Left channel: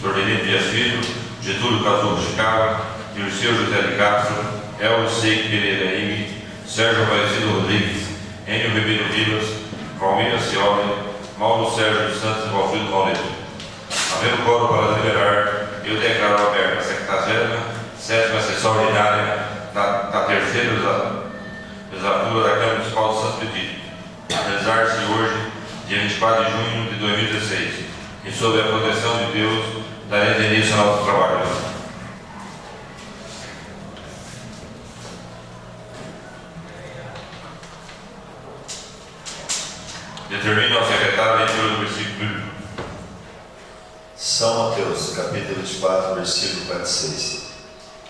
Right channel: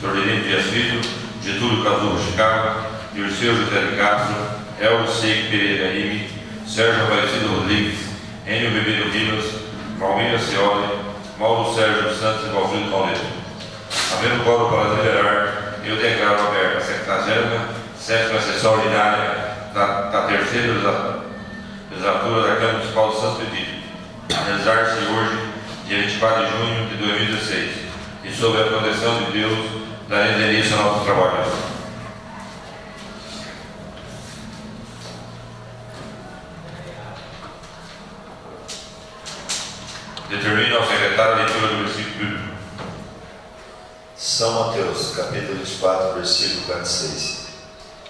Sordelino Dias Filho, Getúlio Casulo Chicago, Dirceu José de Castro, Elvio Seik Pereira Ime, Sérgio Aparecido Rodrigues, Enio Ribeiro Rivas, Valmir Cioli, Mauro Sérgio dos Santos e Valfrido Paulino. Havendo coro para deliberar, eu declaro aberta a 77ª sessão ordinária da terceira legislatura da Câmara Municipal de Santo Benedito, a realizar-se hoje, dia 24 de junho de 2016, e sob a proteção de Deus, daremos início ao nosso trabalho. Determina ao secretário a leitura do versículo bíblico. São Mateus, capítulo 24, versículo 46.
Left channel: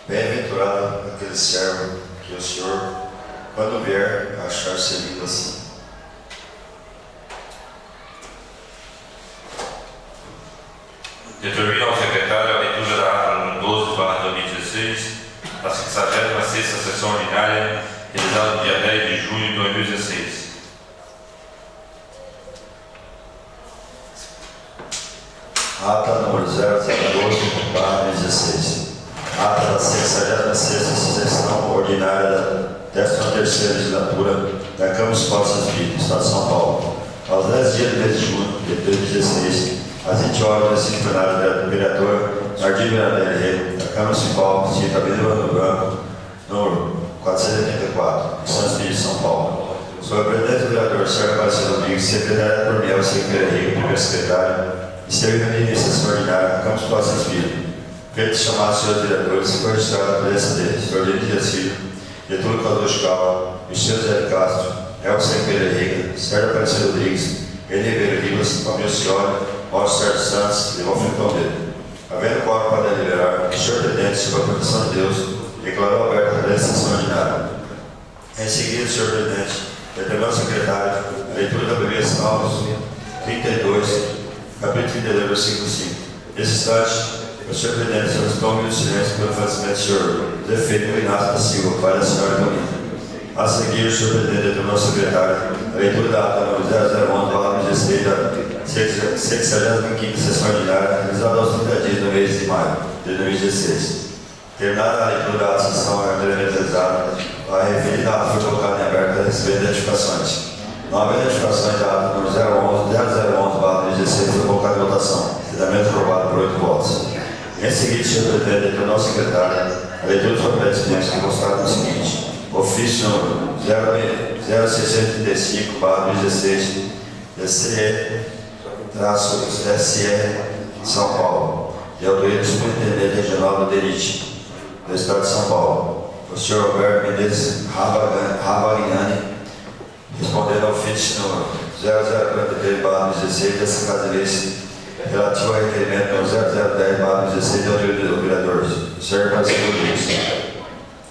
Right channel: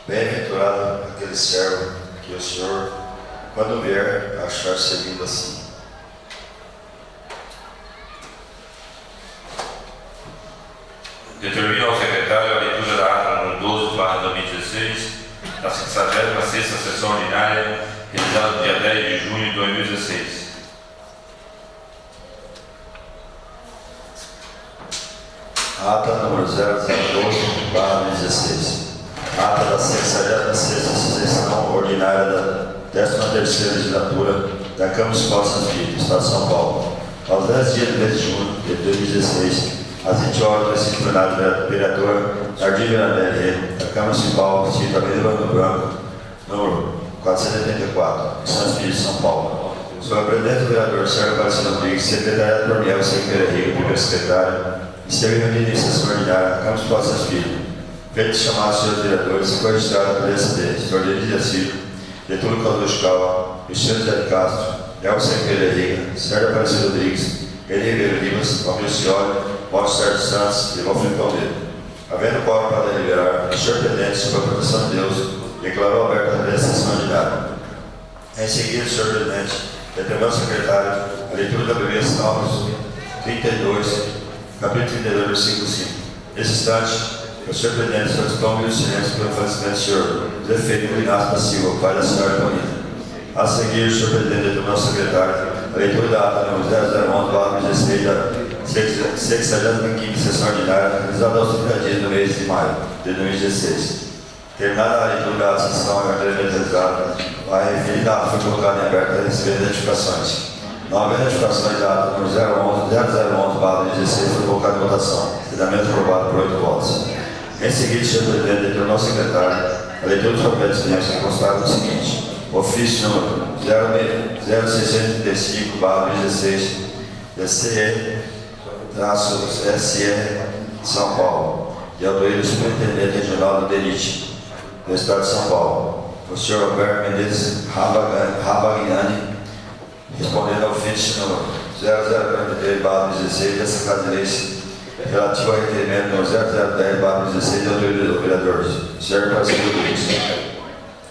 Bem-aventurado aquele servo que o Senhor, quando vier, achar servindo assim. Determina ao secretário a leitura da ata número 12/2016, da 66ª sessão ordinária, realizada no dia 10 de junho de 2016. Ata número 0012/16. Ata da 66ª sessão ordinária da 13ª legislatura da Câmara Municipal de Santo Benedito, Estado de São Paulo. Aos 10 dias do mês de junho de 2016, às 20 horas, no disciplinário do vereador Jardim Verandelli, da Câmara Municipal, cita Avenida do Branco, número 484, em Santo Benedito, São Paulo. Sob a presidência do vereador Sérgio Aparecido Rodrigues, secretário do Tornel, secretário Henrique, primeiro secretário, e ser reunido em sessão ordinária da Câmara Municipal de Santo Benedito. Feito chamar os senhores vereadores, foi registrado pela SD, Sordelino Dias Filho, Getúlio Casulo Chicago, Dirceu José de Castro, Elvio Seik Pereira Ime, Sérgio Aparecido Rodrigues, Enio Ribeiro Rivas, Valmir Cioli, Mauro Sérgio Santos e Valfrido Paulino. Havendo quórum para deliberar, o senhor pretendente, sob a proteção de Deus, declarou aberta a sessão ordinária. Em seguida, o senhor presidente determinou ao secretário a leitura da primeira Salmos 32, capítulo 32, versículo 5. Nesse instante, o senhor presidente solicitou um minuto de silêncio pelo falecimento do senhor José Felipe Inácio da Silva, pai da senhora Etonina. A seguir, o senhor presidente determinou ao secretário a leitura da ata número 0011/16 da 65ª sessão ordinária, realizada aos 30 dias do mês de maio de 2016. Terminada a leitura da sessão realizada, a referida ata foi colocada em aberto a receber identificações. Não havendo identificações da ata número 0011/16 foi colocada em votação. Devidamente aprovado por 8 votos. Em seguida, o senhor presidente determinou ao secretário a leitura dos procedimentos que constaram no seguinte: ofício número 0635/16 DCE-SE São Paulo, de autoria do superintendente regional do DENIT, do Estado de São Paulo, o senhor Roberto Mendes Rabagnani, respondendo ao ofício número 0043/16 dessa Casa de Leis, relativo ao requerimento número 0010/16 de autoria do vereador Sérgio Aparecido Rodrigues.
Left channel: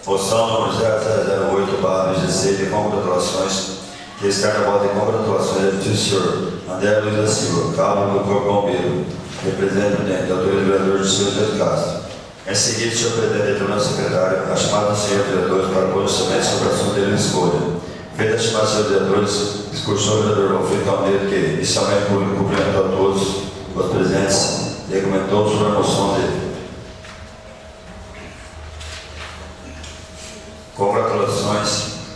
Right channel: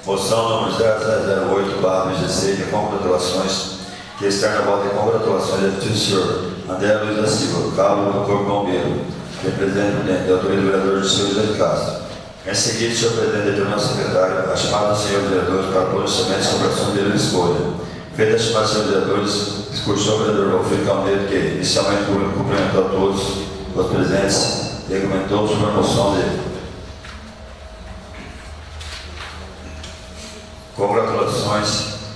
Moção número 0008/16 de congratulações, que externa a volta de congratulações do senhor André Luiz da Silva, cabo do Corpo Bombeiro, representante da autoria do vereador José de Castro. Em seguida, o senhor presidente determinou ao secretário a chamada dos senhores vereadores para pronunciamento sobre a assunto dele de escolha. Feita a chamada dos senhores vereadores, discursou o vereador Valfrido Paulino, que inicialmente cumprimentou a todos os presentes e argumentou sobre a moção dele. Congratulações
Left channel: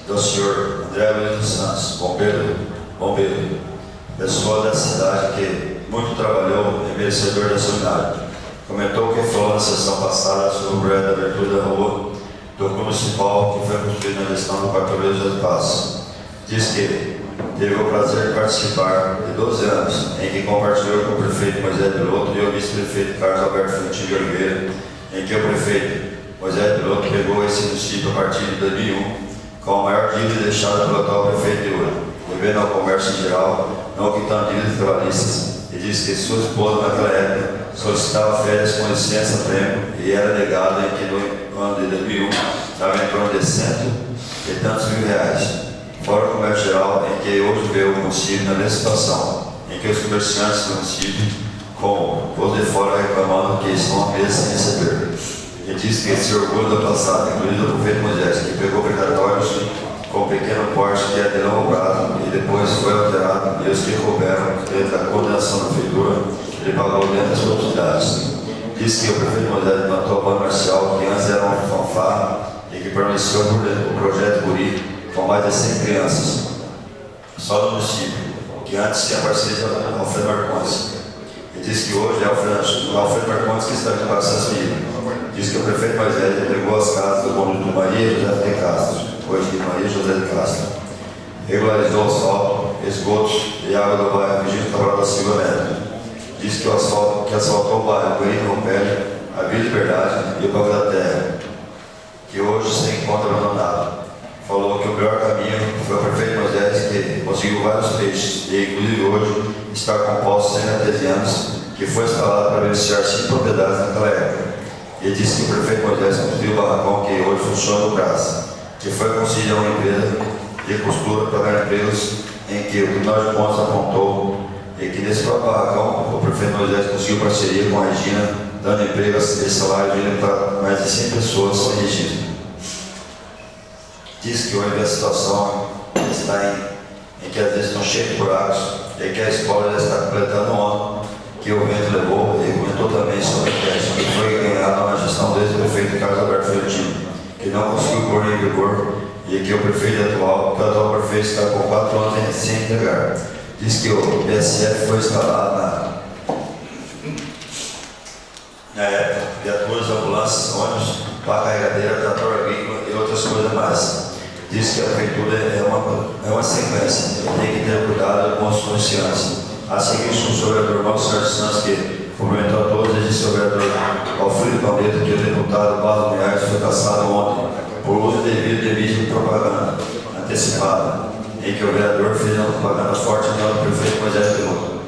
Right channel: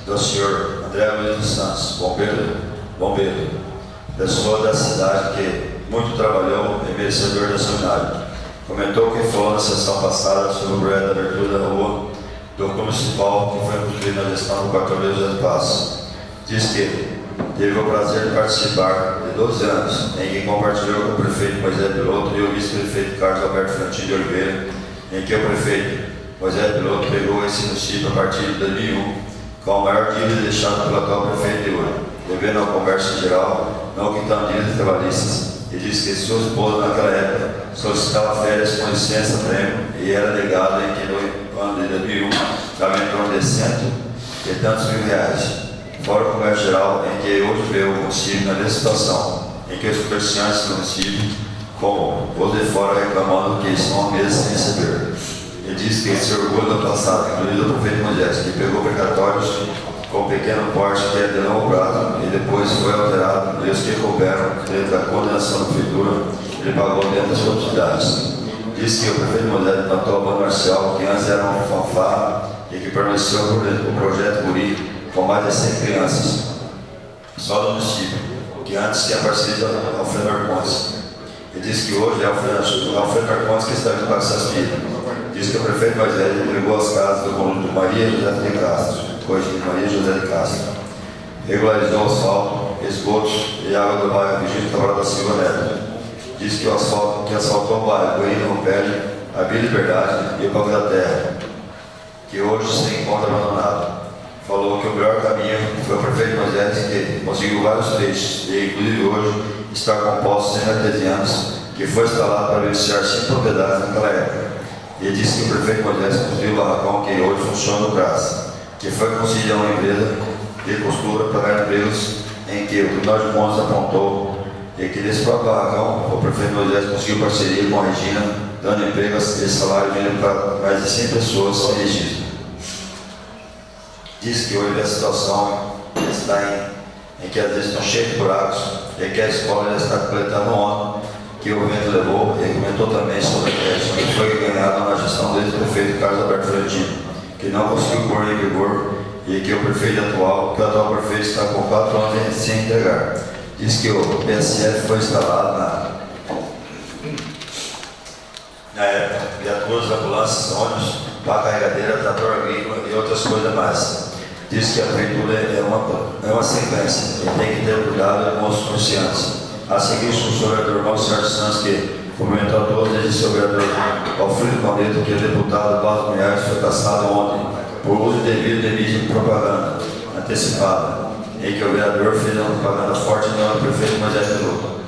do senhor André Luiz dos Santos, bombeiro, pessoa da cidade que muito trabalhou e merecedor da seminário. Comentou que falou na sessão passada sobre o projeto da abertura da rua do municipal que foi construído na gestão do quartel José de Passos. Diz que teve o prazer de participar de 12 anos, em que compartilhou com o prefeito Moisés Piloto e o vice-prefeito Carlos Alberto Frontin de Oliveira, em que o prefeito Moisés Piloto pegou esse município a partir de 2001 com a maior dívida deixada pelo atual prefeito de Ouro, devendo ao comércio em geral, não quitando dívidas trabalhistas, e diz que sua esposa naquela época solicitava férias com licença-prêmio e era negada em que no ano de 2001 estava em torno de 100 e tantos mil reais. Fora o comércio geral, em que hoje vê o município na mesma situação, em que os comerciantes do município, como os de fora, reclamando que estão há meses sem receber. E diz que esse orgulho do passado, incluído o prefeito Moisés, que pegou precatórios com pequeno porte que é de longo prazo e depois foi alterado, e os que couberam dentro da coordenação da prefeitura, ele pagou dentro das possibilidades. Diz que o prefeito Moisés implantou a banda marcial, que antes era uma fanfarra e que permaneceu o projeto Guri com mais de 100 crianças, só no município, que antes tinha parceria com Alfredo Marcondes. E diz que hoje é Alfredo Marcondes que está indo para essas vidas. Diz que o prefeito Moisés entregou as casas do conjunto Maria José de Castro, hoje Maria José de Castro, regularizou o asfalto, esgotos e água do bairro Virgínio Cabral da Silva Neto. Diz que o asfalto que asfaltou o bairro Coelho Rompelli, a Vila Liberdade e o Banco da Terra, que hoje se encontra abandonado. Falou que o melhor caminho foi o prefeito Moisés, que conseguiu vários trechos e inclusive hoje está composto de 100 artesianos, que foi instalado para beneficiar 5 propriedades naquela época. E disse que o prefeito Moisés construiu o barracão que hoje funciona no Brás, que foi concedido a uma empresa de costura para dar empregos em que o Tribunal de Contas apontou e que nesse próprio barracão o prefeito Moisés conseguiu parceria com a Regina, dando emprego e salário mínimo para mais de 100 pessoas sem registro. Diz que hoje a situação está em que às vezes estão cheios de buracos e que a escola já está completando um ano que o vento levou, e comentou também sobre o que foi ganhado na gestão do ex-prefeito Carlos Alberto Florentino, que não conseguiu pôr em vigor e que o atual prefeito está com 4 anos sem entregar. Diz que o PSF foi instalado na época, viaturas, ambulâncias, ônibus, para carregadeira, trator agrícola e outras coisas mais. Diz que a prefeitura é uma sequência e tem que ter cuidado com os comerciantes. A seguir, o vereador Paulo Sérgio Santos, que cumprimentou a todos, e disse ao vereador Alfredo Palmeto que o deputado Paulo Goiás foi cassado ontem por uso indevido de mídia de propaganda antecipada, em que o vereador fez uma propaganda forte em nome do prefeito Moisés Peludo,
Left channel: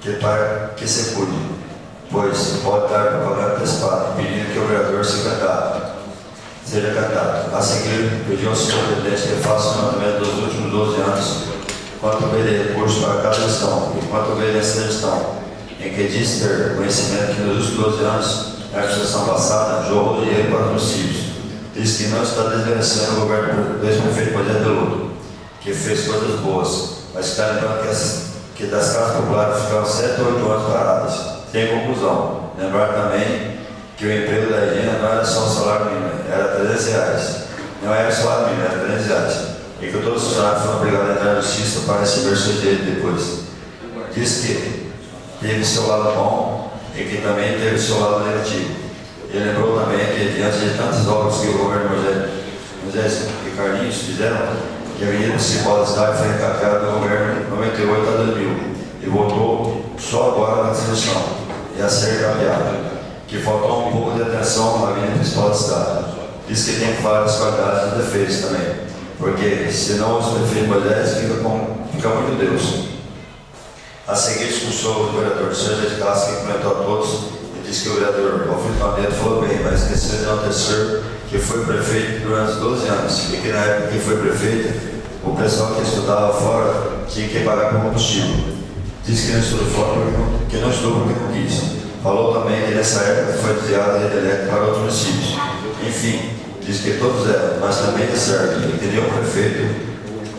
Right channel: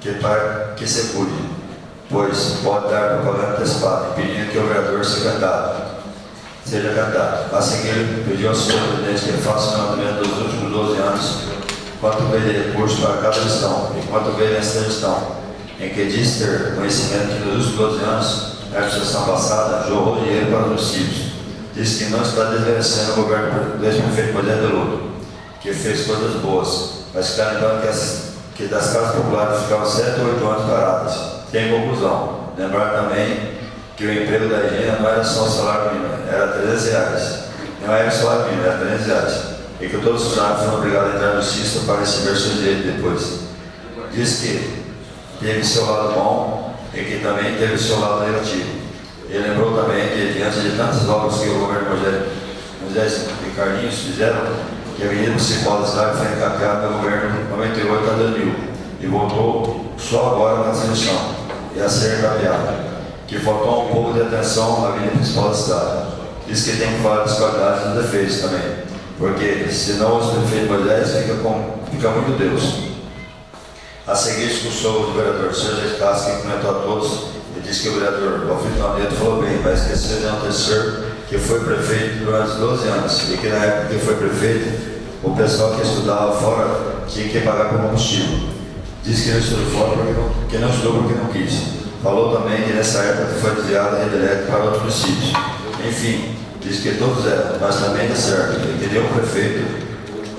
que para que se cuide, pois pode dar propaganda antecipada, pedindo que o vereador seja candidato. A seguir, pediu ao senhor presidente que faça o levantamento dos últimos 12 anos, quanto veio de recursos para cada gestão e quanto veio nessa gestão, em que diz ter conhecimento que nos últimos 12 anos, a administração passada jorrou dinheiro para os municípios. Diz que não está desmerecendo o governo do ex-prefeito Moisés Peludo, que fez coisas boas, mas está lembrando que das casas populares ficaram 7 ou 8 anos paradas. Tem conclusão. Lembrar também que o emprego da Regina não era só o salário mínimo, era R$300. Não era o salário mínimo, era R$300. E que todos os funcionários foram obrigados a entrar na justiça para receber seu direito depois. Diz que teve seu lado bom e que também teve seu lado negativo. Ele lembrou também que, diante de tantas obras que o governo Moisés e Carlinhos fizeram, que a Avenida Municipal da cidade foi encapeada pelo governo 98 a 2000 e voltou só agora na transição e a ser encapeada, que faltou um pouco de atenção na Avenida Principal da cidade. Diz que tem várias qualidades e defeitos também, porque senão os prefeitos Moisés fica muito Deus. A seguir, discursou o vereador Sérgio de Castro, que comentou a todos e disse que o vereador Alfredo Palmeto falou bem, mas esqueceu de enaltecer que foi prefeito durante 12 anos e que na época que foi prefeito, o pessoal que estudava fora tinha que pagar por combustível. Disse que não estudou fora porque não estudou porque não quis. Falou também que nessa época foi desviada a rede elétrica para outros municípios. Enfim, diz que todos eram, mas também é certo, e que nenhum prefeito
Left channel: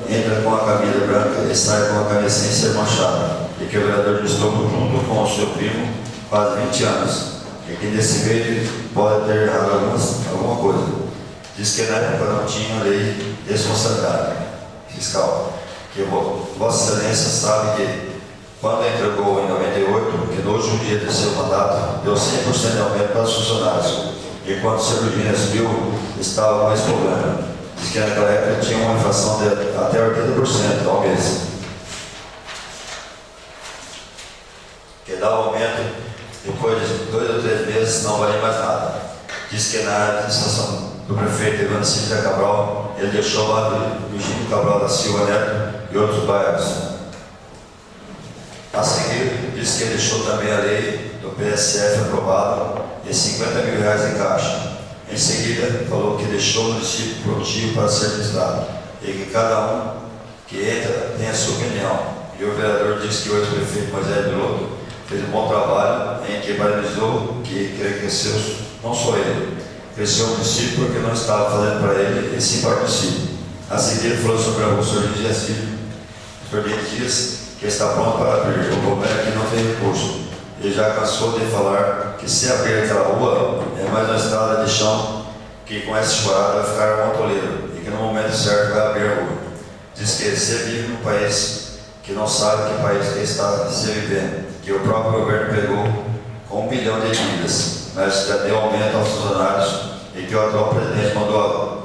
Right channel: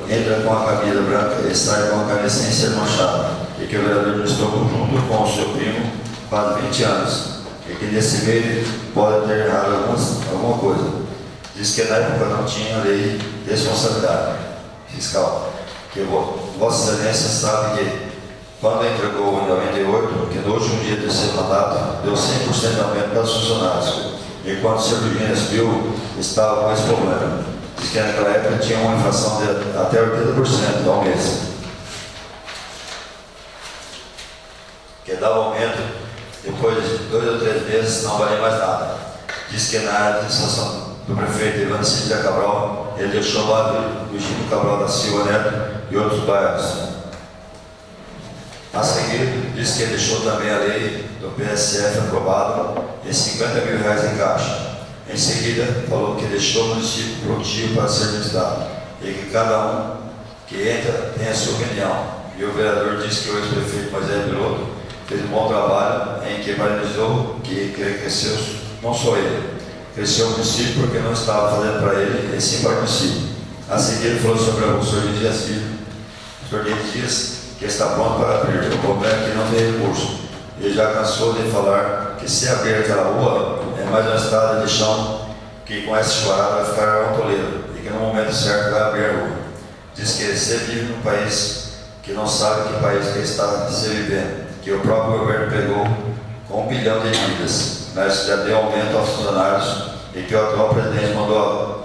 entra com a camisa branca e sai com a camisa sem ser manchada, e que o vereador estou junto com o seu primo quase 20 anos, e que nesse meio pode ter errado alguma coisa. Diz que na época não tinha lei de responsabilidade fiscal, que Vossa Excelência sabe que quando entregou em 98, que no último dia do seu mandato, deu 100% de aumento para os funcionários, e quando o Sr. Virginia subiu, estava com esse problema. Diz que naquela época tinha uma inflação de até 80% ao mês. Que dava aumento, depois de 2 ou 3 meses, não valia mais nada. Diz que na administração do prefeito Evandro Cíntia Cabral, ele deixou lá do Virgínio Cabral da Silva Neto e outros bairros. A seguir, disse que ele deixou também a lei do PSF aprovada e R$50 mil em caixa. Em seguida, falou que deixou o município prontinho para ser administrado e que cada um que entra tem a sua opinião. E o vereador disse que o ex-prefeito Moisés Peludo fez um bom trabalho em que parabenizou que cresceu, não só ele, cresceu o município porque não estava fazendo para ele, e sim para o município. A seguir, ele falou sobre o Sr. Dias Filho, que está pronto para abrir. O problema é que não tem recurso. Ele já cansou de falar que se abrir aquela rua é mais uma estrada de chão que com essa chuvarada vai ficar montoleira e que no momento certo vai abrir a rua. Diz que você vive num país que não sabe que país que está se vivendo, que o próprio governo pegou com 1 bilhão de dívidas, mas já deu aumento aos funcionários e que o atual presidente mandou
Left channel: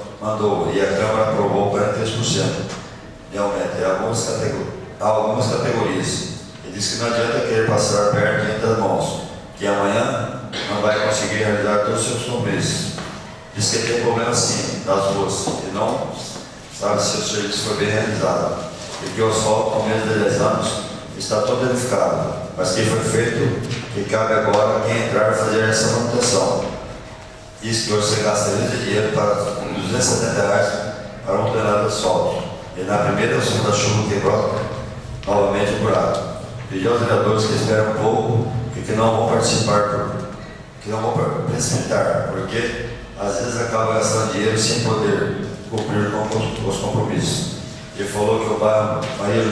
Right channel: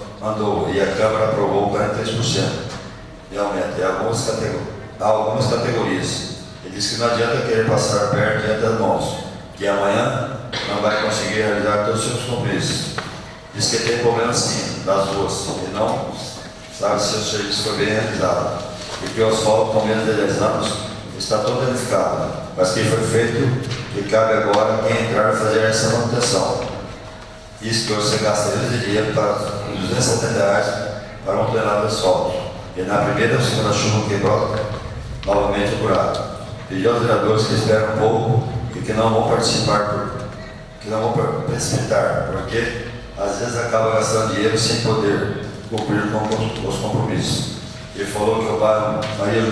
e a Câmara aprovou 43% de aumento em algumas categorias. Ele diz que não adianta querer passar a perna diante das mãos, que amanhã não vai conseguir realizar todos os seus compromissos. Diz que tem problema sim das ruas e não sabe se o serviço foi bem realizado, e que o asfalto com menos de 10 anos está todo danificado, mas que foi feito e cabe agora quem entrar fazer essa manutenção. Diz que hoje você gasta rios de dinheiro para R$270 para um tonelada de asfalto, e na primeira ou segunda chuva quebrou novamente o buraco. Pediu aos vereadores que esperam um pouco e que não vão precipitar, porque às vezes acaba gastando dinheiro sem poder cumprir com os compromissos. Ele falou que o bairro Maria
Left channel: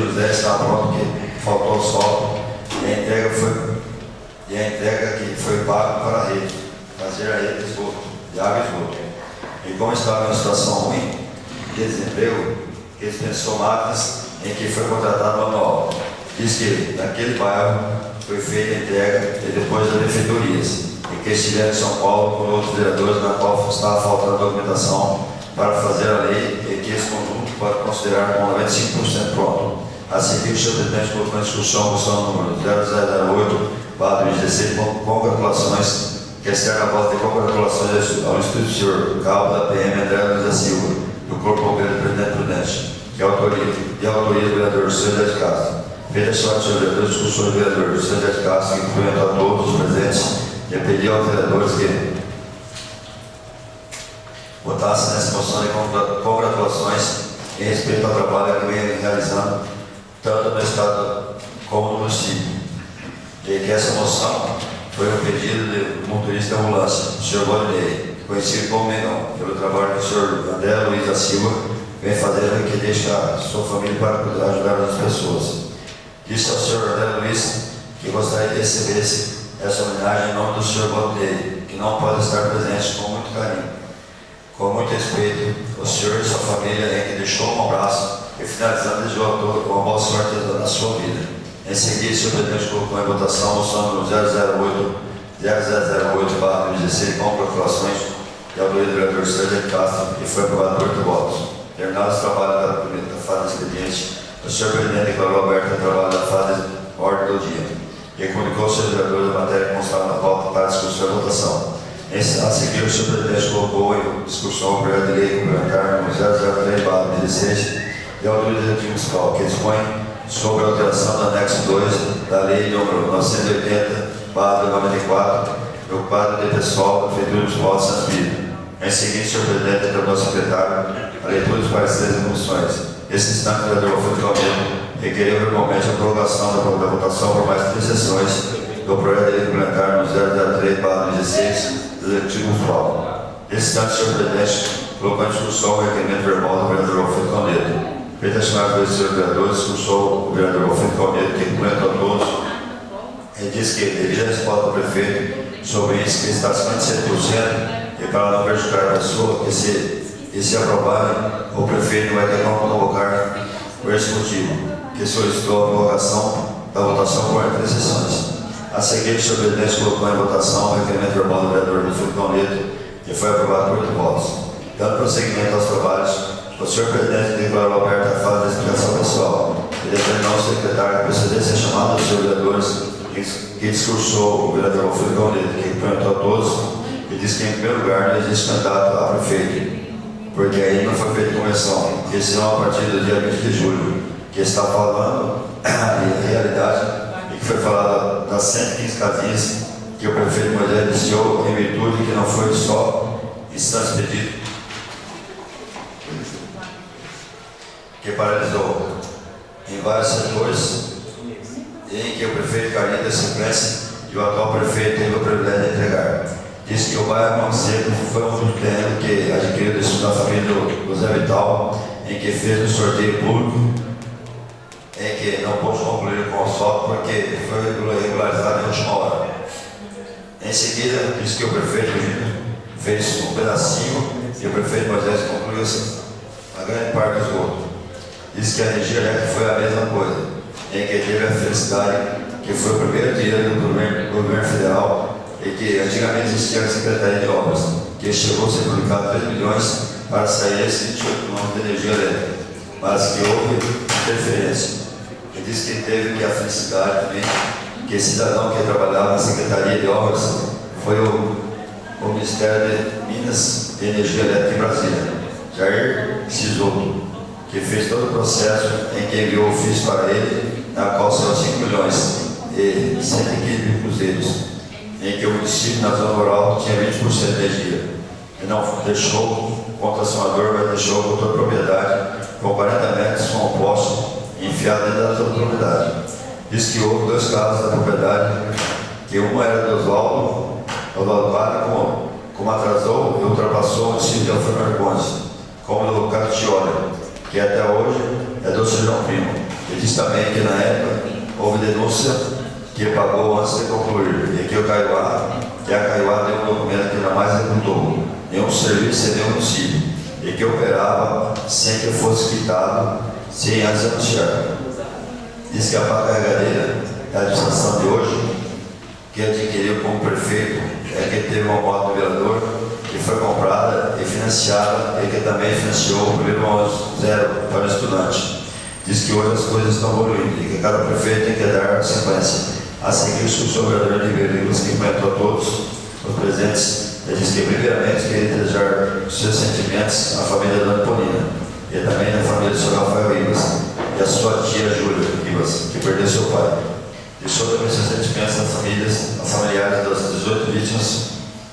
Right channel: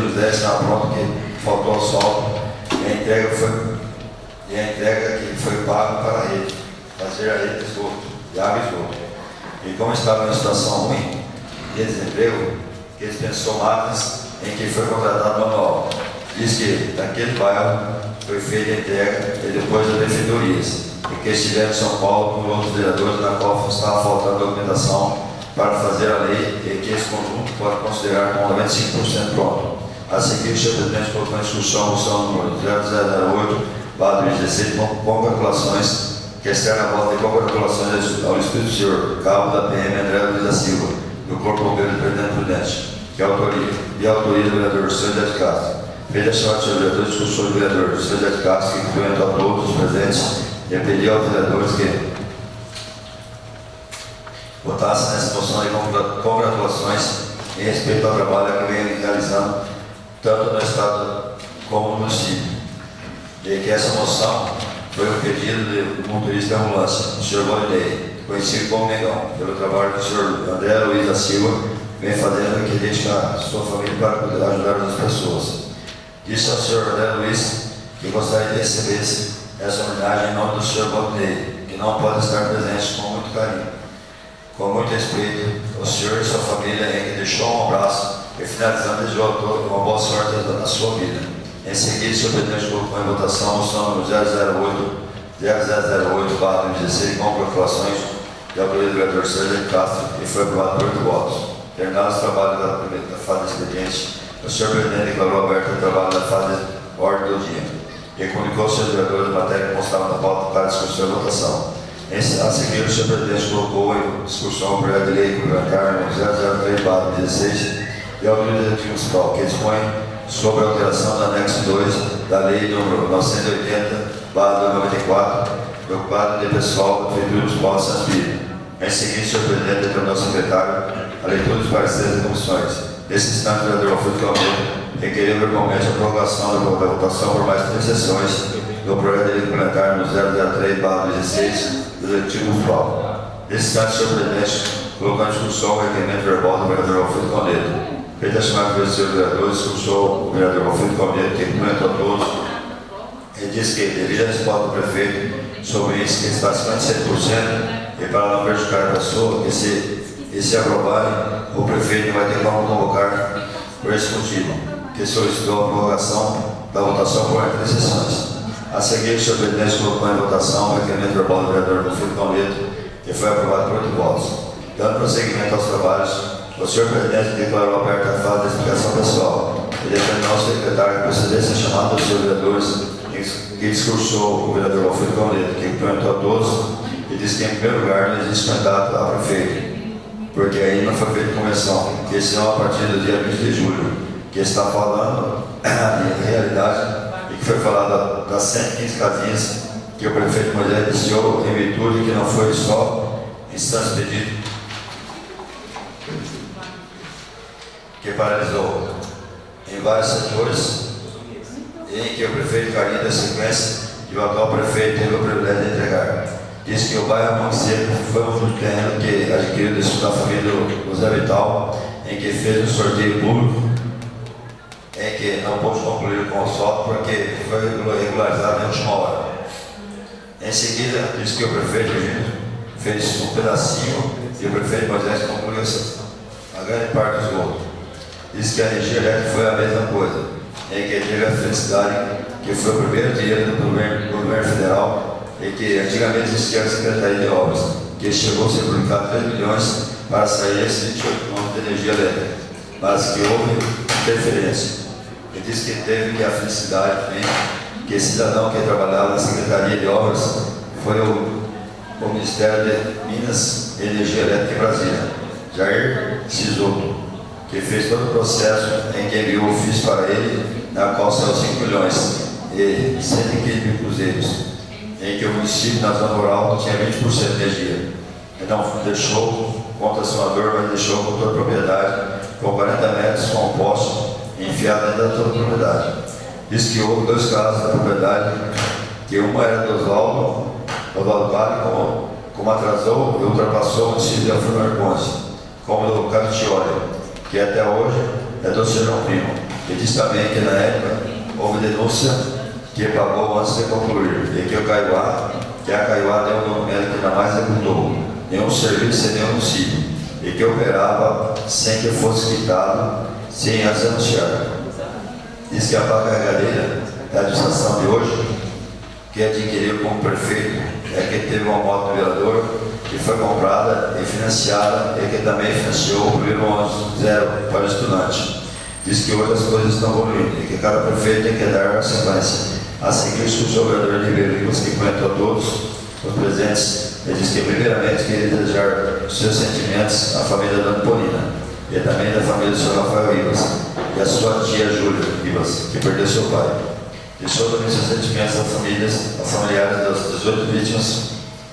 José está pronto, que faltou asfalto e a entrega que foi pago para a rede, fazer a rede de esgoto, de água e esgoto. E como estava em uma situação ruim de desemprego, ele dispensou máquinas em que foi contratado manual. Diz que naquele bairro foi feita a entrega e depois das benfeitorias, e que estiveram em São Paulo com outros vereadores, na qual estava faltando documentação para fazer a lei e que esse conjunto pode considerar como 95% pronto. A seguir, o senhor presidente colocou em discussão a moção número 0008/2016 com congratulações, que externa a voz de congratulações ao Espírito Senhor, cabo da PM André Luiz da Silva, do Corpo Bombeiro do Presidente Prudente, que autoria do vereador Sr. de Castro. Feita a chamada do vereador, discussão do vereador Sr. de Castro, que cumprimentou a todos os presentes e pediu aos vereadores que votassem nessa moção de congratulações em respeito ao trabalho que vem realizando tanto no Estado como no município. E que essa moção foi um pedido do motorista de ambulância, o Sr. Bolinei, conhecido como Negão, pelo trabalho que o Sr. André Luiz da Silva vem fazendo e que deixa a sua família para ajudar as pessoas. Disse ao Sr. André Luiz que gostaria de receber essa homenagem em nome do Sr. Bolinei, que não pode estar presente, com muito carinho. Com muito respeito, o senhor e sua família em que deixou um abraço e finalizando desejou a todos uma boa sorte na sua vida. Em seguida, o senhor presidente colocou em votação a moção número 0008/2016 com congratulações de autoria do vereador Sérgio de Castro e foi aprovado por 8 votos. Terminados os trabalhos da fase de expediente, o senhor presidente declarou aberto o trabalho da fase de ordem do dia e comunicou aos seus vereadores a matéria que constava na pauta para discussão e votação. A seguir, o senhor presidente colocou em discussão o projeto de lei complementar número 003/16 e a autoridade municipal, que dispõe sobre a alteração do anexo 2 da lei número 980/94, do quadro de pessoal da Prefeitura Municipal de Santos Pires. Em seguida, o senhor presidente determinou ao secretário a leitura dos pareceres e comissões. Nesse instante, o vereador Alfredo Calmeiro requeriu verbalmente a prorrogação da votação por mais 3 sessões do projeto de lei complementar número 003/16 do Executivo Municipal. Nesse instante, o senhor presidente colocou em discussão o requerimento verbal do vereador Alfredo Calmeiro. Feita a chamada pelos senhores vereadores, discussou o vereador Alfredo Calmeiro, que cumprimentou a todos e disse que, devido à resposta do prefeito sobre isso, que está acima de 100%, e para não prejudicar a pessoa, que se aprovarem, o prefeito vai ter como convocar por esse motivo, que solicitou a prorrogação da votação por 3 sessões. A seguir, o senhor presidente colocou em votação o requerimento verbal do vereador Alfredo Calmeiro, que foi aprovado por 8 votos. Dando prosseguimento aos trabalhos, o senhor presidente declarou aberta a fase da explicação pessoal e determinou ao secretário que procedesse a chamada dos seus vereadores, que discursou o vereador Alfredo Calmeiro, que cumprimentou a todos e disse que, em primeiro lugar, não existe candidato a prefeito, porque aí não foi feita convenção, que esse é a partir do dia 20 de julho, que está falando em realidade e que foi falado das 115 casinhas que o prefeito Moisés iniciou em virtude que não foi só instância pedido, que paralisou em vários setores em que o prefeito Carinho da sequência e o atual prefeito teve o privilégio de entregar. Diz que o bairro Mão Seco foi um terreno que adquiriu da família do Zé Vital, em que fez um sorteio público, em que não pôde concluir o consórcio porque foi regularizado em última hora. Em seguida, disse que o prefeito fez um pedacinho e o prefeito Moisés concluiu a grande parte do esgoto. Disse que a energia elétrica foi a mesma coisa, em que teve a felicidade que foi o primeiro dinheiro do governo federal e que antigamente existia a Secretaria de Obras, que chegou a ser publicado 3 milhões para sair esse tipo de energia elétrica, mas que houve interferência. Ele disse que teve que a felicidade também, que esse cidadão que trabalhava na Secretaria de Obras foi o Ministério de Minas e Energia Elétrica em Brasília, Jair Cisoto, que fez todo o processo em que enviou o ofício para ele, na qual saiu 5 milhões e 115 mil cruzeiros, em que o município na zona rural tinha 20% de energia. E não deixou contra acionador, mas deixou contra a propriedade com 40 metros com um poste enfiado dentro da toda a propriedade. Diz que houve 2 casos da propriedade, que uma era do Oswaldo Vale, como atrasou e ultrapassou o município de Alfredo Marcondes, como do Capitioli, que até hoje é do Serjão Primo. Ele diz também que na época houve denúncia que pagou antes de concluir, e que a Caiuá deu um documento que jamais executou nenhum serviço em nenhum município, e que operava sem que fosse quitado, sem antes anunciar. Diz que a pá carregadeira da administração de hoje, que adquiriu como prefeito, é que teve uma moto do vereador que foi comprada e financiada, e que também financiou o primeiro ônibus zero para o estudante. Diz que hoje as coisas estão evoluindo e que cada prefeito tem que dar sequência. A seguir, o vereador de Ribeiro, que comentou todos os presentes, ele diz que primeiramente queria desejar os seus sentimentos à família da Dona Polina e também da família do Sr. Rafael Ribas e a sua tia Júlia Ribas, que perdeu seu pai. Deixou também seus sentimentos às familiares das 18 vítimas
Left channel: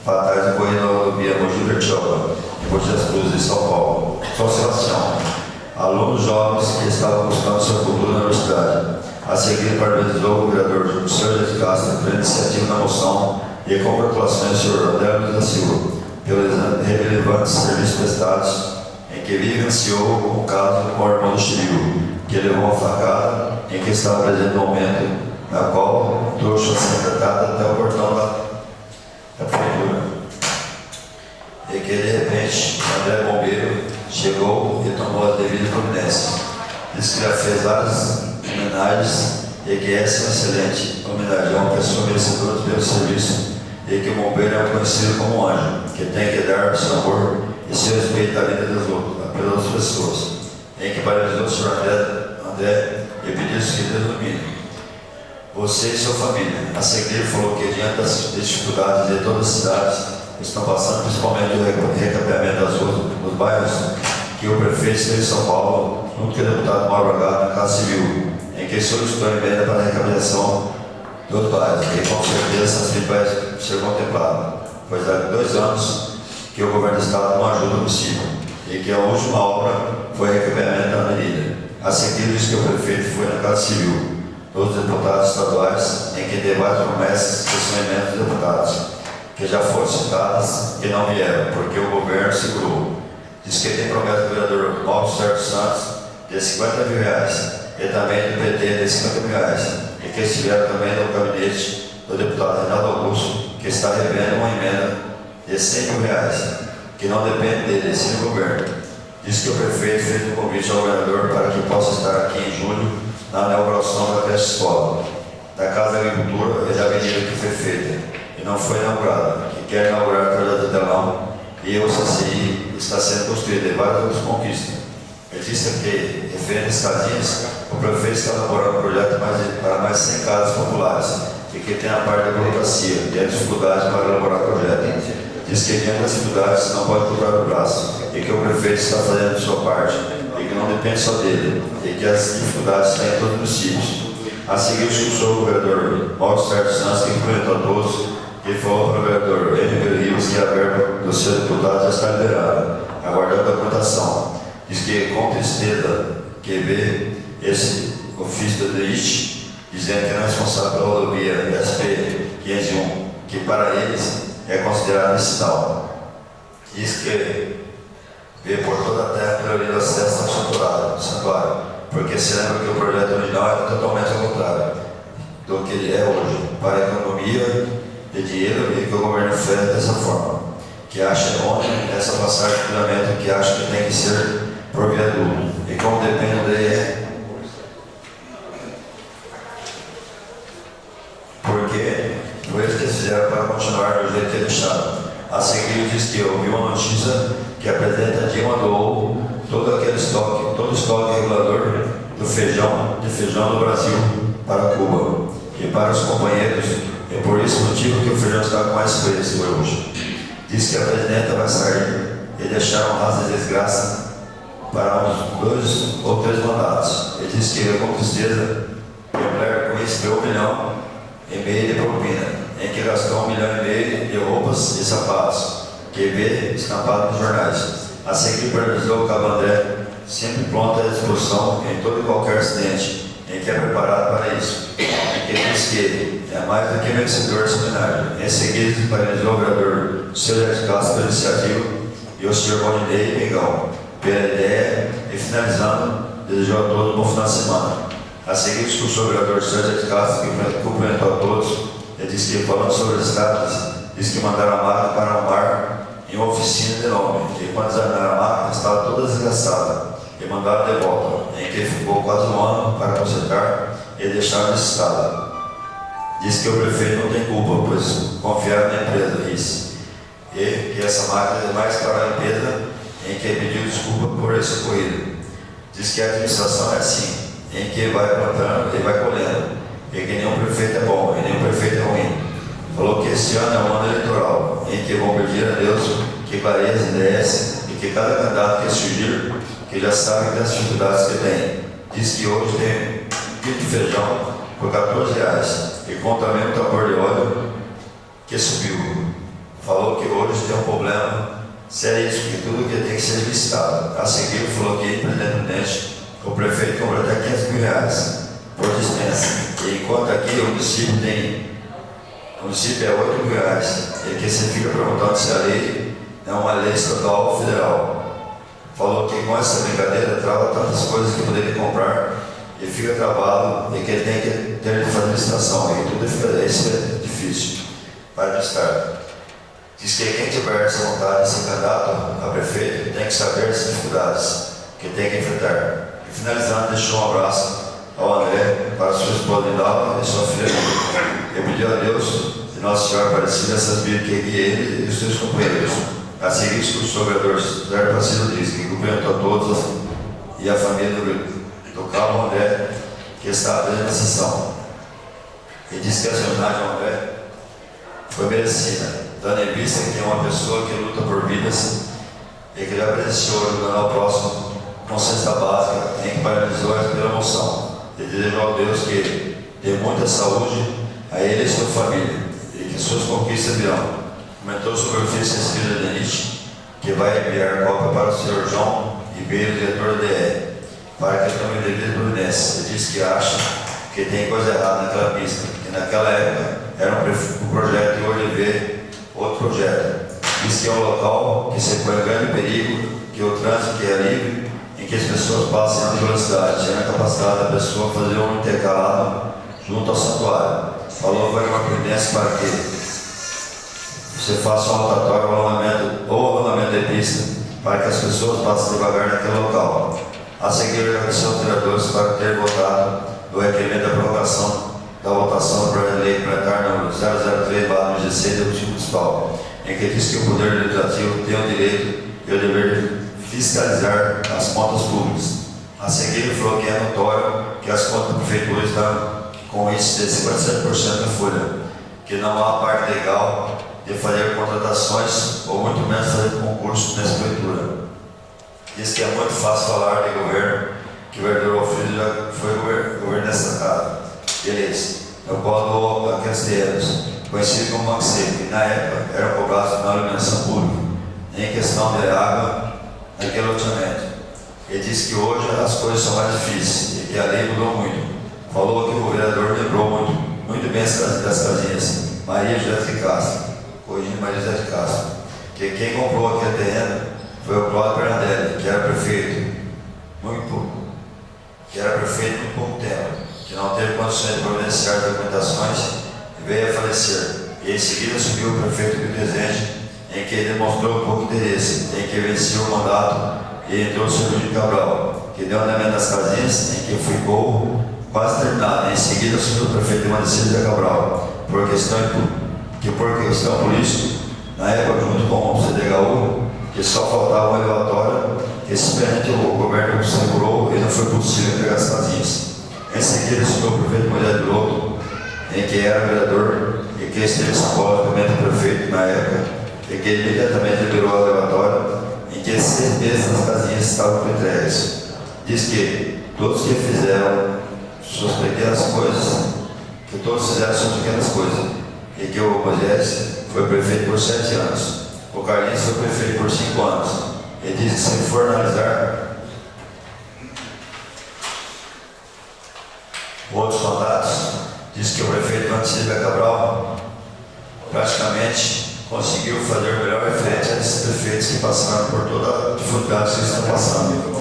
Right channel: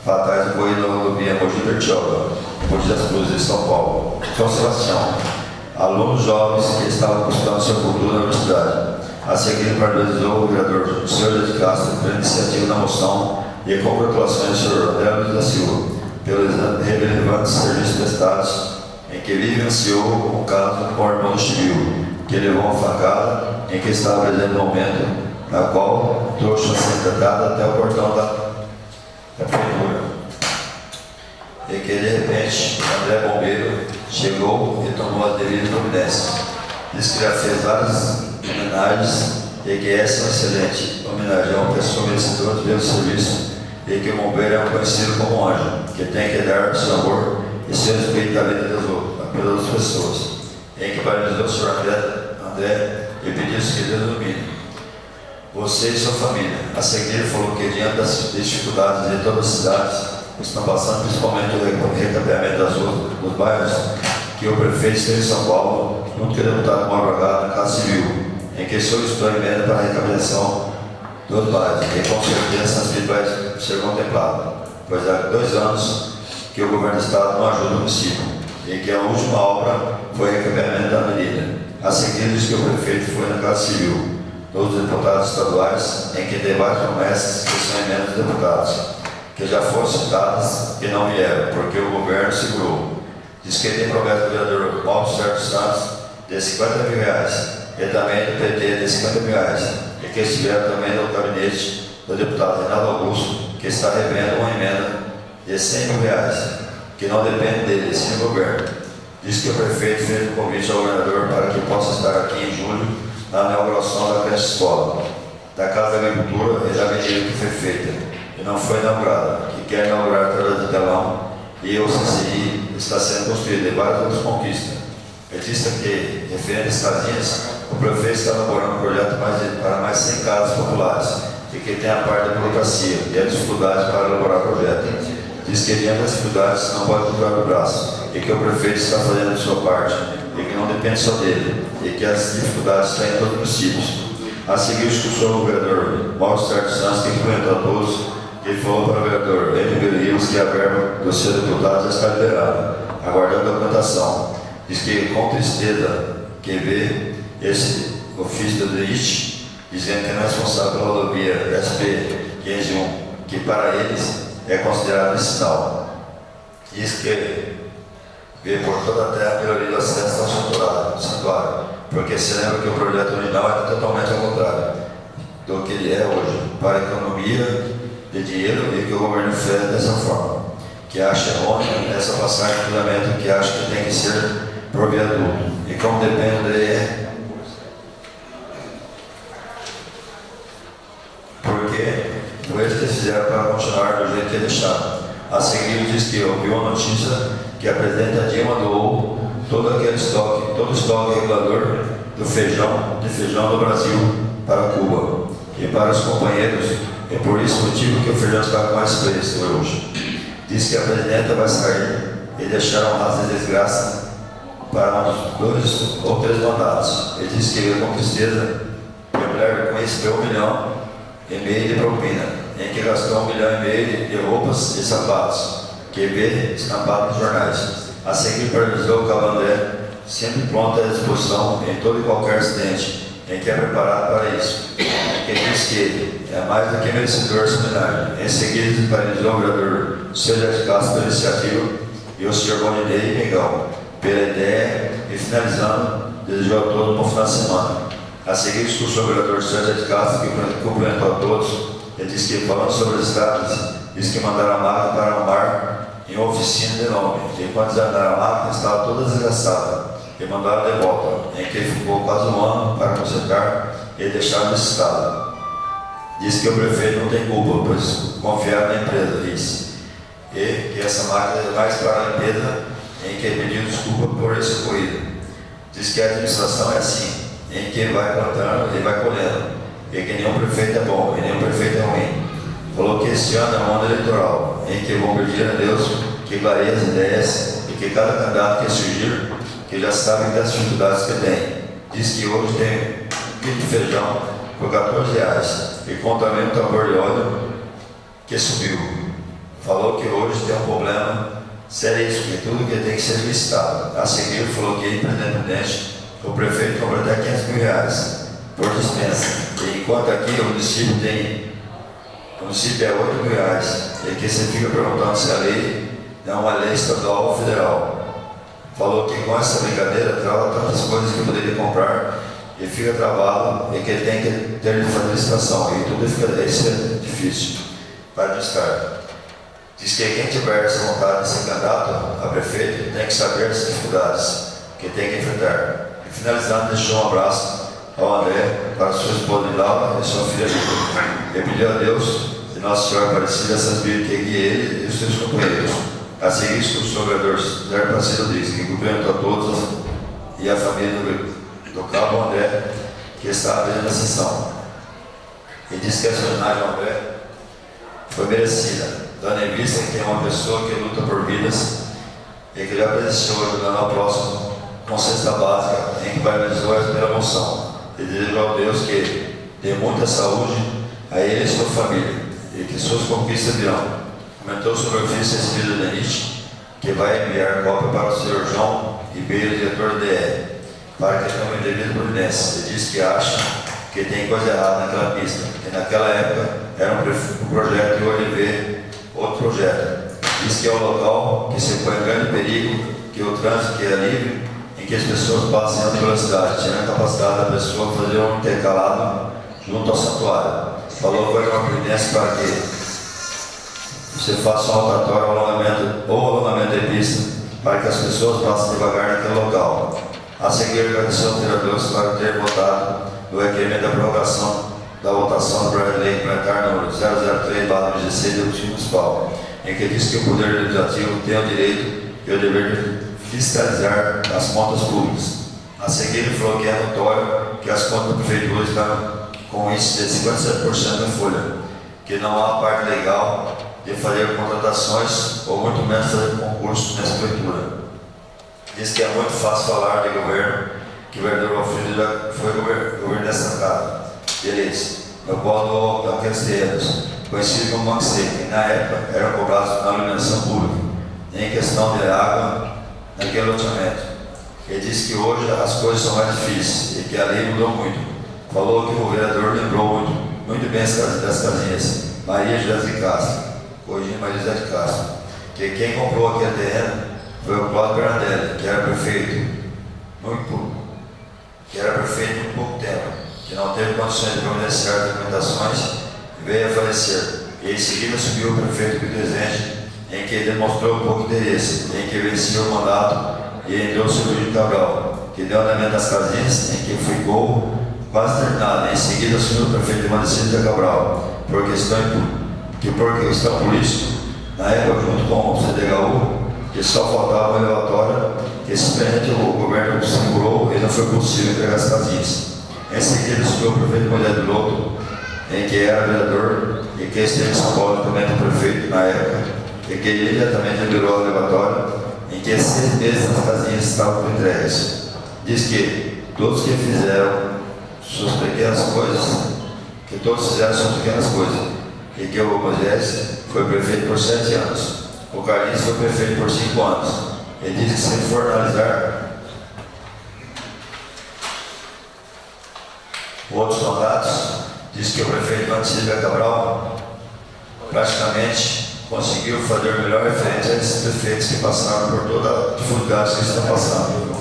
fatais ocorridas na rodovia Mogi Bertioga, Mogi das Cruzes, de São Paulo. São Sebastião, alunos jovens que estavam buscando seu futuro na universidade. A seguir, parabenizou o vereador Sr. de Castro pela iniciativa na moção e congratulações do Sr. André Luiz da Silva pelos relevantes serviços prestados, em que vivenciou o caso com o irmão do Chiril, que levou uma facada em que estava presente no momento na qual trouxe a ser tratada até o portão da prefeitura. E que de repente André Bombeiro chegou e tomou as devidas providências. Diz que já fez várias homenagens e que essa é uma excelente homenagem a uma pessoa merecedora pelo serviço, e que o bombeiro é conhecido como um anjo, que tem que dar seu amor e seu respeito à vida pelas outras pessoas. Em que parabenizou o Sr. André e pediu que Deus ilumine você e sua família. A seguir, falou que diante das dificuldades de todas as cidades estão passando, principalmente o recapeamento das ruas nos bairros, que o prefeito de São Paulo, junto com o deputado Mauro Bragado, na Casa Civil, em que solicitou a emenda para a recapeação dos bairros, e com certeza essas medidas vai ser contempladas, pois há 2 anos que o governo do Estado não ajuda o município, e que a última obra foi o recapeamento da avenida. A seguir, diz que o prefeito foi na Casa Civil dos deputados estaduais, em que tem várias promessas que são emendas dos deputados, que já foram citadas e não vieram, porque o governo segurou. Diz que tem promessa do vereador Mauro Sérgio Santos de R$50 mil, e também do PT de R$50 mil, e que estiveram também no gabinete do deputado Reinaldo Augusto, que está revendo uma emenda de R$100 mil, que não depende dele, sim do governo. Diz que o prefeito fez um convite ao governador para que possa estar aqui em julho na inauguração da creche escola, da Casa da Agricultura e da avenida que foi feita e não foi inaugurada, que quer inaugurar através do telão, e o CCI está sendo construído e várias outras conquistas. Ele disse que, referente às casinhas, o prefeito está elaborando um projeto para mais 100 casas populares, e que tem a parte da burocracia e a dificuldade para elaborar o projeto. Diz que diante das dificuldades não pode colocar o braço, e que o prefeito está fazendo a sua parte, e que não depende só dele, e que as dificuldades estão em todos os municípios. A seguir, escutou o vereador Mauro Sérgio Santos, que cumprimentou a todos, e falou para o vereador Ribeiro Ribas que a verba do seu deputado já está liberada, aguardando a documentação. Diz que, com tristeza, que vê esse ofício do DEIT, dizendo que é responsável pela rodovia SP-501, que para eles é considerado vicinal. Diz que vê por toda a terra pela via do acesso ao santuário, porque se lembra que o projeto original era totalmente ao contrário do que ele é hoje, para a economia de dinheiro e que o governo fez dessa forma, que acha errôneo nessa passagem de fundamento, que acha que tem que ser por viaduto, e como depende dele porque foi eles que fizeram para continuar do jeito que deixaram. A seguir diz que ouviu uma notícia que a presidenta Dilma doou todo o estoque regulador de feijão do Brasil para Cuba e para os companheiros. É por esse motivo que o feijão está com mais preço hoje. Diz que a presidenta vai sair e deixar um rastro de desgraça para uns 2 ou 3 mandatos. Ele diz que com tristeza que a mulher conheceu 1,5 milhão de propina, em que gastou 1,5 milhão de roupas e sapatos, que vê estampado nos jornais. A seguir parabenizou o Cabo André, sempre pronto à disposição em todo e qualquer acidente, em que é preparado para isso, em que diz que é mais do que merecedor seminário. Em seguida, parabenizou o vereador Célio de Castro pela iniciativa e o Sr. Bonidei Mengão pela ideia, e finalizando, desejou a todos um bom final de semana. A seguir, discussou o vereador Célio de Castro, que cumprimentou a todos. Ele disse que, falando sobre as estradas, disse que mandaram a máquina para arrumar em uma oficina de nome. E quando desarmaram a máquina, estava toda desgastada. E mandaram de volta, em que ficou quase 1 ano para consertar e deixar nesse estado. Disse que o prefeito não tem culpa, pois confiaram na empresa, disse. E que essa máquina é mais para a limpeza, em que pediu desculpa por esse ocorrido. Diz que a administração é assim, em que vai plantando e vai colhendo, e que nenhum prefeito é bom e nenhum prefeito é ruim. Falou que este ano é um ano eleitoral, em que vão pedir a Deus que clareie as ideias e que cada candidato que surgir, que já sabe das dificuldades que tem. Diz que hoje tem 1 quilo de feijão por R$14 e com também o tambor de óleo que subiu. Falou que hoje tem um problema seríssimo, que tudo que tem que ser listado. A seguir, falou que, independente, o prefeito cobra até R$500 mil por dispensa. E enquanto aqui o município é R$8 mil, e que você fica perguntando se a lei é uma lei estadual ou federal. Falou que com essa brincadeira trava tantas coisas que eu poderia comprar e fica travado, e que ele tem que ter de fazer licitação, e tudo isso é difícil para administrar. Diz que quem tiver essa vontade de ser candidato a prefeito tem que saber as dificuldades que tem que enfrentar. E finalizando, deixou um abraço ao André, para sua esposa Lindaura e sua filha Lívia. E pediu a Deus e Nossa Senhora Aparecida essas vidas que guie ele e os seus companheiros. A seguir, o vereador Zé Aparecido diz que cumprimentou a todos e a família do Cabo André, que está presente na sessão. E diz que essa homenagem ao André foi merecida, dando em vista que é uma pessoa que luta por vidas e que já presenciou ajudando ao próximo com cesta básica, em que parabenizou pela moção. E desejou ao Deus que dê muita saúde a ele e a sua família, e que suas conquistas virão. Comentou sobre o filho Cecília Denite, que vai enviar cópia para o Sr. João Ribeiro, diretor da DR, para que tome devida providência. Ele diz que acha que tem coisa errada naquela pista, que naquela época era um projeto e hoje vê outro projeto. Diz que é um local que se põe em grande perigo, que o trânsito que é livre, em que as pessoas passem a alta velocidade, tirando a capacidade da pessoa fazer um intercalado junto ao santuário. Falou que vai uma providência para que você faça um rotatório ou alongamento de pista, para que as pessoas passem devagar naquele local. A seguir, agradeceu aos vereadores para ter votado no requerimento da prorrogação da votação do projeto de lei complementar número 003/2016 do Conselho Municipal, em que diz que o Poder Legislativo tem o direito e o dever de fiscalizar as contas públicas. A seguir, ele falou que é notório que as contas da Prefeitura estão com índice de 57% da folha, que não há parte legal de fazer contratações ou muito menos fazer concurso nessa Prefeitura. Diz que é muito fácil falar de governo, que o vereador Alfredo já foi governo dessa casa. Beleza. Eu colo aqueles terrenos, conhecido como Banco Seco, que na época eram cobrados na iluminação pública, em questão de água naquele loteamento. Ele disse que hoje as coisas são mais difíceis e que a lei mudou muito. Falou que o vereador lembrou muito bem das casinhas. Maria José de Castro, corrigindo Maria José de Castro, que quem comprou aquele terreno foi o Cláudio Bernardelli, que era prefeito. que era prefeito por pouco tempo, que não teve condições de providenciar documentações e veio a falecer. E em seguida assumiu o prefeito Pio Rezende, em que demonstrou pouco interesse, em que venceu o mandato e entrou o Sr. Júlio Cabral, que deu andamento às casinhas, em que ficou quase terminada. Em seguida assumiu o prefeito de Manicídio Cabral, por questão política, na época junto com o CDHU, que só faltava uma elevatória, que simplesmente o governo segurou e não foi possível entregar as casinhas. Em seguida assumiu o prefeito Moisés Piloto, em que era vereador e que esteve em São Paulo também do prefeito na época, e que imediatamente liberou a elevatória, em que 6 meses as casinhas estavam entregues. Diz que todos que fizeram suas pequenas coisas, e que o Moisés foi prefeito por 7 anos, o Carlinhos foi prefeito por 5 anos. Ele diz que se for analisar outros mandatos, diz que o prefeito Manicídio Cabral praticamente conseguiu fazer o melhor frente a esses prefeitos que passaram por toda a dificuldade que estão passando.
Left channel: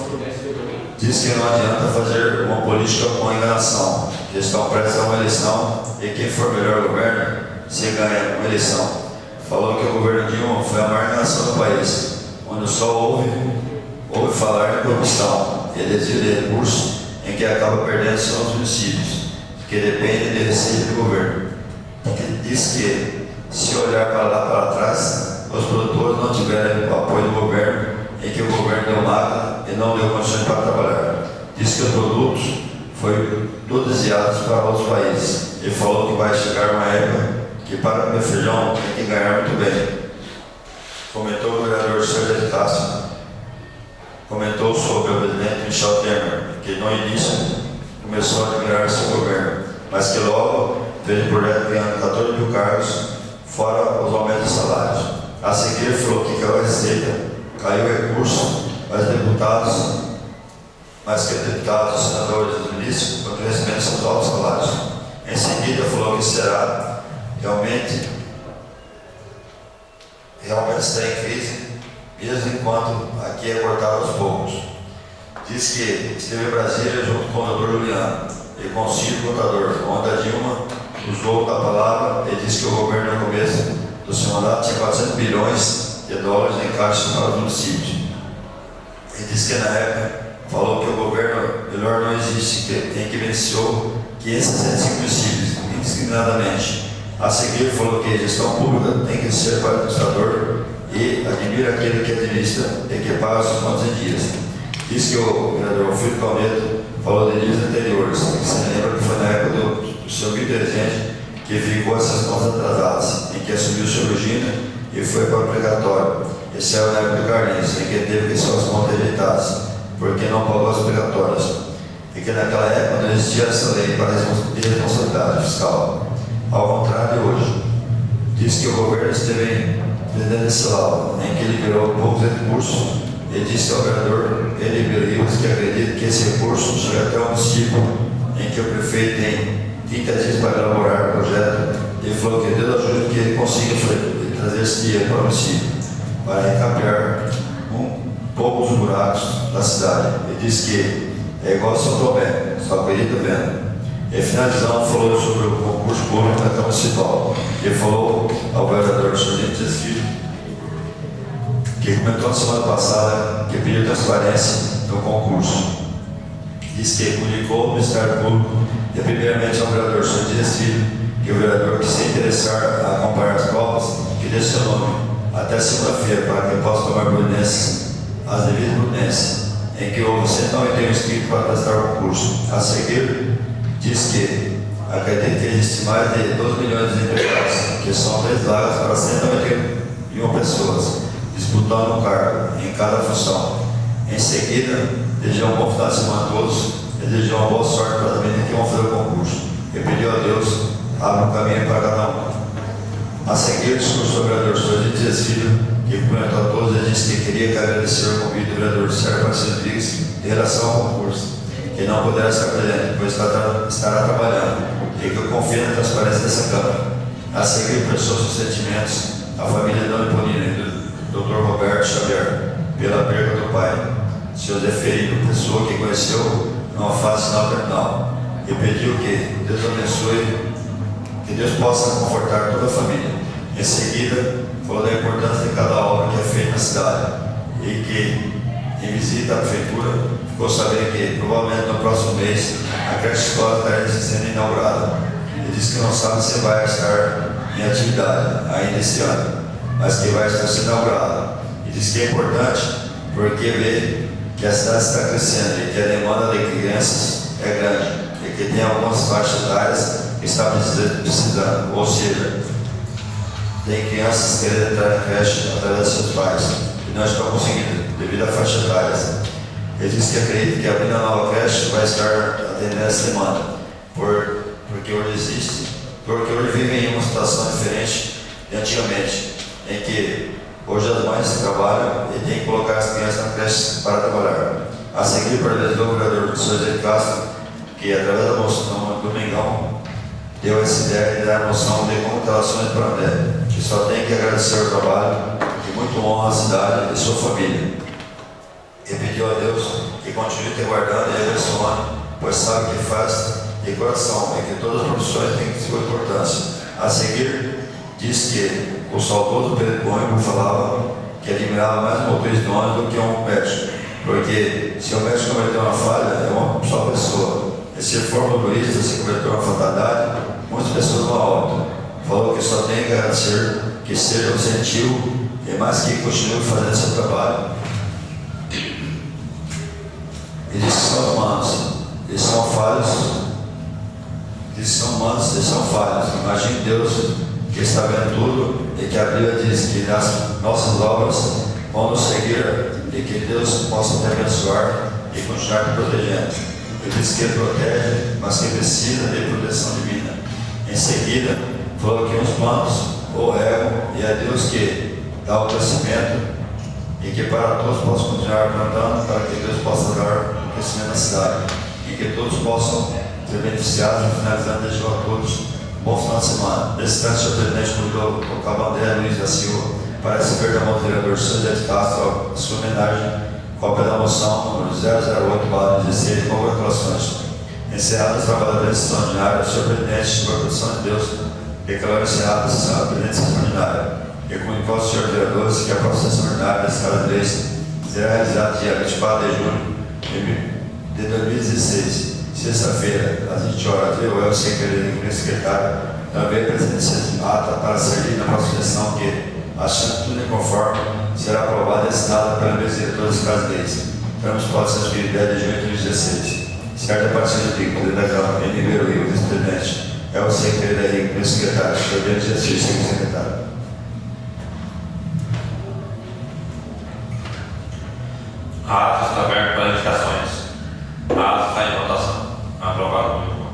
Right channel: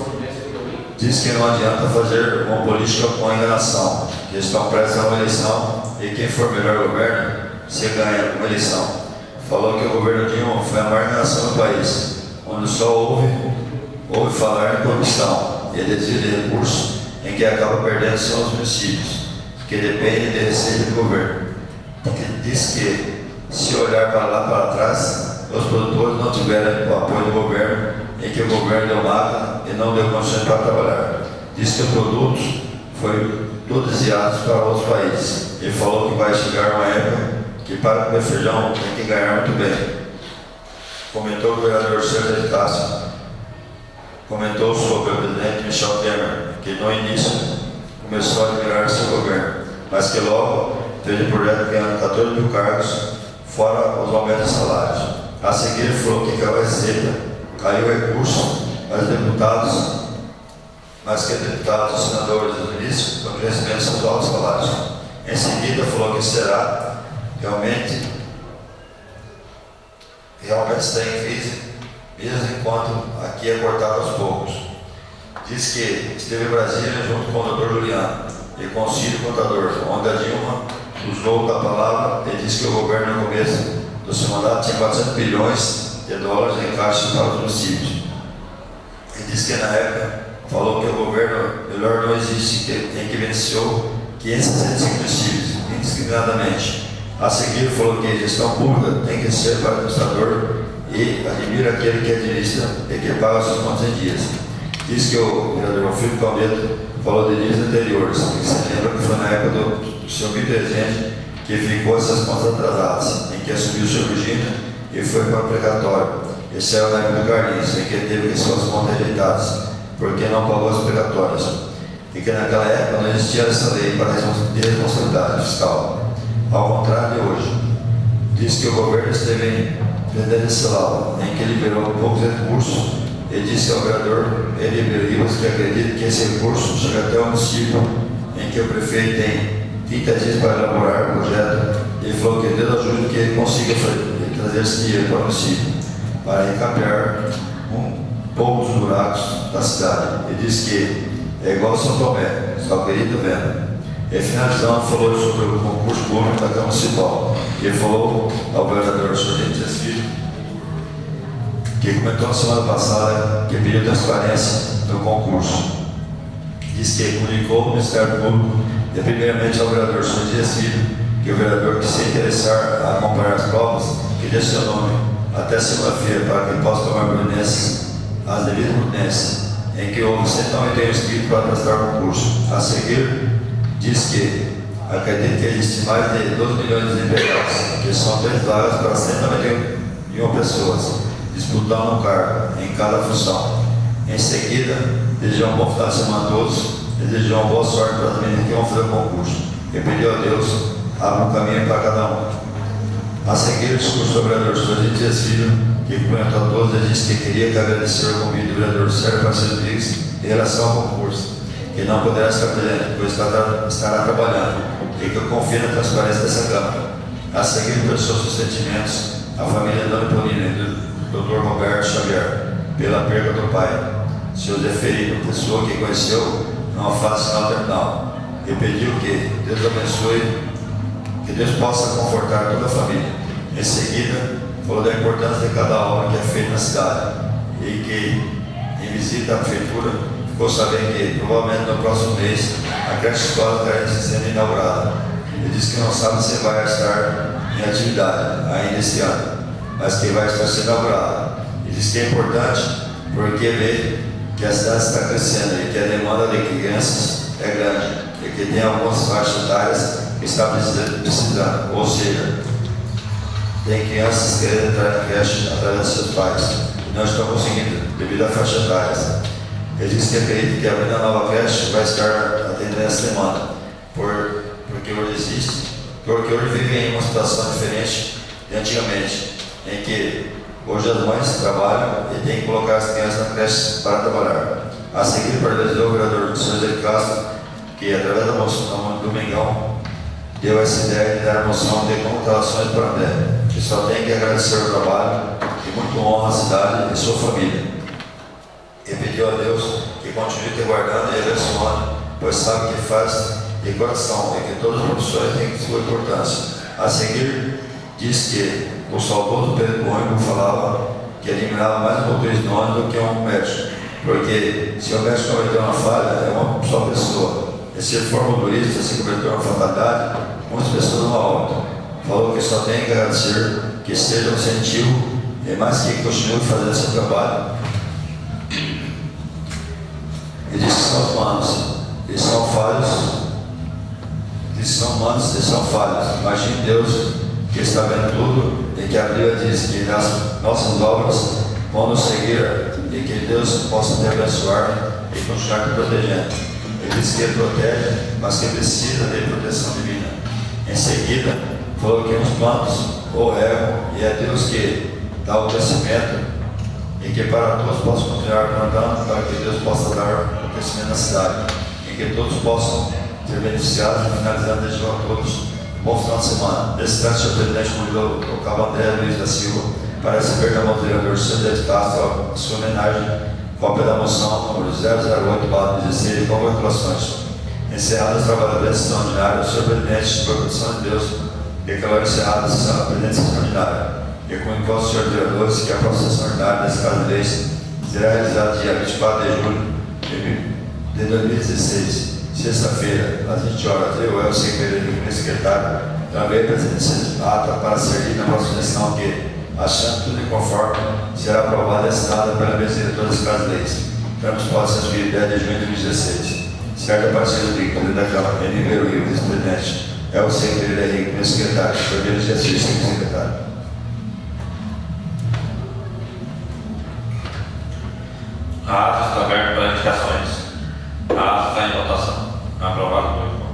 Diz que não adianta fazer uma política com enganação, que estão prestes a uma eleição e quem for melhor governo se ganha uma eleição. Falou que o governo Dilma foi a maior nação do país, onde só ouve falar em corrupção e desvio de recursos, em que acaba perdendo só os municípios, que dependem de receita do governo. Diz que, se olhar para lá para trás, os produtores não tiveram o apoio do governo, em que o governo deu máquina e não deu condições para trabalhar. Diz que os produtos foram todos desviados para outros países. Ele falou que vai chegar uma época que para comer feijão tem que ganhar muito bem. Comentou o vereador Sérgio de Castro, comentou sobre o presidente Michel Temer, que no início começou a melhorar seu governo, mas que logo teve o projeto ganhando 14 mil cargos, fora os aumentos de salários. A seguir ele falou que caiu a receita, caiu o recurso, mas que deputados e senadores do início com crescimento dos altos salários. Em seguida falou que será realmente está em crise, mesmo enquanto aqui é cortado aos poucos. Diz que esteve em Brasília junto com o doutor Juliano e com o Ciro Contador, onde a Dilma usou a palavra e disse que o governo no começo do seu mandato tinha 400 bilhões de dólares em caixa para os municípios. E disse que na época falou que o governo melhor não existe, em que beneficiou 565 municípios, indiscriminadamente. A seguir falou que a gestão pública tem que ser para o administrador e admira aquele que administra e que paga seus contas em dias. Diz que o vereador Filipe Palmeto falou de dias anteriores, que se lembra que foi na época do seu Pio Rezende que ficou essas contas atrasadas, em que assumiu o seu Virgínia e foi para o precatório. Esse é o época do Carlinhos, em que teve que suas contas rejeitadas porque não pagou as precatórias. E que naquela época não existia essa lei para responsabilidade fiscal. Ao contrário de hoje, diz que o governo esteve vendendo esse laudo, em que liberou poucos recursos, e disse ao vereador Edmir Rivas que acredita que esse recurso chega até o município, em que o prefeito tem 30 dias para elaborar o projeto. Ele falou que Deus ajude que ele consiga trazer esse dinheiro para o município, para encapear pouco os buracos da cidade. Ele disse que é igual São Tomé, só querido vendo. E finalizando, falou sobre o concurso público da Câmara Municipal. Ele falou ao vereador Sorgente Filho, que comentou na semana passada que pediu transparência no concurso. Diz que comunicou ao Ministério Público e primeiramente ao vereador Sorgente Filho, que o vereador que se interessar a acompanhar as provas, que dê seu nome até segunda-feira para que possa tomar providências, as devidas providências, em que houve 191 inscritos para prestar o concurso. A seguir, diz que acredita que existe mais de 12 milhões de empregados, que são 3 vagas para 191 pessoas, disputando um cargo em cada função. Em seguida, desejou um bom final de semana a todos, desejou uma boa sorte para as meninas que vão fazer o concurso, e pediu a Deus abra um caminho para cada um. A seguir, o discurso do vereador Sorgente Filho, que cumprimentou a todos e disse que queria que agradecer o convite do vereador Sérgio Parceiro Rodrigues em relação ao concurso, que não poderá estar presente, pois estará trabalhando, e que eu confio na transparência dessa Câmara. A seguir, expressou seus sentimentos à família de Dona Eponina e do Dr. Roberto Xavier, pela perda do pai, seu Zé Felipe, pessoa que conheceu numa fase final terminal, e pediu que Deus abençoe, que Deus possa confortar toda a família. Em seguida, falou da importância de cada obra que é feita na cidade e que, em visita à prefeitura, ficou sabendo que provavelmente no próximo mês a creche escola estará sendo inaugurada. Ele disse que não sabe se vai estar em atividade ainda esse ano, mas que vai estar sendo inaugurada. Ele disse que é importante porque vê que a cidade está crescendo e que a demanda de crianças é grande e que tem algumas faixas etárias que estão precisando, ou seja, tem crianças querendo entrar na creche através dos seus pais e não estão conseguindo devido à faixa etária. Ele disse que acredita que abrindo a nova creche vai estar atendendo essa demanda, porque hoje vivem em uma situação diferente de antigamente, em que hoje as mães trabalham e têm que colocar as crianças na creche para trabalhar. A seguir, parabenizou o vereador José de Castro, que através da moção do Domingão deu essa ideia de dar a noção de contratações para a mulher, que só tem que agradecer o trabalho e muito honra a cidade e sua família. E pediu a Deus que continue te guardando e abençoando, pois sabe que faz de coração e que todas as profissões têm sua importância. A seguir, diz que o saudoso Pedro Cônigo falava que eliminava mais motores de ônibus do que um médico, porque se o médico cometeu uma falha, é uma só pessoa. E se for motorista, se cometeu uma fatalidade, muitas pessoas não óbito. Falou que só tem que agradecer, que seja um incentivo e mais que continue fazendo seu trabalho. E diz que são humanos, e são falhos, diz que são humanos e são falhos. Imagine Deus que está vendo tudo e que a Bíblia diz que nas nossas obras vão nos seguir e que Deus possa te abençoar e continuar te protegendo. Ele diz que ele protege, mas que precisa de proteção divina. Em seguida, falou que uns planos ou erram e é Deus que dá o crescimento e que para todos possam continuar plantando, para que Deus possa dar o crescimento na cidade e que todos possam ser beneficiados. E finalizando, desejou a todos um bom final de semana. Nesse caso, o senhor presidente convidou o cabo André Luiz da Silva para receber da mão do vereador José de Castro a sua homenagem, cópia da moção número 008/16 de congratulações. Encerradas as trabalhadoras extraordinárias, o senhor presidente, por proteção de Deus, declarou encerrada a sessão da presidência extraordinária. E comunicou aos senhores vereadores que a próxima sessão ordinária desse caso de leis será realizada dia 24 de julho de 2016, sexta-feira, às 20 horas. Eu, Elcio Pereira, primeiro secretário, também presidente ata para servir na próxima sessão que, achando tudo em conforme, será aprovada e assinada pela mesa diretora desse caso de leis. Termos posse de 10 de junho de 2016. Certo a partir do dia, presidente da Câmara, Ribeiro Rio, vice-presidente, Elcio Pereira, primeiro secretário, primeiro exercício, segundo secretário. A ata está aberta para indicações. A ata está em votação. Aprovado pelo voto.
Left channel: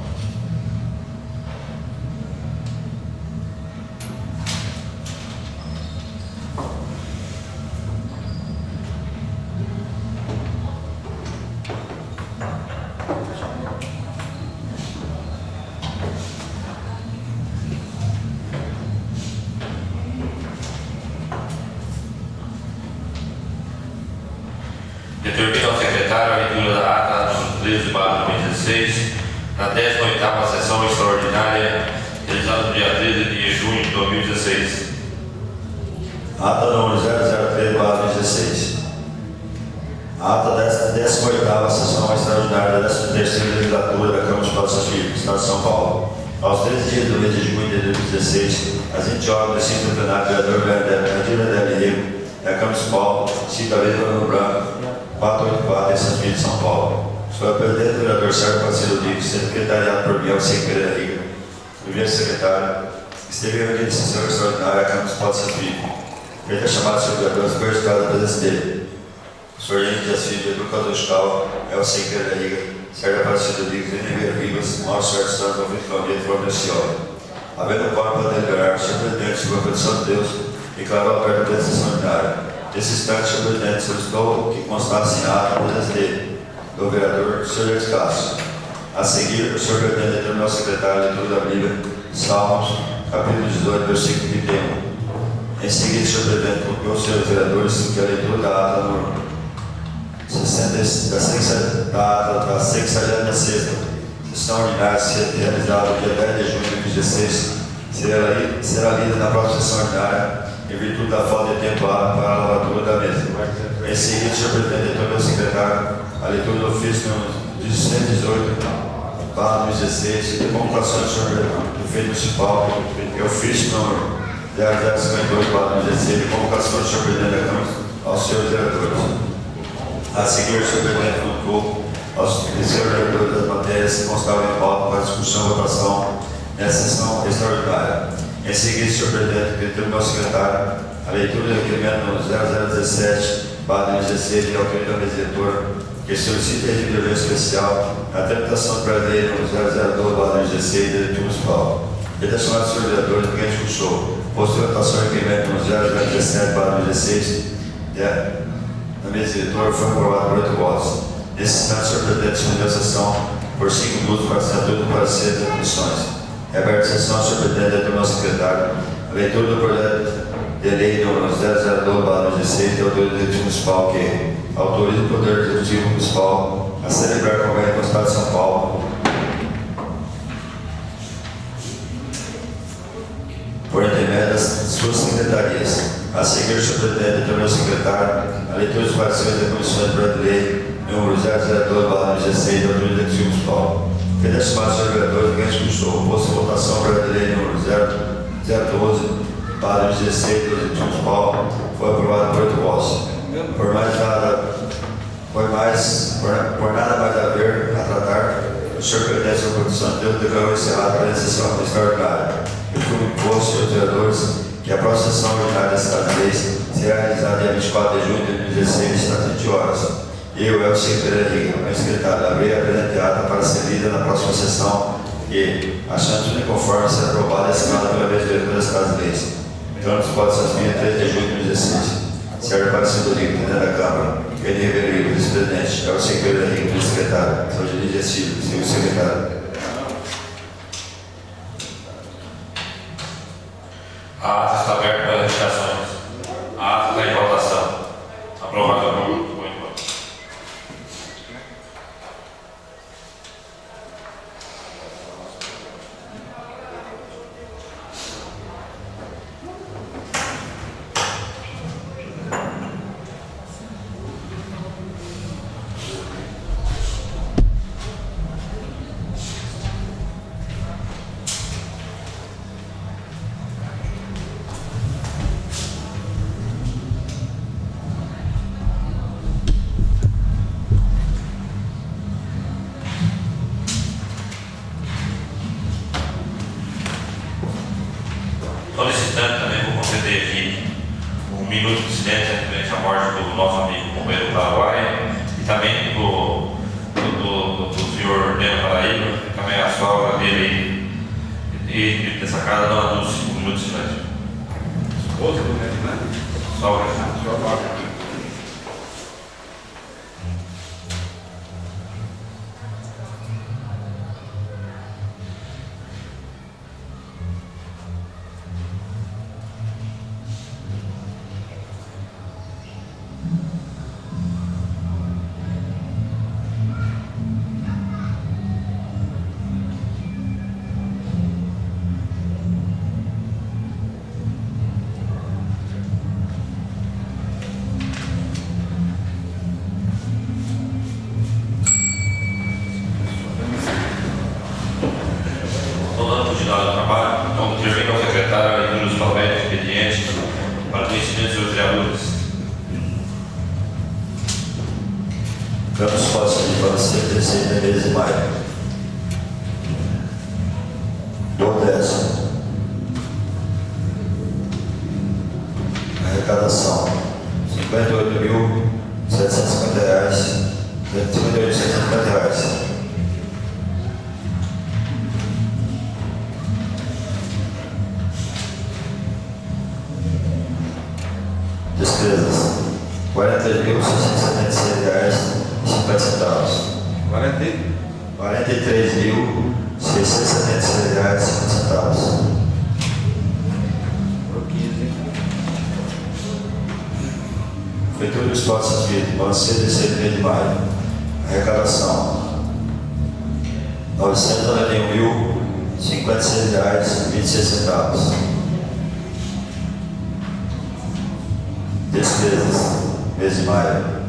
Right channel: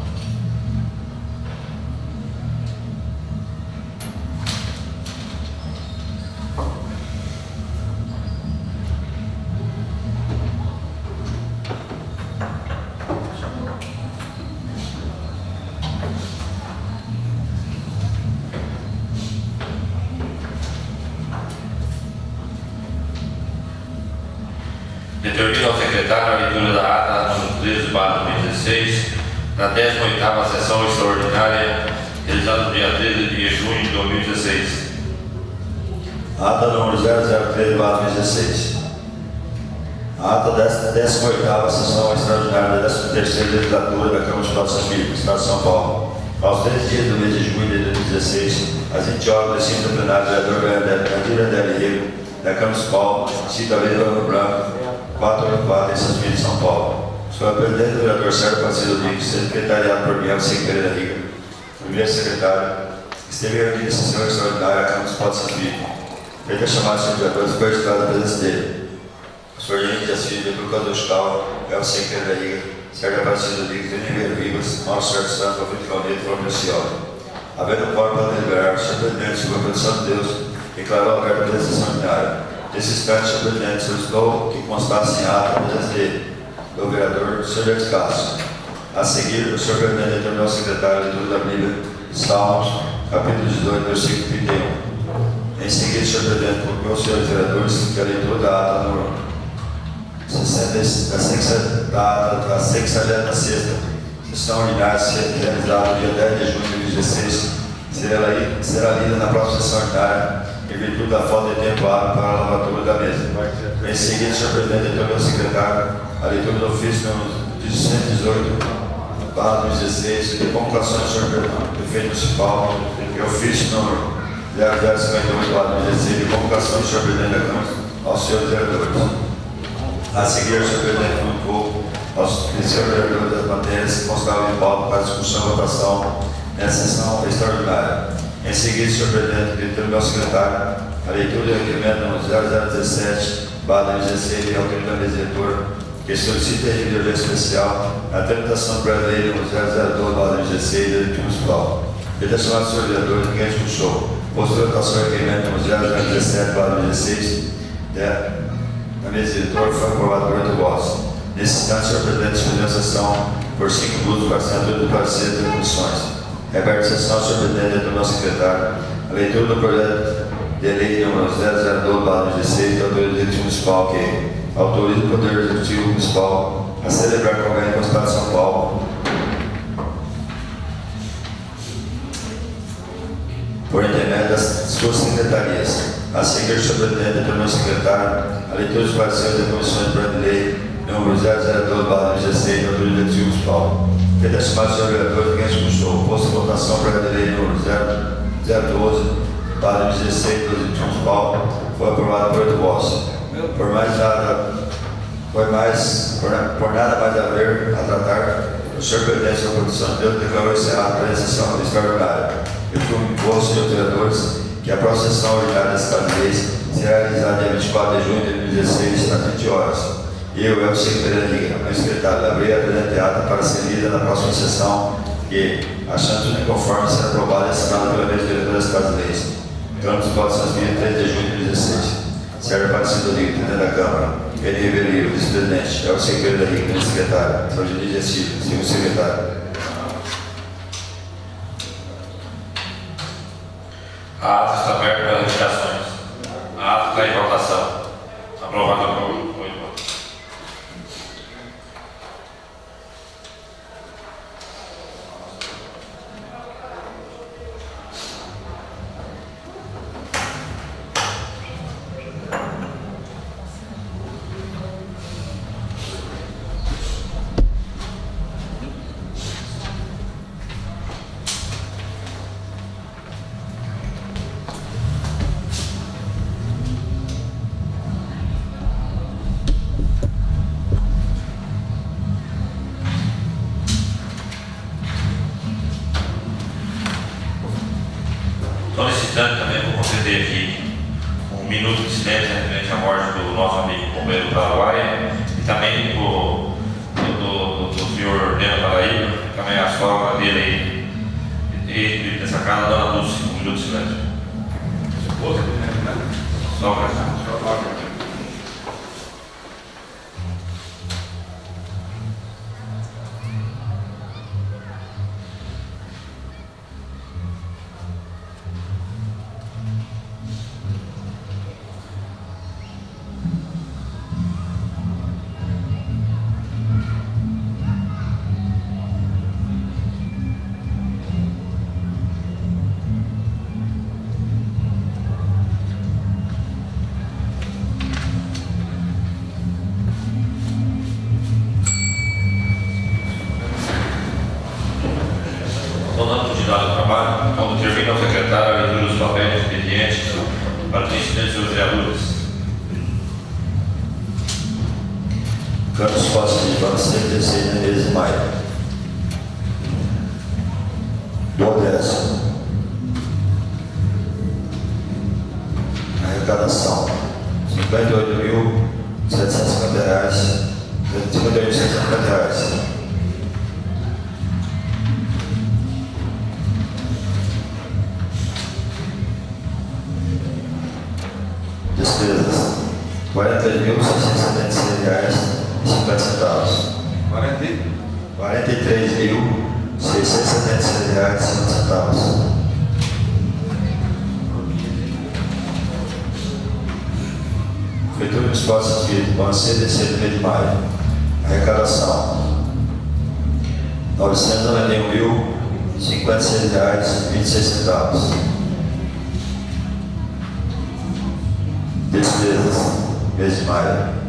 Determina ao secretário a leitura da ata número 13/2016 da 18ª sessão extraordinária realizada no dia 13 de junho de 2016. Ata número 003/2016. A ata da 18ª sessão extraordinária da 13ª legislatura da Câmara Municipal de São Filipe, Estado de São Paulo. Aos 13 dias do mês de junho de 2016, às 20 horas, no recinto do plenário, o vereador André Del da Câmara Municipal, cita a lei do Ano Branco 484 em São Filipe, São Paulo. Sou o presidente do vereador Sérgio Parceiro Dico, secretariado por mim, Alcim Pereira Riga, primeiro secretário, esteve reunido em sessão extraordinária à Câmara Municipal de São Filipe. Feita a chamada de vereadores, foi registrada a presença dele. O senhor Henrique Dias Filho, educador escola, Alcim Pereira Riga, Sérgio Parceiro Dico, Ribeiro Ribas, Márcio Sérgio Santos, Alfredo Claudio e Flávio Cioli. Havendo quórum para deliberar, o senhor presidente, sob a proteção de Deus, declarou aberta a presença extraordinária. Nesse instante, o senhor presidente solicitou que constasse em ata a presença do vereador José de Castro. A seguir, o senhor presidente determinou ao secretário de leitura da Bíblia, Salmos, capítulo 18, versículo 31. Em seguida, o senhor presidente colocou aos senhores vereadores que a leitura da ata número da 66ª sessão ordinária realizada no dia 10 de junho de 2016 será lida na próxima sessão ordinária em virtude da falta de tempo hábil para a lavratura da mesa. Em seguida, senhor presidente, ao meu secretário, a leitura do ofício número 118/2016 de convocação do senhor prefeito municipal e ofício número 0052/2016 de convocação do senhor presidente da Câmara aos senhores vereadores. A seguir, o senhor presidente comunicou aos senhores vereadores das matérias que constavam em pauta para discussão e votação nessa sessão extraordinária. Em seguida, o senhor presidente, pediu ao meu secretário a leitura do requerimento número 0017/2016 de autoria da mesa diretora, que solicita a de urgência especial a tramitação do projeto de lei número 002/2016 da Leitura Municipal. Pedido aos senhores vereadores que discussou. Posterior votação do requerimento número 0017/2016 da mesa diretora foi aprovado por 8 votos. Nesse instante, o senhor presidente suspendeu a sessão por 5 minutos para assinatura do parecer das comissões. Reaberta a sessão, senhor presidente, do meu secretário, a leitura do projeto de lei número 002/2016 da autoria do Executivo Municipal, que autoriza o Poder Executivo Municipal a celebrar convênio com o Estado de São Paulo por intermédio das suas secretarias. A seguir, senhor presidente, do meu secretário, a leitura dos pareceres da Comissão de Projeto de Lei número 002/2016 da autoria do Executivo Municipal. Pedido aos senhores vereadores que expulsou. Posto em votação o projeto de lei número 012/2016 do Executivo Municipal foi aprovado por 8 votos. Por nada mais haver a tratar, o senhor presidente da Produção de Deus declarou encerrada a sessão extraordinária. Eu comunico aos senhores vereadores que a próxima sessão ordinária desta vez será realizada dia 24 de junho de 2016, às 20 horas. Eu, Elcio Pereira, meu secretário, abri a presente ata para ser lida na próxima sessão e, achando tudo conforme, será aprovada e assinada pela mesa diretora das Casas de Leis. Então, pode ser 3 de junho de 2016. Sérgio Aparecido Rico, presidente da Câmara. Ele Ribeiro Rico, vice-presidente. Elcio Pereira Rico, meu secretário. São Gilídia Silva, seu secretário. A ata está aberta para indicações. A ata está em votação. Aprovado por 8 votos. Então, nesse instante, também vou conceder aqui um minuto de silêncio referente à morte do nosso amigo companheiro do Paraguai e também do senhor Neno Paraíba, também a sogra dele aí, e dessa casa, dona Dulce, um minuto de silêncio. Esposa do Neno, né? Sogra. Dando continuidade ao trabalho, então termina o secretário a leitura dos papéis expedientes para o conhecimento dos vereadores. Campos Costa de Balaceiro, 16 Menezes de Maio. Do Odessa. Arrecadação: R$58.750. R$58.750. Despesas: R$43.676,50. R$43.676,50. Prefeitura do Espaço Espírito, Bancê, terceiro mês de maio. Arrecadação: R$ 991.056,26. Despesas, mês de maio:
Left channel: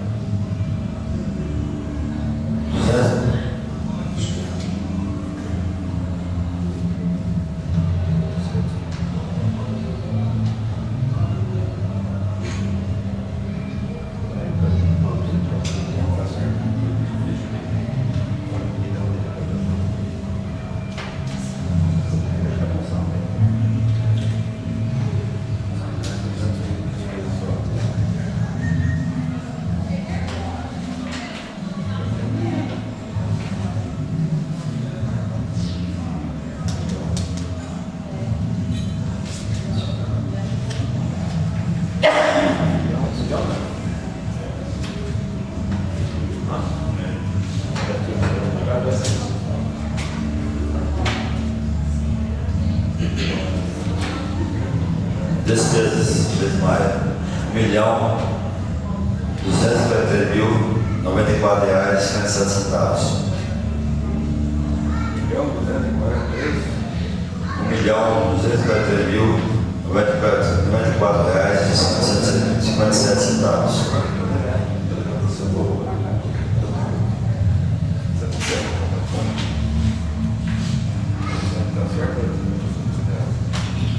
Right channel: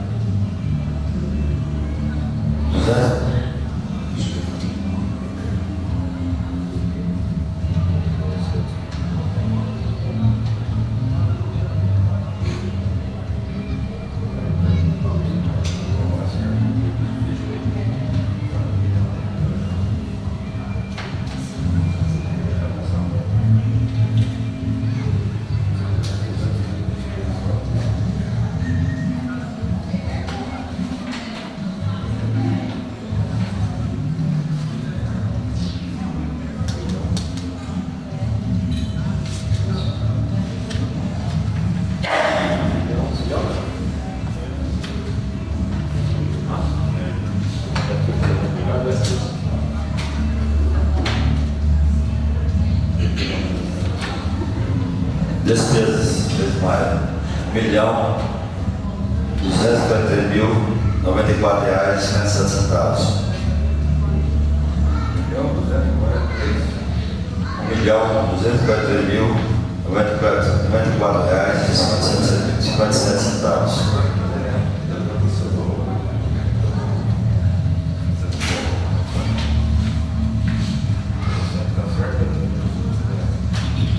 despesas, mês de maio: R$ 1.243.094,57. R$ 1.243.094,57.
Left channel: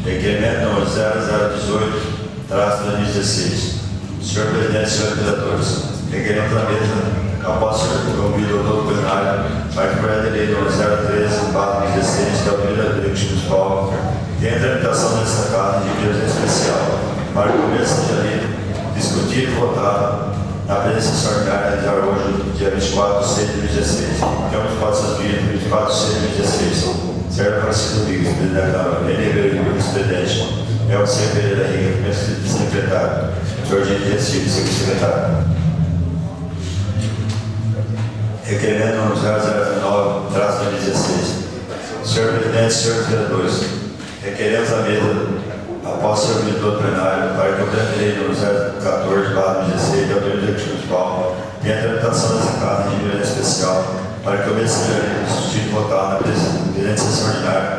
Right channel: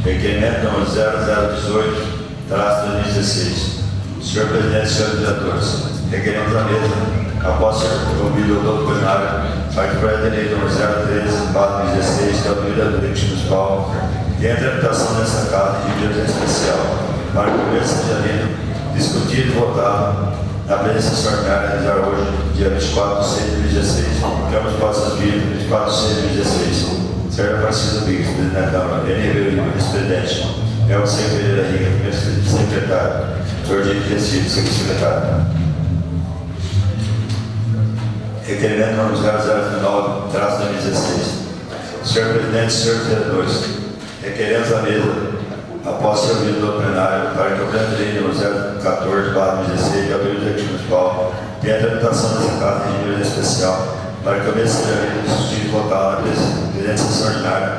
Requerimento número 0018/2016. Senhor Presidente, senhores diretores, requerimento da mesa, após ser ouvido o doutor plenário, para que o projeto de lei número 013/2016, que é o primeiro do Eixo Municipal, e a tramitação nesta casa de direção especial, para que o mesmo seja lido, discutido e votado na presença extraordinária realizar hoje, dia 24/6/2016, Câmara dos Passos Espírito, 24/6/2016. Senhor Aparecido Bigos, presidente da Câmara, N. Ribeiro, vice-presidente, Elcio Pereira Riga, primeiro secretário, Sr. Gino Gessílio, segundo secretário. Requerimento número 0019/2016. Senhor Presidente, senhores vereadores, requeremos a mesa, após ser ouvido do plenário, para que o projeto de lei número 014/2016, que é o primeiro do municipal, tenha a tramitação dessa casa de direção especial, para que o mesmo seja lido, discutido e votado na presidência extraordinária,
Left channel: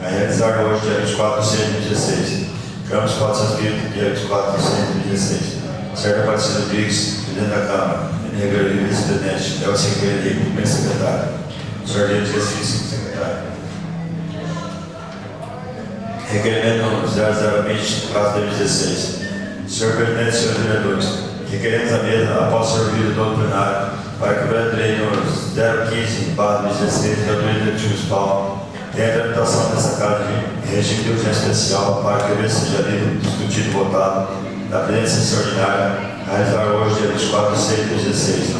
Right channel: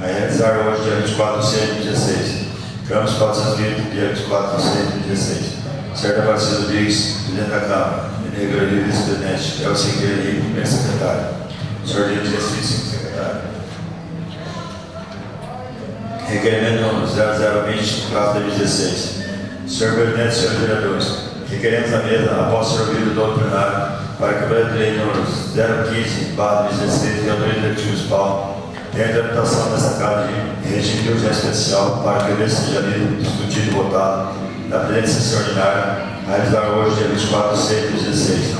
a realizar hoje, dia 24/6/2016. Câmara dos Passos Espírito, dia 24/6/2016. Senhor Aparecido Bigos, presidente da Câmara, N. Ribeiro, vice-presidente, Elcio Pereira, primeiro secretário, Sr. Gino Gessílio, segundo secretário. Requerimento número 0020/2016. Senhor Presidente, senhores vereadores, requeremos a mesa, após ser ouvido do plenário, para que o projeto de lei número 015/2016, que autoriza o Executivo Municipal, tenha a tramitação dessa casa de regime de urgência especial, para que o mesmo seja lido, discutido e votado na presidência extraordinária, a realizar hoje, dia 24/6/2016.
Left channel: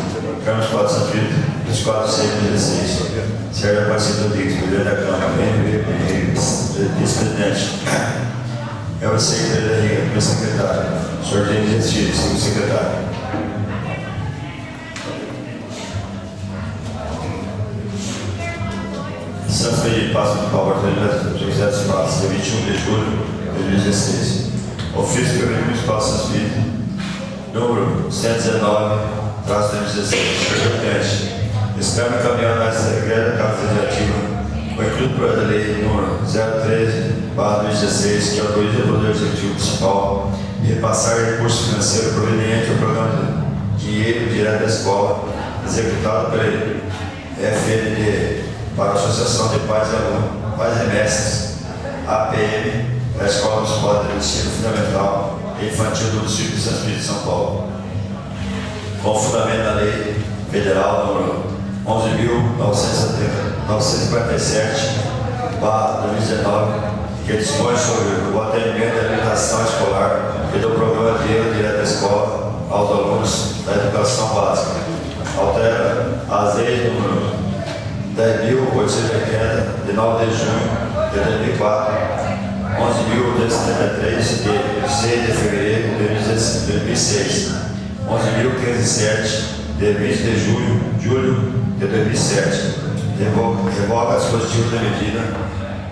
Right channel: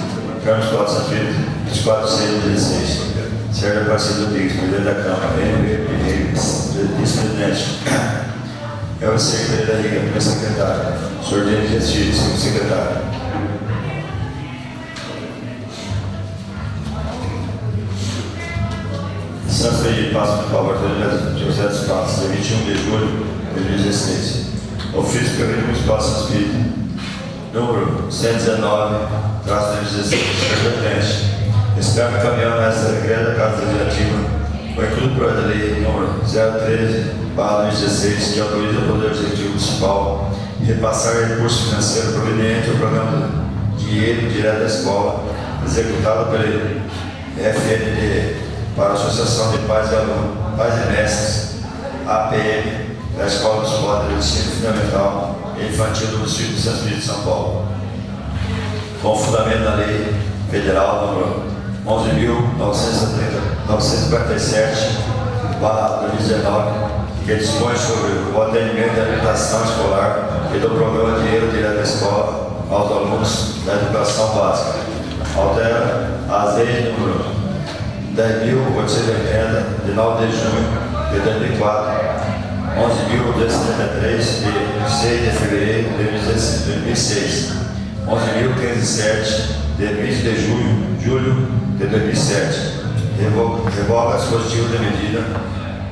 Câmara dos Passos Espírito, 24/6/2016. Senhor Aparecido Bigos, presidente da Câmara, vice-presidente, Elcio Pereira Riga, primeiro secretário, Sr. Gino Gessílio, segundo secretário. Santos Pereira Passo de Paulo, José dos Passos, dia 21 de julho de 2016. Ofício do Prefeito Municipal de Santos Espírito, número 119/2016. Senhor Presidente, espero encaminhar essa regra da Casa Legislativa, o incluído projeto de lei número 013/2016, que autoriza o Poder Executivo Municipal repassar recurso financeiro proveniente ao programa Dinheiro Direto da Escola, executado pela FND, para a Associação de Pais e Alunos, Pais e Mestres, APM, da Escola Municipal de Ensino Fundamental e Infantil do município de Santos Espírito de São Paulo, com fundamento na Lei Federal número 11.947/2019, que dispõe sobre o atendimento e habilitação escolar e do programa Dinheiro Direto da Escola aos alunos da educação básica. Altera as leis número 10.880, de 9 de junho de 2004, 11.873, de 6 de fevereiro de 2006, 11.507, de 20 de julho de 2007. Revoga dispositivo da medida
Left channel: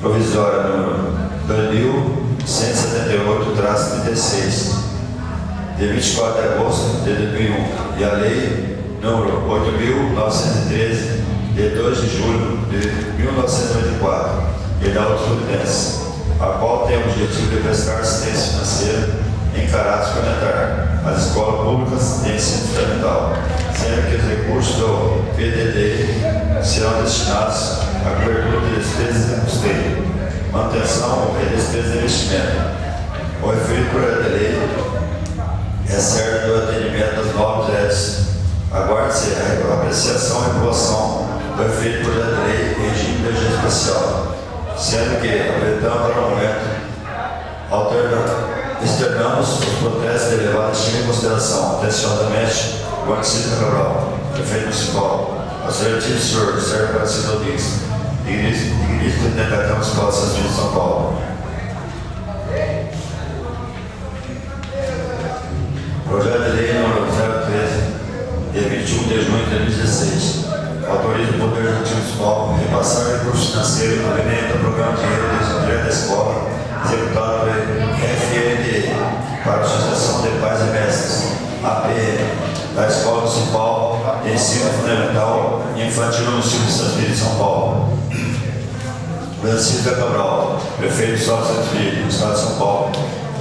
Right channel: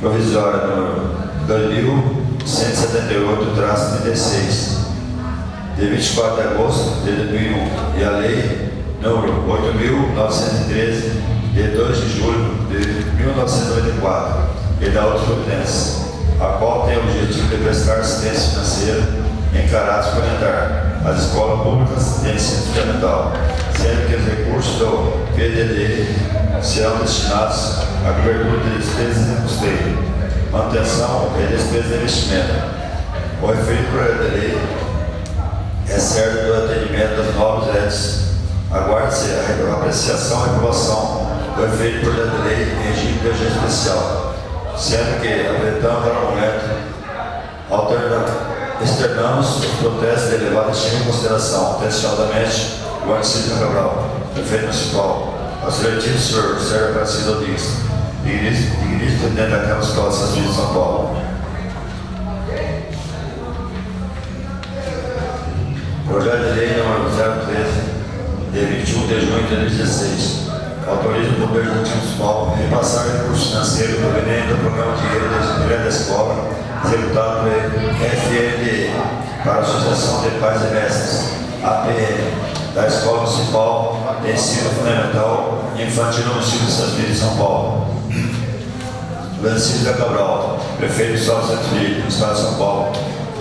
provisória número 2.178/36, de 24 de agosto de 2001 e a Lei número 8.913, de 2 de julho de 1994, e da outras providências, a qual tem o objetivo de prestar assistência financeira em caráter suplementar às escolas públicas de ensino fundamental, sendo que os recursos do PDD serão destinados à cobertura de despesas de custeio, manutenção e despesas de investimento. O referido projeto de lei é certo do atendimento das novas redes. Aguarde-se a apreciação e aprovação do referido projeto de lei em regime de urgência especial, sendo que, apresentando para o momento, externamos os protestos de elevada estima e consideração, atenciosamente, o município de Cabral, prefeito municipal, ao excelentíssimo senhor Sérgio Aparecido Rodrigues, digníssimo presidente da Câmara Municipal de Santos de São Paulo. Projeto de lei número 013, de 21 de junho de 2016, autoriza o Poder Executivo Municipal a repassar recursos financeiros provenientes do Programa Dinheiro de Desenvolvimento da Escola, executado pelo FNDE, para a Associação de Pais e Mestres, APM, da Escola Municipal de Ensino Fundamental e Infantil no município de Santos de São Paulo. Francisco Cabral, prefeito de Santos Filho, Estado de São Paulo,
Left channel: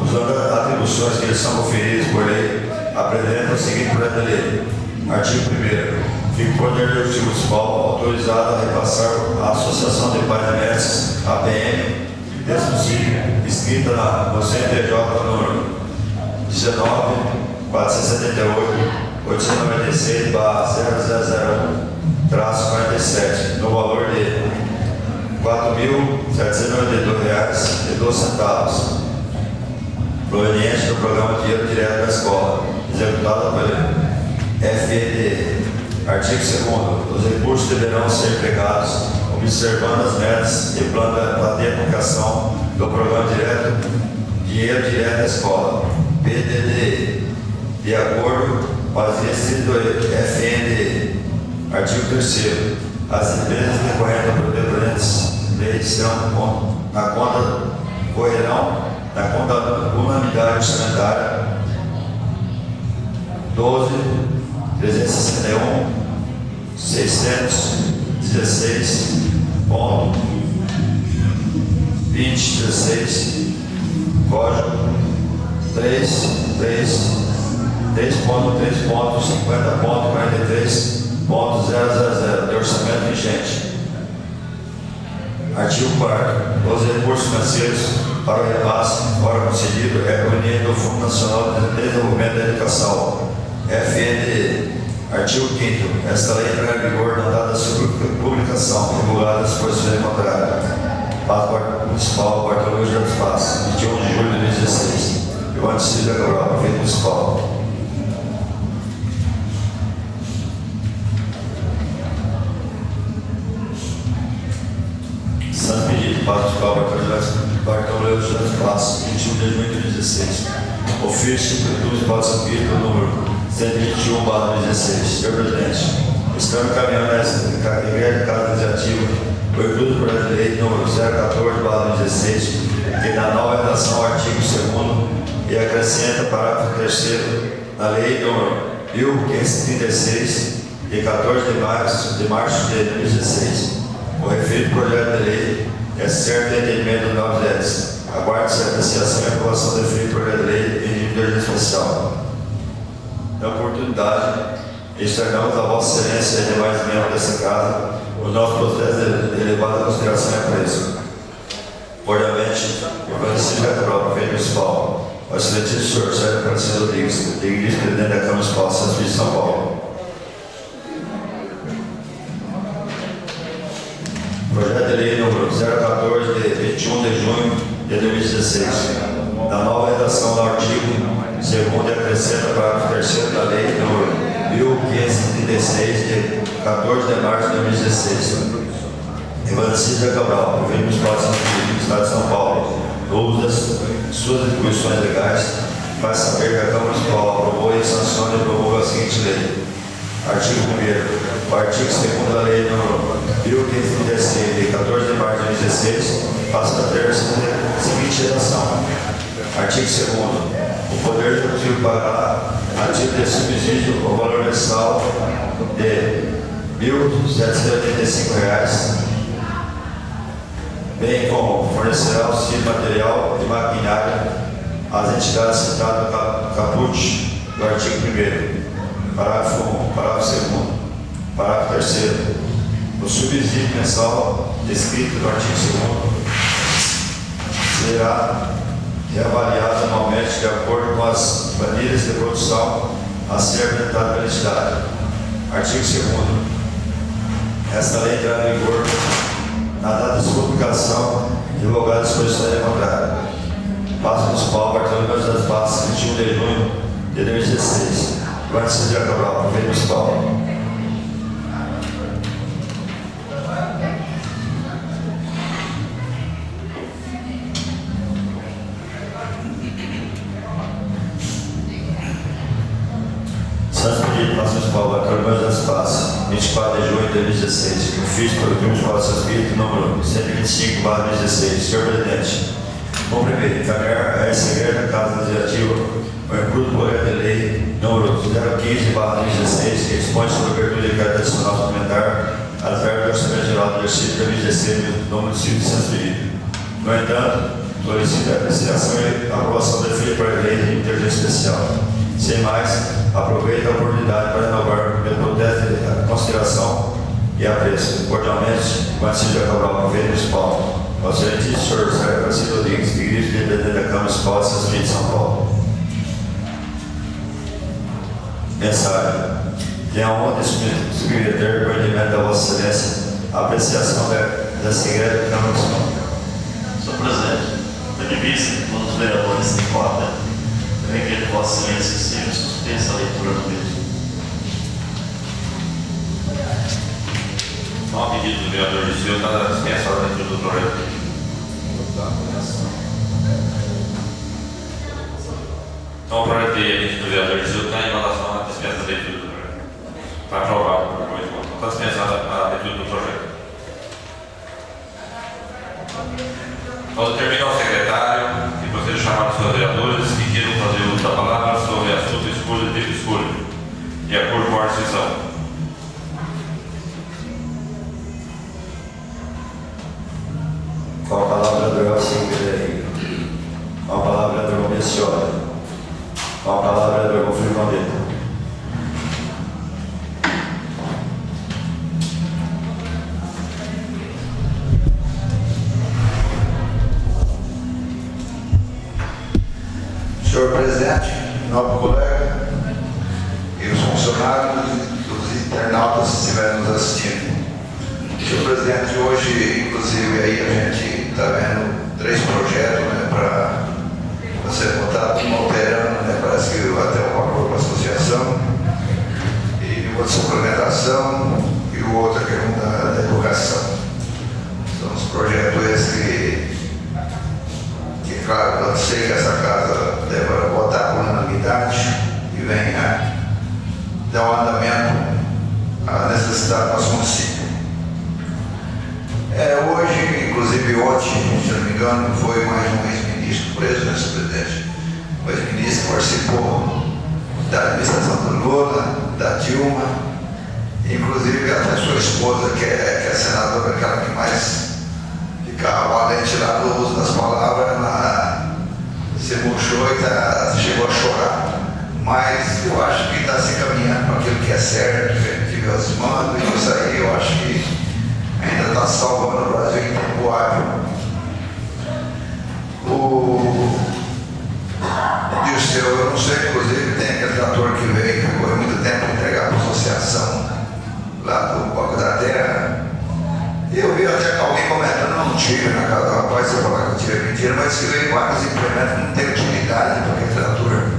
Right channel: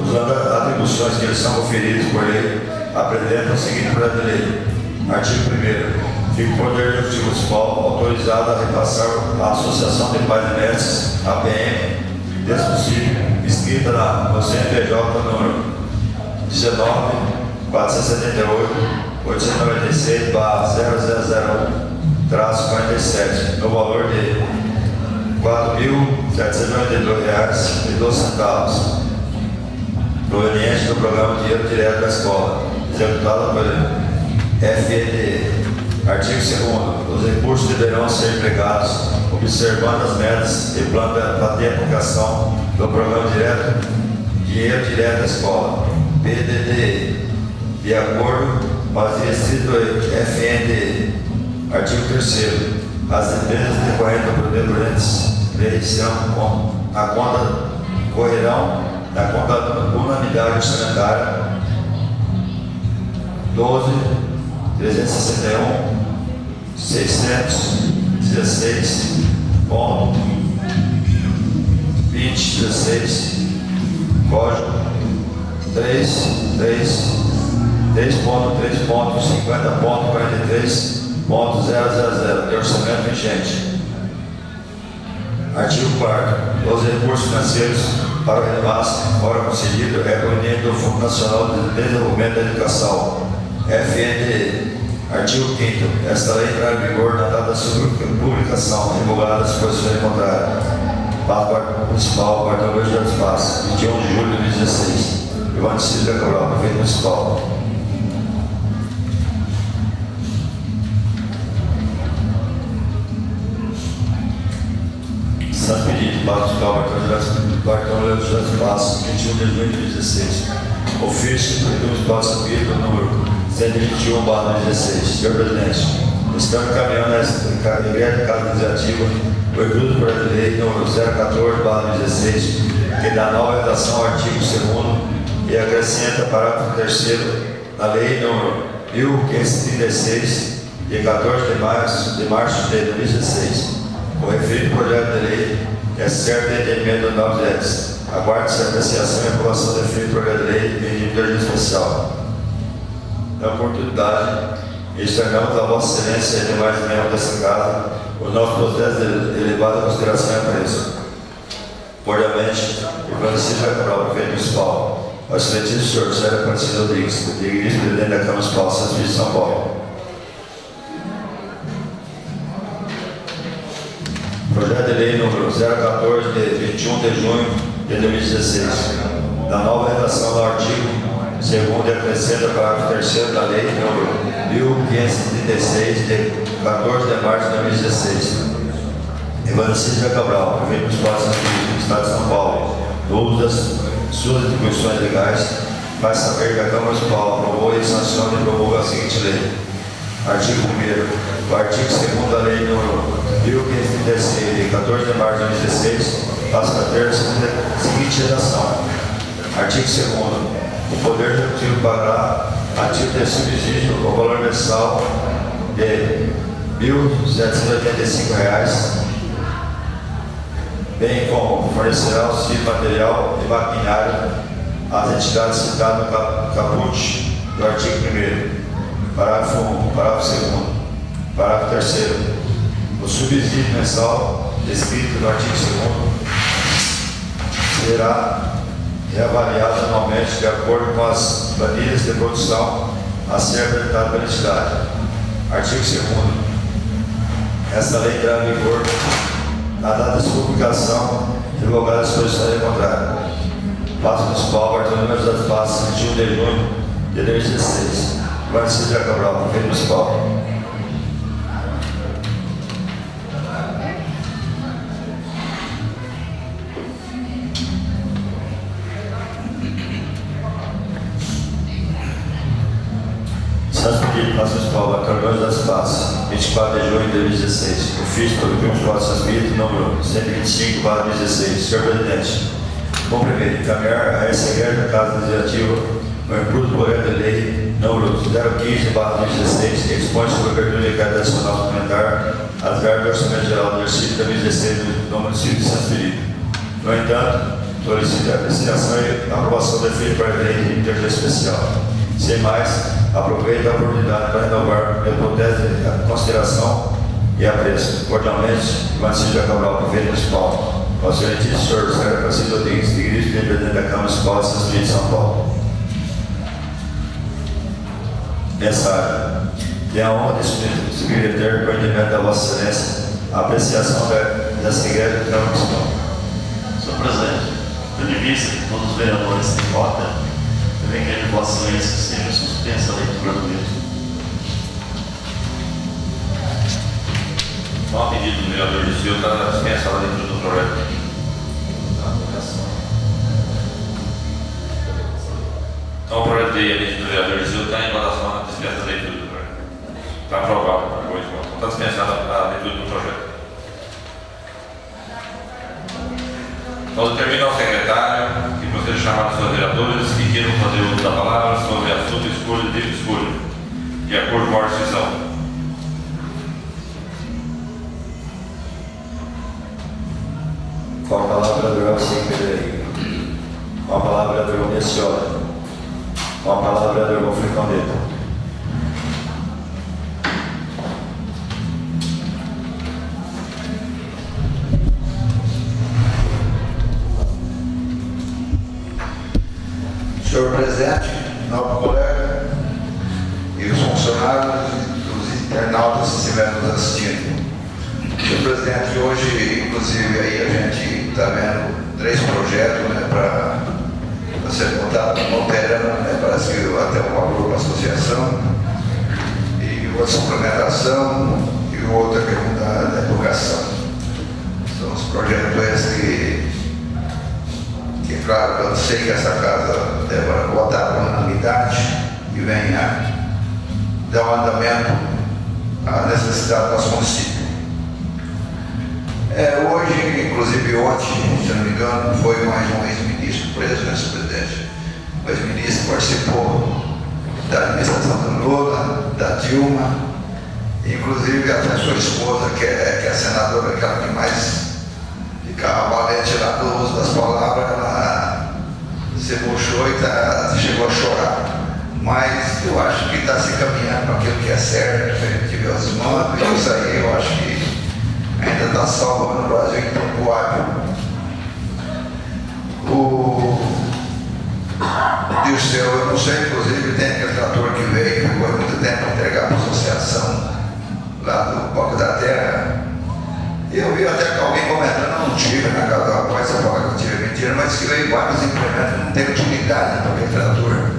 usando as atribuições que lhes são conferidas por lei, apresenta o seguinte projeto de lei. Artigo 1º. Fica o Poder Executivo Municipal autorizado a repassar à Associação de Pais e Mestres, APM, desse município, inscrita no CNPJ número 19.478.896/0001-47, no valor de R$ 4.792,12, proveniente do Programa Dinheiro Direto da Escola, executado pelo FNDE. Artigo 2º. Os recursos deverão ser empregados observando as metas e plano de aplicação do Programa Dinheiro Direto da Escola, PDD, de acordo com as diretrizes do FNDE. Artigo 3º. As empresas decorrentes do presente serão a conta correrão na conta unanimidade orçamentária 12.361.616.2016, código 3.3.50.43.000 de orçamento vigente. Artigo 4º. Os recursos financeiros para o repasse, ora concedido, é proveniente do Fundo Nacional de Desenvolvimento da Educação, FNDE. Artigo 5º. Esta lei entrará em vigor na data da sua publicação, divulgada as disposições contrárias. Pátio Municipal, Quarto-Mês de Espaço, 21 de julho de 2016. Ivan Silva Cabral, prefeito municipal. Santo Pedido, Pátio Municipal, Quarto-Mês de Espaço, 21 de junho de 2016. Ofício do Municipal de Santo Pedido, número 121/16. Senhor presidente, estamos encaminhando essa regra de casa iniciativa o estudo do projeto de lei número 014/16, que dá nova redação ao artigo 2º e acrescenta parágrafo 3º na lei número 1536, de 14 de março de 2016. O referido projeto de lei é certo de entendimento dos novos entes. Aguarde-se a apreciação e aprovação do referido projeto de lei em regime de urgência especial. Na oportunidade, externamos a Vossa Excelência e demais membros dessa casa os nossos protestos de elevada consideração e apreço. Cordialmente, o Francisco Cabral, prefeito municipal, ao excelentíssimo senhor Sérgio Aparecido Rodrigues, digníssimo presidente da Câmara Municipal de Santos de São Paulo. Projeto de lei número 014, de 21 de junho de 2016, da nova redação do artigo 2º e acrescenta parágrafo 3º da lei número 1536, de 14 de março de 2016. Ivan Silva Cabral, prefeito municipal de Santos de Estado de São Paulo, no uso das suas atribuições legais, faz saber que a Câmara Municipal aprovou e sanciona e promulga a seguinte lei. Artigo 1º. O artigo 2º da lei número 1536, de 14 de março de 2016, passa a ter a seguinte redação. Artigo 2º. O Poder Executivo pagará a título de subsídio o valor mensal de R$ 1.785, bem como fornecerá auxílio material e maquinário às entidades citadas no caput do artigo 1º, parágrafo 1, parágrafo 2º, parágrafo 3º. O subsídio mensal descrito no artigo 2º será reavaliado anualmente de acordo com as planilhas de produção a ser apresentada pela entidade. Artigo 2º. Esta lei entrará em vigor na data de sua publicação, revogada a disposição contrária. Passo Municipal, Bartolomeu das Passos, 21 de junho de 2016. Guarda-se Cabral, Prefeito Municipal. Santos Pedido, Passo Municipal, Bartolomeu das Passos, 24 de junho de 2016. O fiz pelo Clube de Santos Espírito, número 125/16. Senhor Presidente, cumprimento encaminhar a essa igreja Casa Legislativa o incluso projeto de lei número 015/2016, que expõe sobre a abertura de crédito adicional suplementar às verbas do Orçamento Geral do exercício 2016 do município de Santos Pedido. No entanto, solicito a apreciação e a aprovação da filha para a lei de intervenção especial. Sem mais, aproveito a oportunidade para renovar meu protesto de consideração e apreço. Cordialmente, Guarda-se Cabral, Prefeito Municipal. Ao excelentíssimo senhor José Francisco Rodrigues, Igreja de Presidente da Câmara Municipal de Santos Pedido de São Paulo. Mensagem. Tenho a honra de submeter o entendimento da Vossa Excelência a apreciação dessa igreja da Câmara Municipal. Senhor Presidente, tendo em vista que todos os vereadores têm cota, também quero de Vossa Excelência que seja suspensa a leitura do mesmo. Com a pedido do vereador de Silva, está dispensada a leitura do projeto. Então, o projeto de lei do vereador de Silva está em votação na dispensa da leitura do projeto. Está aprovado. Está dispensada a leitura do projeto. Então, determina ao secretário que procede a chamar os seus vereadores que queiram fazer uso da palavra sobre assunto escolha de escolha, de acordo com a decisão. Com a palavra, vereador Alcim Pereira. Com a palavra, vereador Mencioli. Com a palavra, vereador Conflito Condeta. Senhor Presidente, nobre colega e os funcionários e os internautas que estiverem nos assistindo. Senhor Presidente, hoje, inclusive, aí a gente está vendo 3 projetos, né, para ser votado como alterando, né, parece que até um acordo com a associação, e outra suplementação, e o outro é da educação. São os projetos esses que, claro, eu sei que essa casa deve votar por unanimidade e venha dar um andamento à necessidade do nosso município. Hoje, inclusive ontem, se não me engano, foi mais um ex-ministro preso, né, senhor presidente? O ex-ministro participou da administração do Lula, da Dilma, inclusive até sua esposa, que é senadora, aquela que mais ficava valente lá no uso das palavras, ela se murchou e chegou a chorar. Mas eu acho que está se caminhando para aquilo que é certo, que a gente vê os mandos, e isso aí eu acho que ainda está salvando o Brasil em tempo hábil. O Dirceu, eu não sei, inclusive tem aquele trator que veio, que ficou muito tempo entregar para a associação lá do Banco da Terra. Eu vi até que alguém comentando, não tive na casa do rapaz, você falar que eu tive mentira, mas se veio vários implementos, não tem utilidade para aquele trator.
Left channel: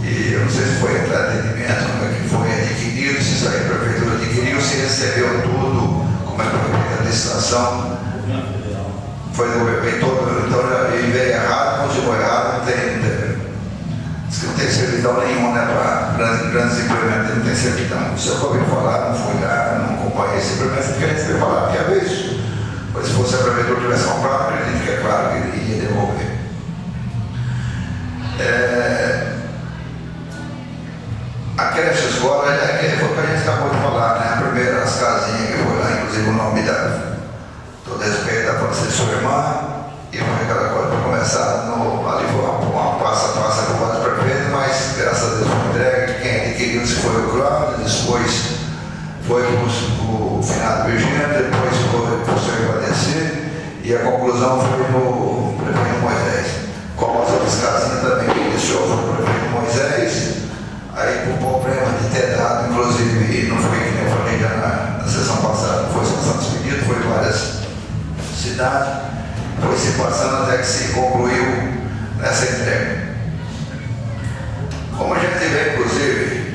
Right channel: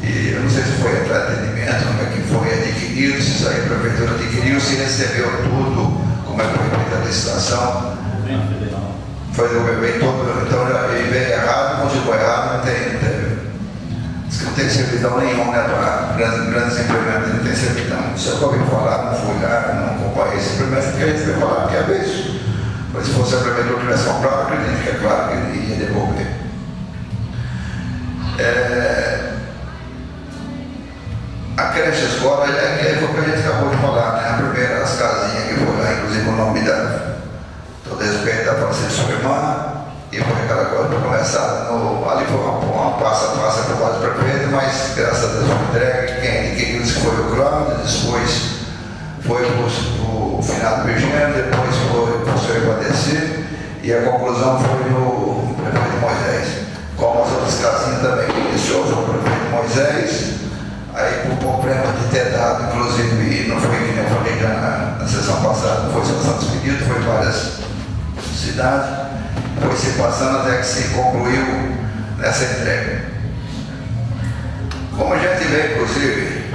E eu não sei se foi atendimento, como é que foi adquirido, se isso aí a prefeitura adquiriu, se recebeu tudo, como é que foi feita a licitação. Foi do bebê todo, então ele veio errado, continuou errado, não tem. Diz que não tem servidão nenhum, né, para grandes implementos, não tem servidão. Se eu ouvi falar, não fui lá, não acompanhei esse implemento, porque a gente veio falar que é isso. Mas se fosse a prefeitura tivesse comprado, acredito que é claro que ele ia devolver. escola, foi o que a gente acabou de falar, né? A primeira, as casinhas que foi lá, inclusive o nome da, todo respeito da Francisco sua irmã, e foi aquela coisa para começar, ali foi uma passo a passo por vários prefeitos, mas graças a Deus foi entregue. Quem disse que foi o Cláudio, depois foi o finado Virgínia, depois foi o professor Ivadeci, e a conclusão foi no prefeito Moisés. Como as outras casinhas também que iniciou foi o prefeito Moisés, aí por problema de ter dado, inclusive, e não foi que nem eu falei já na sessão passada, não foi só Santos Pedido, foi várias cidades, foi se passando até que se concluiu nessa entrega. Como a gente vê, inclusive,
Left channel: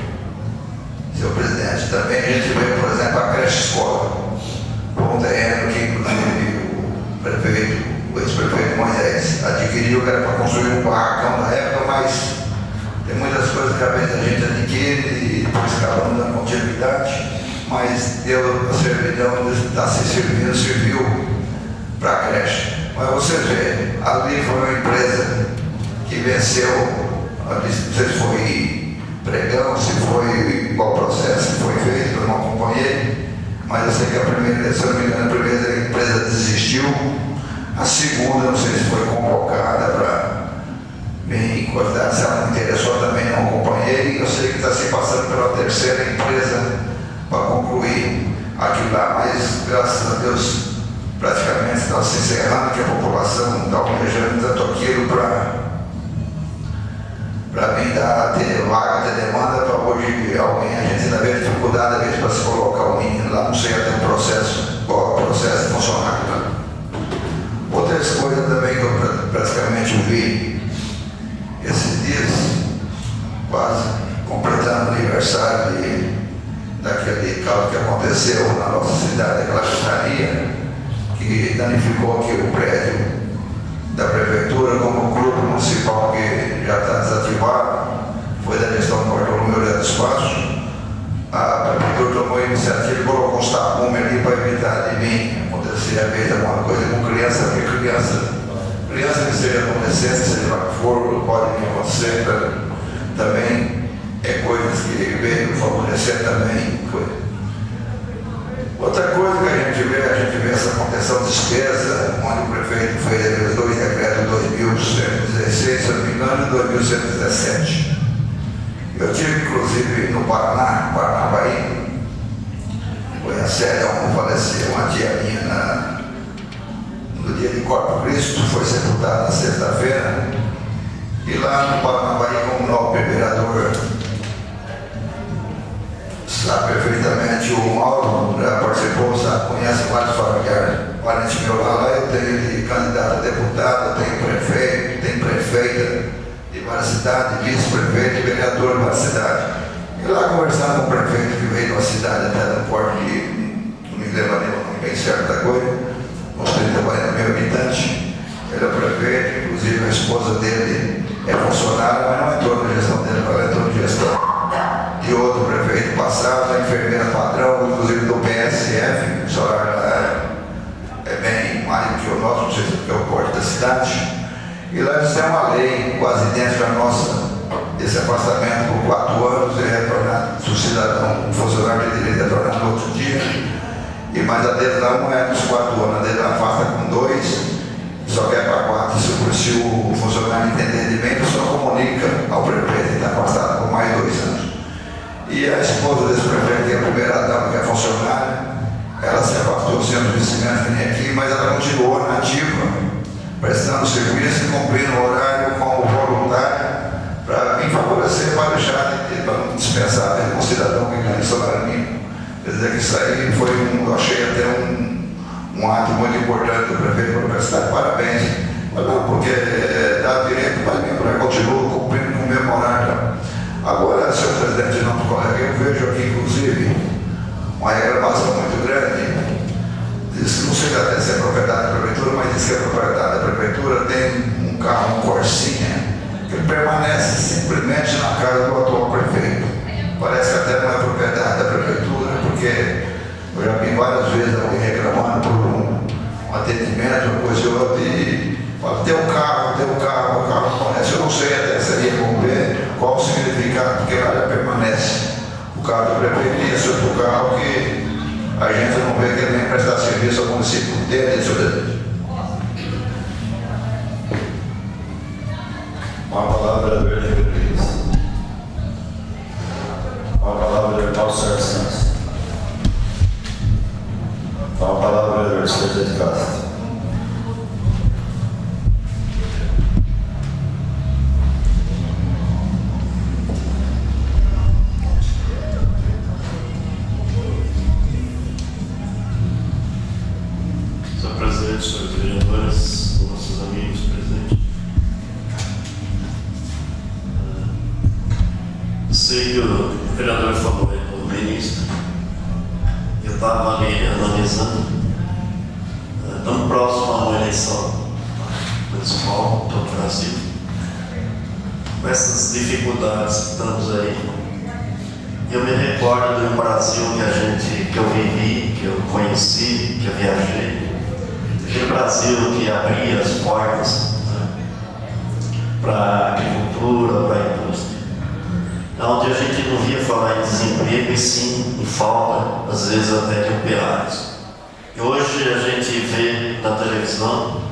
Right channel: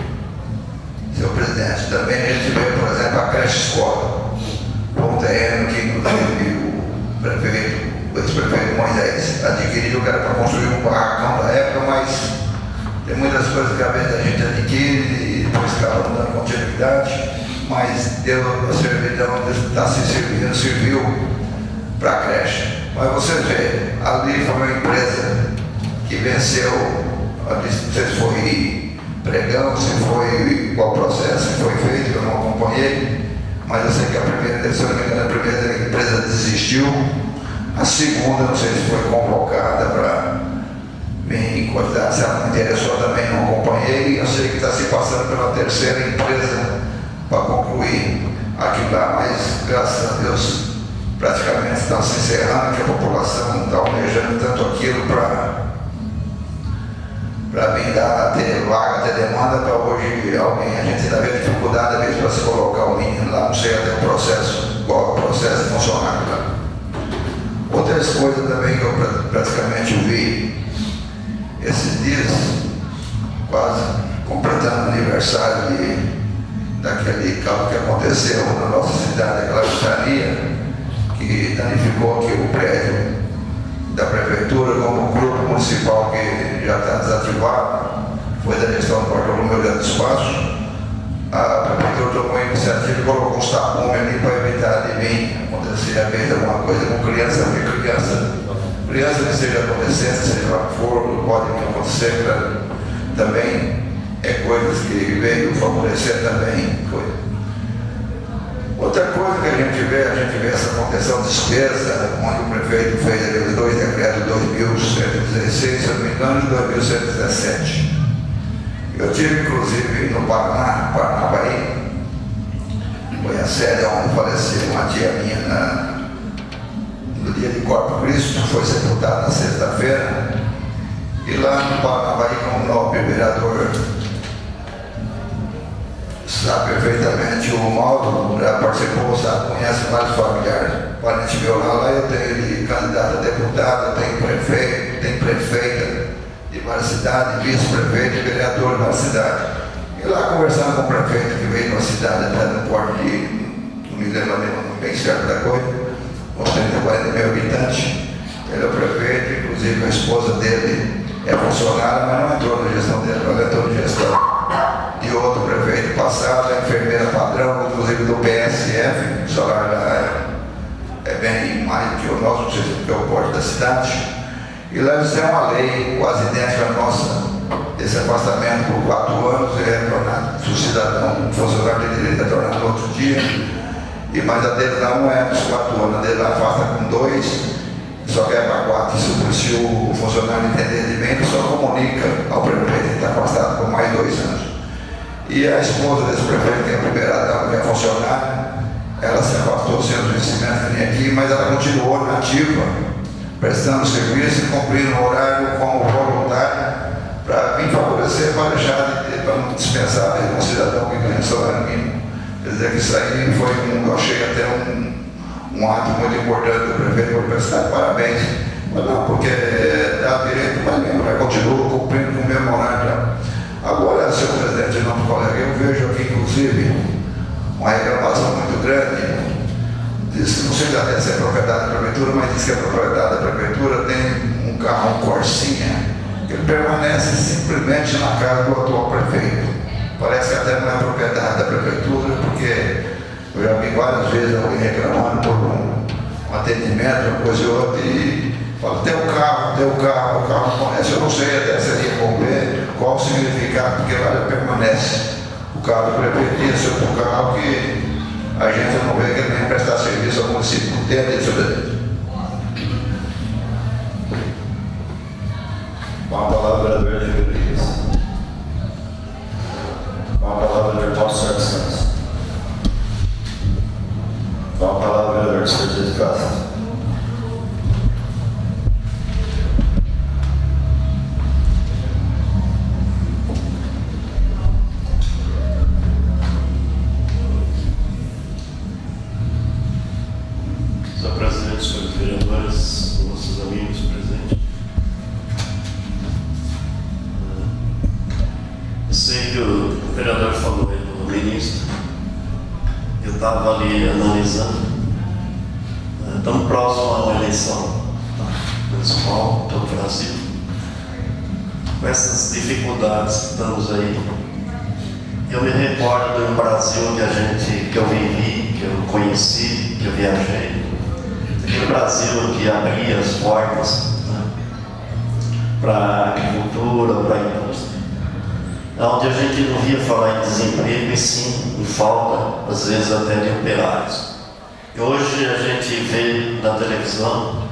seu presidente, também a gente vê, por exemplo, a creche escola, um terreno que, inclusive, o prefeito, o ex-prefeito Moisés adquiriu, que era para construir um barracão da época, mas tem muitas coisas que a vez a gente adquire e depois acaba não dando continuidade, mas deu a servidão de estar se servindo, serviu para a creche. Mas você vê, ali foi uma empresa que venceu, não sei se foi pregão, se foi qual processo que foi feito, eu não acompanhei, mas eu sei que a primeira, se eu não me engano, a primeira empresa desistiu, a segunda, não sei se foi convocada para me encostar, se ela não interessou também, não acompanhei, eu sei que está se passando pela terceira empresa para concluir aquilo lá, mas graças a Deus praticamente está se encerrando, que a população está almejando tanto aquilo para vir ter vaga, ter demanda, para hoje alguém, a gente ainda vê dificuldade, às vezes, para se colocar o menino lá, não sei até o processo, qual é o processo de funcionário lá. Outras coisas também que eu praticamente vi esses dias, quase completando o aniversário daquele caso que aconteceu na nossa cidade, aquela juntaria, que danificou aqui o prédio da prefeitura, como o grupo municipal que já está desativado, foi da gestão do Bartolomeu dos Passos. A prefeitura tomou a iniciativa e colocou uns tapumes ali para evitar de vir acontecer a vez alguma coisa com criança, porque criança que esteja acontecendo, seja lá que for, pode acontecer também, é coisas que veio favorecer também. Outra coisa que a gente vê essa contenção de despesa, onde o prefeito fez os dois decretos, 2116, se eu não me engano, e 2117. Eu tive, inclusive, no Paranaguá, foi a sede onde faleceu uma tia minha no dia de Corpus Christi, foi sepultada na sexta-feira, e lá no Paranaguá, como nobre vereador, sabe perfeitamente, o Mauro já participou, sabe, conhece vários familiares, parente meu lá, eu tenho de candidato a deputado, eu tenho prefeito, tenho prefeita de várias cidades, vice-prefeito e vereador de várias cidades. E lá conversando com o prefeito que veio de uma cidade até do porto de, não me lembro nem bem certo da coisa, com 30, 40 mil habitantes, ele é o prefeito, inclusive a esposa dele é funcionária, mas não entrou na gestão dele, ela entrou na gestão de outro prefeito passado, a enfermeira padrão, inclusive do PSF, o salário é bem mais do que o nosso, não sei se é porque é o porte da cidade. E lá eles têm uma lei quase idêntica à nossa, desse afastamento por 4 anos, é retornado, se o cidadão, o funcionário tem direito a retornar no outro dia, mas a deles não é dos 4 anos, a deles afasta com 2, só quer para 4, se o funcionário entender de bem, ele só comunica ao prefeito que está afastado por mais 2 anos. E a esposa desse prefeito, que é a primeira dama, que é funcionária, ela se afastou sem os vencimentos que nem aqui, mas ela continuou na ativa, prestando serviço e cumprindo o horário como voluntária, para vir favorecer, para deixar de ter, para não dispensar de um cidadão que ganha salário mínimo. Quer dizer que isso aí foi eu achei até um ato muito importante do prefeito, para prestar parabéns, mas não, porque dá direito, mas continua cumprindo com o mesmo horário. Agora, senhor presidente, não, colega, eu vejo aqui, inclusive, uma reclamação muito grande. Diz que não sei até se é propriedade da prefeitura, mas diz que a propriedade da prefeitura tem um carro, um Corsinha, que ele permanece simplesmente na casa do atual prefeito. Parece que até não é propriedade da prefeitura, porque eu já vi várias vezes alguém reclamando por um atendimento, uma coisa ou outra, e fala, tem o carro não conhece. Eu não sei até seria bom ver qual o significado, porque lá já permanece o carro do prefeito tem esse outro carro que a gente não vê que ele vem prestar serviço ao município. Entende, senhor presidente? Com a palavra, vereador Rodrigues. Com a palavra, vereador Paulo Sérgio Santos. Com a palavra, vereador Sérgio de Castro. Senhor presidente, senhores vereadores, nossos amigos presentes. Eu sei que o vereador falou aí no início. Eu estava ali analisando. Estamos próximos a uma eleição municipal do Brasil. Com essas dificuldades que estamos aí, eu me recordo do Brasil que eu vivi, que eu conheci, que eu viajei. Aquele Brasil que abria as portas, né, para a agricultura, para a indústria. Onde a gente não via falar em desemprego e sim em falta, às vezes até de operários. E hoje a gente vê na televisão,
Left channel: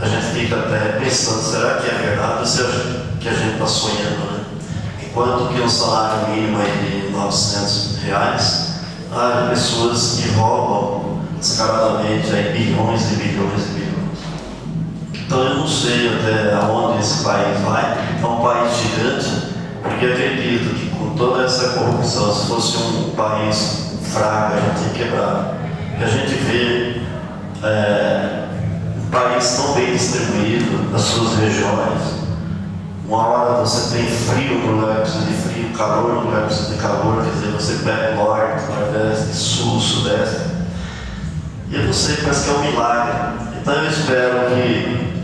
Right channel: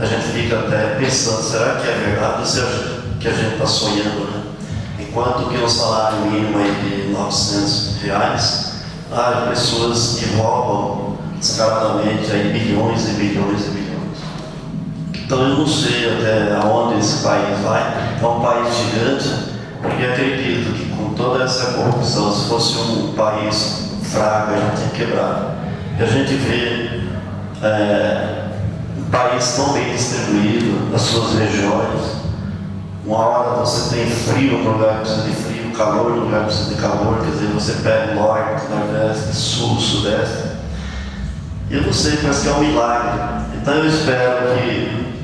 a gente fica até pensando, será que é verdade ou será que a gente está sonhando, né? Enquanto que um salário mínimo é de R$900, há pessoas que roubam descaradamente aí bilhões e bilhões e bilhões. Então eu não sei até aonde esse país vai. É um país gigante, porque acredito que com toda essa corrupção, se fosse um país fraco, a gente ia quebrar. E a gente vê um país tão bem distribuído nas suas regiões. Uma hora você tem frio no lugar que precisa de frio, calor no lugar que precisa de calor, quer dizer, você pega o norte, nordeste, sul, sudeste. E eu não sei, parece que é um milagre. Então eu espero que,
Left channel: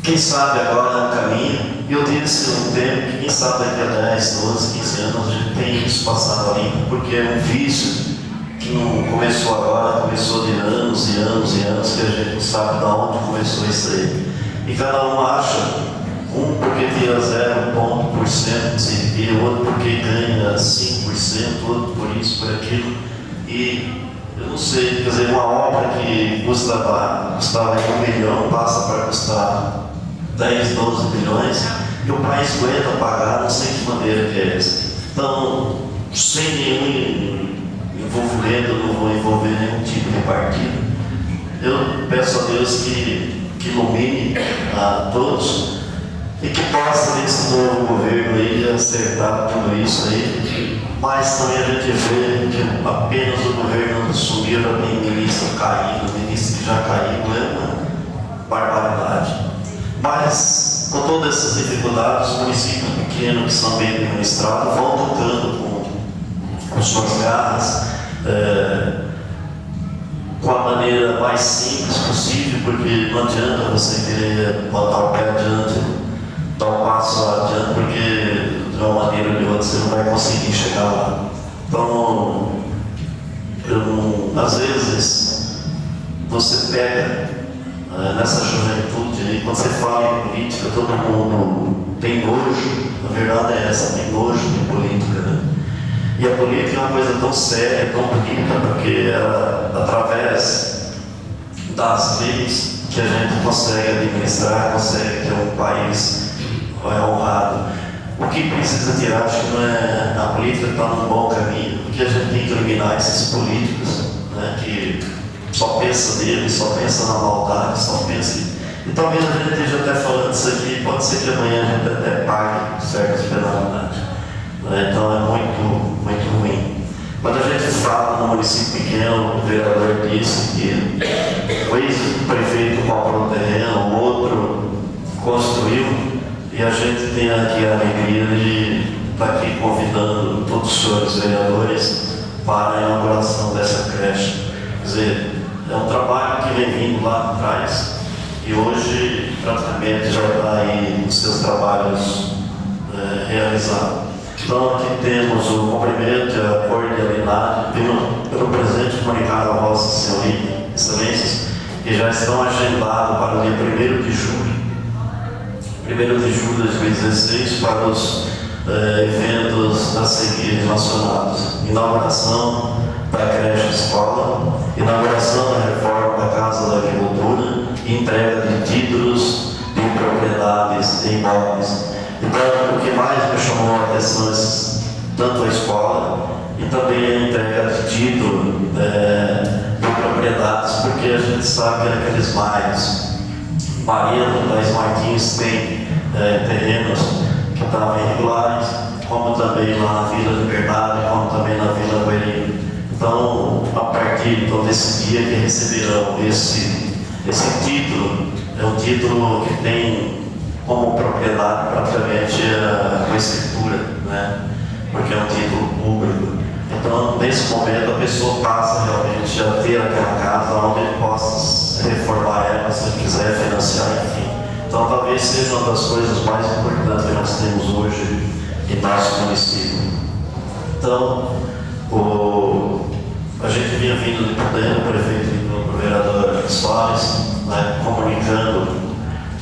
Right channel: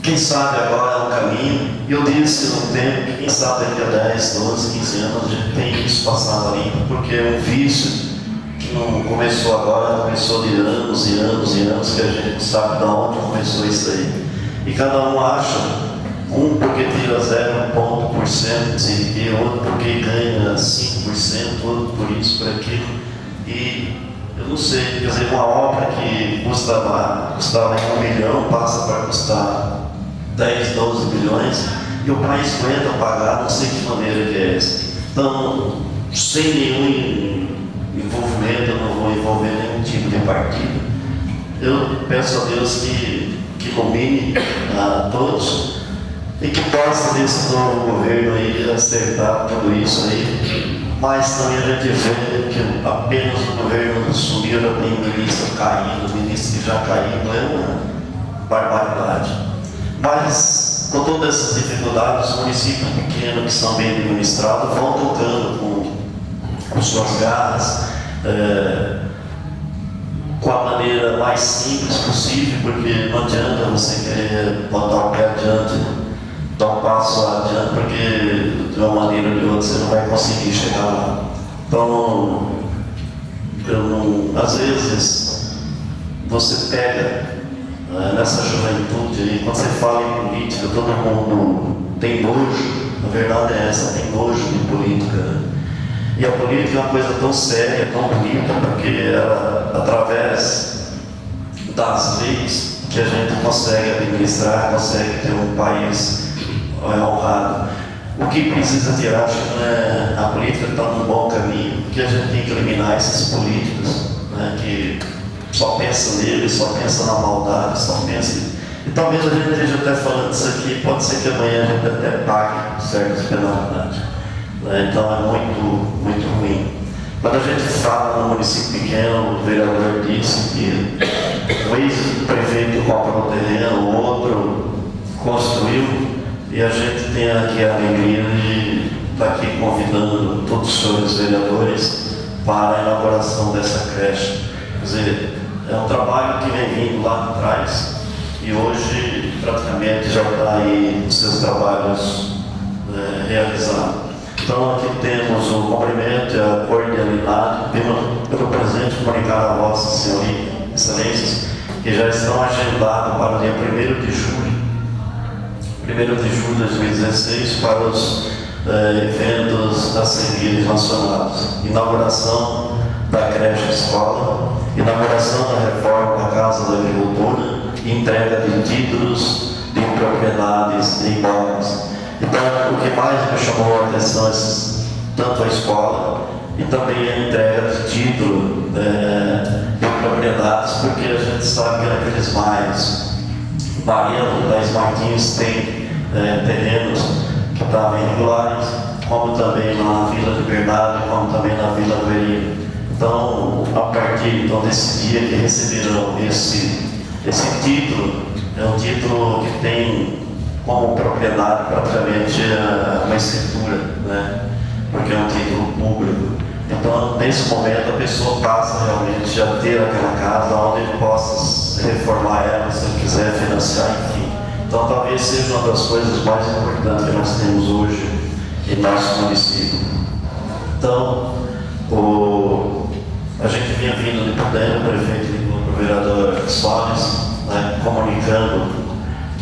quem sabe agora é um caminho, e eu disse no tempo que quem sabe daqui a 10, 12, 15 anos a gente tem isso passando ali, porque é um vício que não começou agora, começou de anos e anos e anos, que a gente não sabe de onde começou isso aí. E cada um acha, um porque tira 0,1% de CIP, outro porque ganha 5%, outro por isso, por aquilo. E eu não sei, quer dizer, uma obra que custava 1 milhão passa para custar 10, 12 milhões e o país aguenta pagar, não sei que maneira que é essa. Então, sem nenhum envolvimento, eu não vou envolver nenhum tipo de partido. Eu peço a Deus que ilumine a todos e que possa nesse novo governo aí acertar tudo isso aí. Mas também a gente vê que apenas o governo assumiu, já tem ministro caído, ministro que já caiu, é uma barbaridade. Mas, com todas essas dificuldades, os municípios pequenos que são bem administrados vão tocando com suas garras, com a maneira mais simples possível, porque não adianta você querer botar o pé adiante, dar um passo adiante, porque de uma maneira ou de outra você não vai conseguir chegar lá. Então, às vezes, você pega nessa juventude, e quando você fala em política, todo mundo tem nojo, a verdade é essa, tem nojo de política, né? E a política é uma coisa tão séria, tão bonita, porque é através das leis que a gente consegue administrar, consegue ter um país honrado. O que precisa tirar, acho que não é a política que está num bom caminho, porque a gente tem que eliminar esses políticos, né, que só pensam neles, só pensam na maldade, só pensam. E talvez a gente esteja até falando isso aqui, pode ser que amanhã a gente até pague certas penalidades. Então é muito, muito ruim. Quando a gente fala no município pequeno, o vereador disse que o ex-prefeito comprou um terreno, o outro construiu. E a gente tem aqui a alegria de estar aqui convidando todos os senhores vereadores para a inauguração dessa creche. Quer dizer, é um trabalho que vem vindo lá atrás e hoje praticamente já está aí os seus trabalhos realizados. Então aqui temos o cumprimento e a cordialidade pelo presente comunicado a Vossa Senhoria, Excelências, que já estão agendados para o dia 1º de julho. 1º de julho de 2016 para os eventos outros a seguir relacionados. Inauguração da creche escola, inauguração da reforma da Casa da Agricultura, entrega de títulos de propriedades e imóveis. Então, o que mais me chamou a atenção é tanto a escola e também a entrega de título de propriedades, porque a gente sabe que naqueles bairros, Mariano, das Martins, tem terrenos que estavam irregulares, como também lá na Vila Liberdade, como também na Vila Verino. Então, a partir desse dia que receberão esse título, é um título que tem como propriedade praticamente uma escritura, né? Porque é um título público. Então, nesse momento, a pessoa passa realmente a ter aquela casa onde ele possa reformar ela, se ele quiser financiar, enfim. Então, talvez seja uma das coisas mais importantes que nós temos hoje em nosso município. Então, a gente vinha vindo de Pudendo, o prefeito e o vereador Soares, né, comunicando,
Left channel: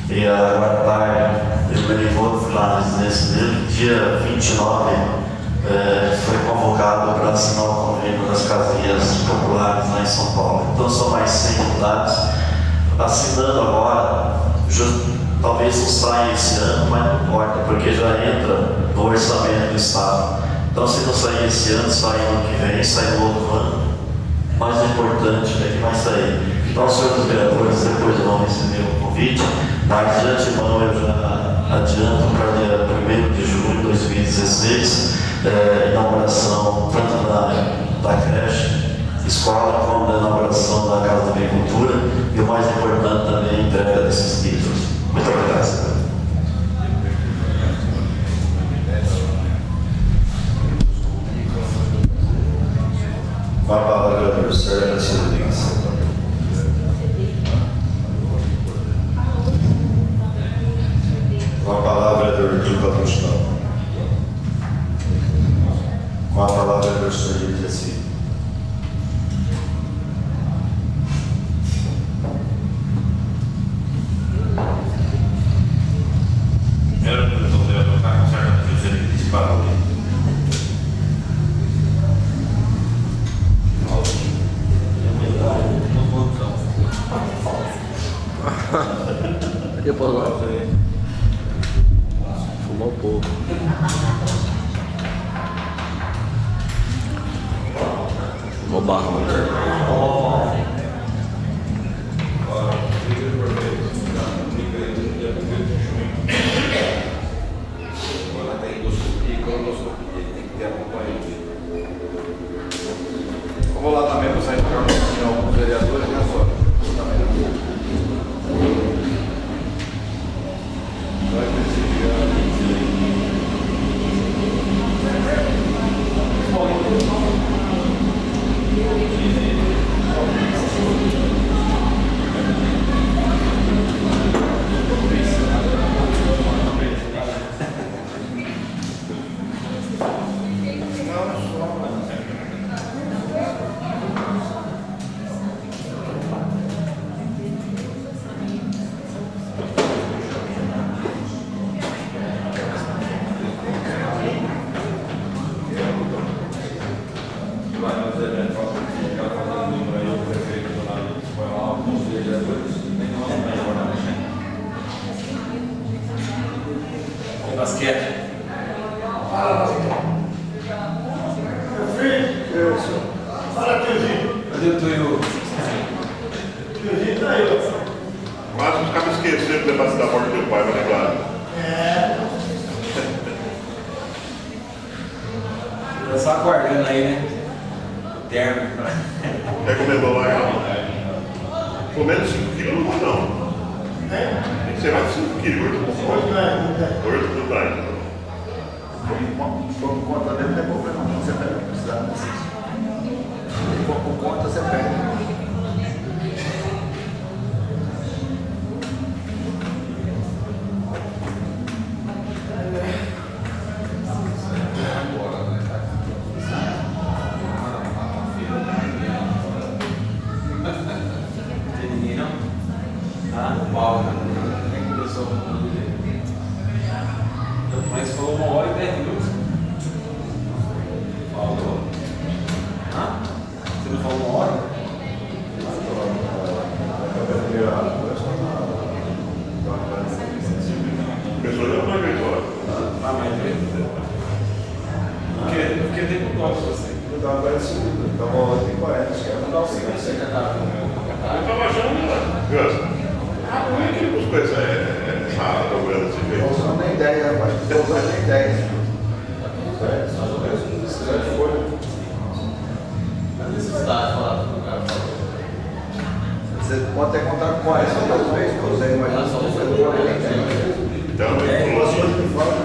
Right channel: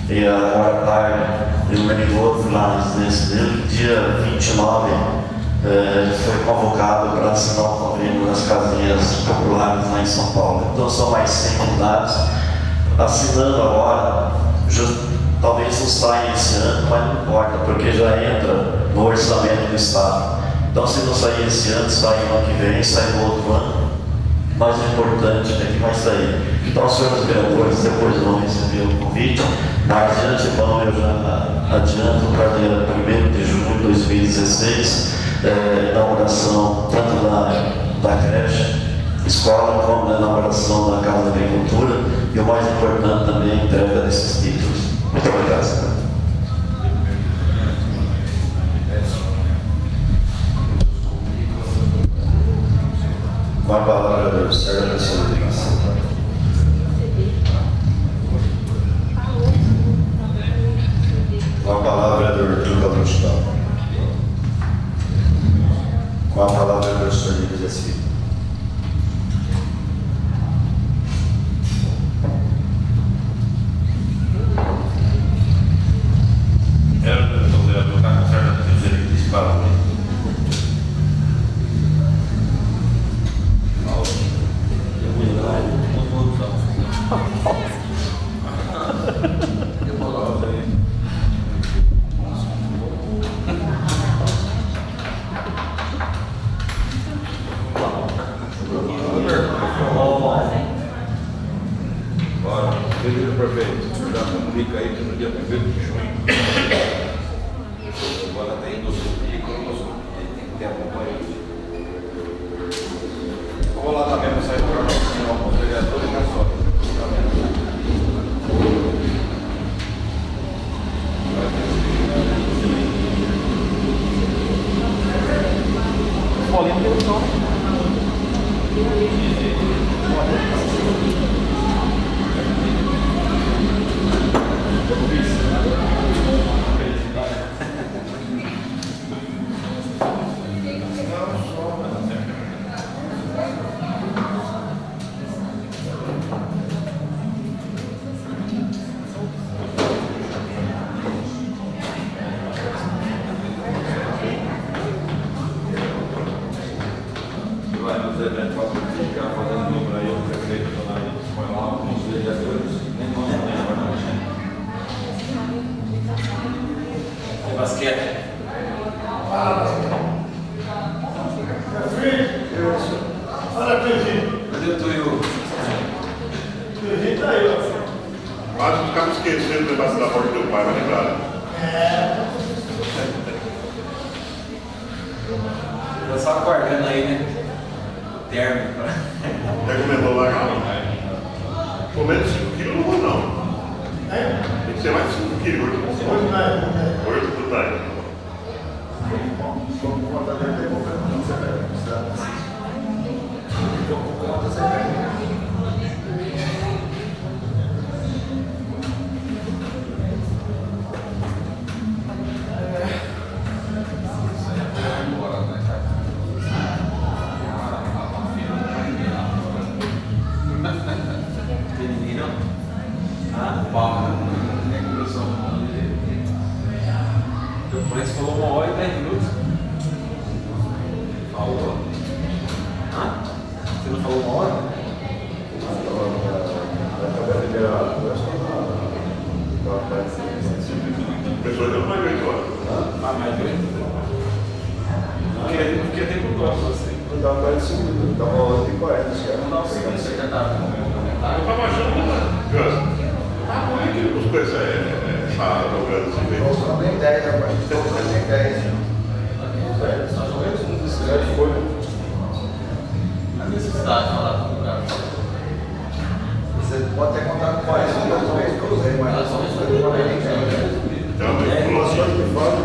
e agora tarde, ele me ligou, fui lá na residência dele, dia 29, foi convocado para assinar o convênio das casinhas populares lá em São Paulo. Então são mais 100 unidades. Assinando agora, talvez não saia esse ano, mas não importa, porque já entra no orçamento do Estado. Então se não sair esse ano, sai no ano que vem, sai no outro ano. Mas o importante é que vai sair. Então, os senhores vereadores depois vão receber o convite, mas de antemão eu já adianto para dia 1º de junho de 2016, inauguração tanto da creche, escola, como da inauguração da Casa da Agricultura e o mais importante também, a entrega desses títulos. Muito obrigado, senhor. Com a palavra, o Sérgio Rodrigues. Com a palavra, do Arthur Galustão. Com a palavra, do professor Lívia Jaci. Era o vereador está com certa filosofia que disparou. Fica aí no dia 1º de junho. Agora tem endoscopia, tem que ter acompanhamento. Eu vou lá na mesma sair para o vereador e caçou. Basquete. Olha aqui, Tiozinho. Cadê o Tuiu? Tiozinho tá aí, ó. Quase não ficava esquecendo de levar da porta do teu pai, vai lembrar. Tá só aguardando aí, né? O término. Até que levou lá, não. Pelo menos 5 quilos não vou, não. Tem que ser mais 5 quilos. Hoje não é. Hoje tudo bem. Por conta dele, não é pouca não. Você pega o estado. Por conta, você pega. Tem ninguém não? Ah, no palco. É começou o nome dele. Então, mas falou 1 hora e 10 minutos. estava parecido, estava 8h40, acho que era. Não, você já tá Eu tava achando, né? Como é que os coisas essa programa desse jeito? Não são nem 10, rapaz. Não são nem 10. a necessidade de falar do lugar. Você pode ter contato com essa, que eu usei, mas não são nem 10. Então, Informações que falam.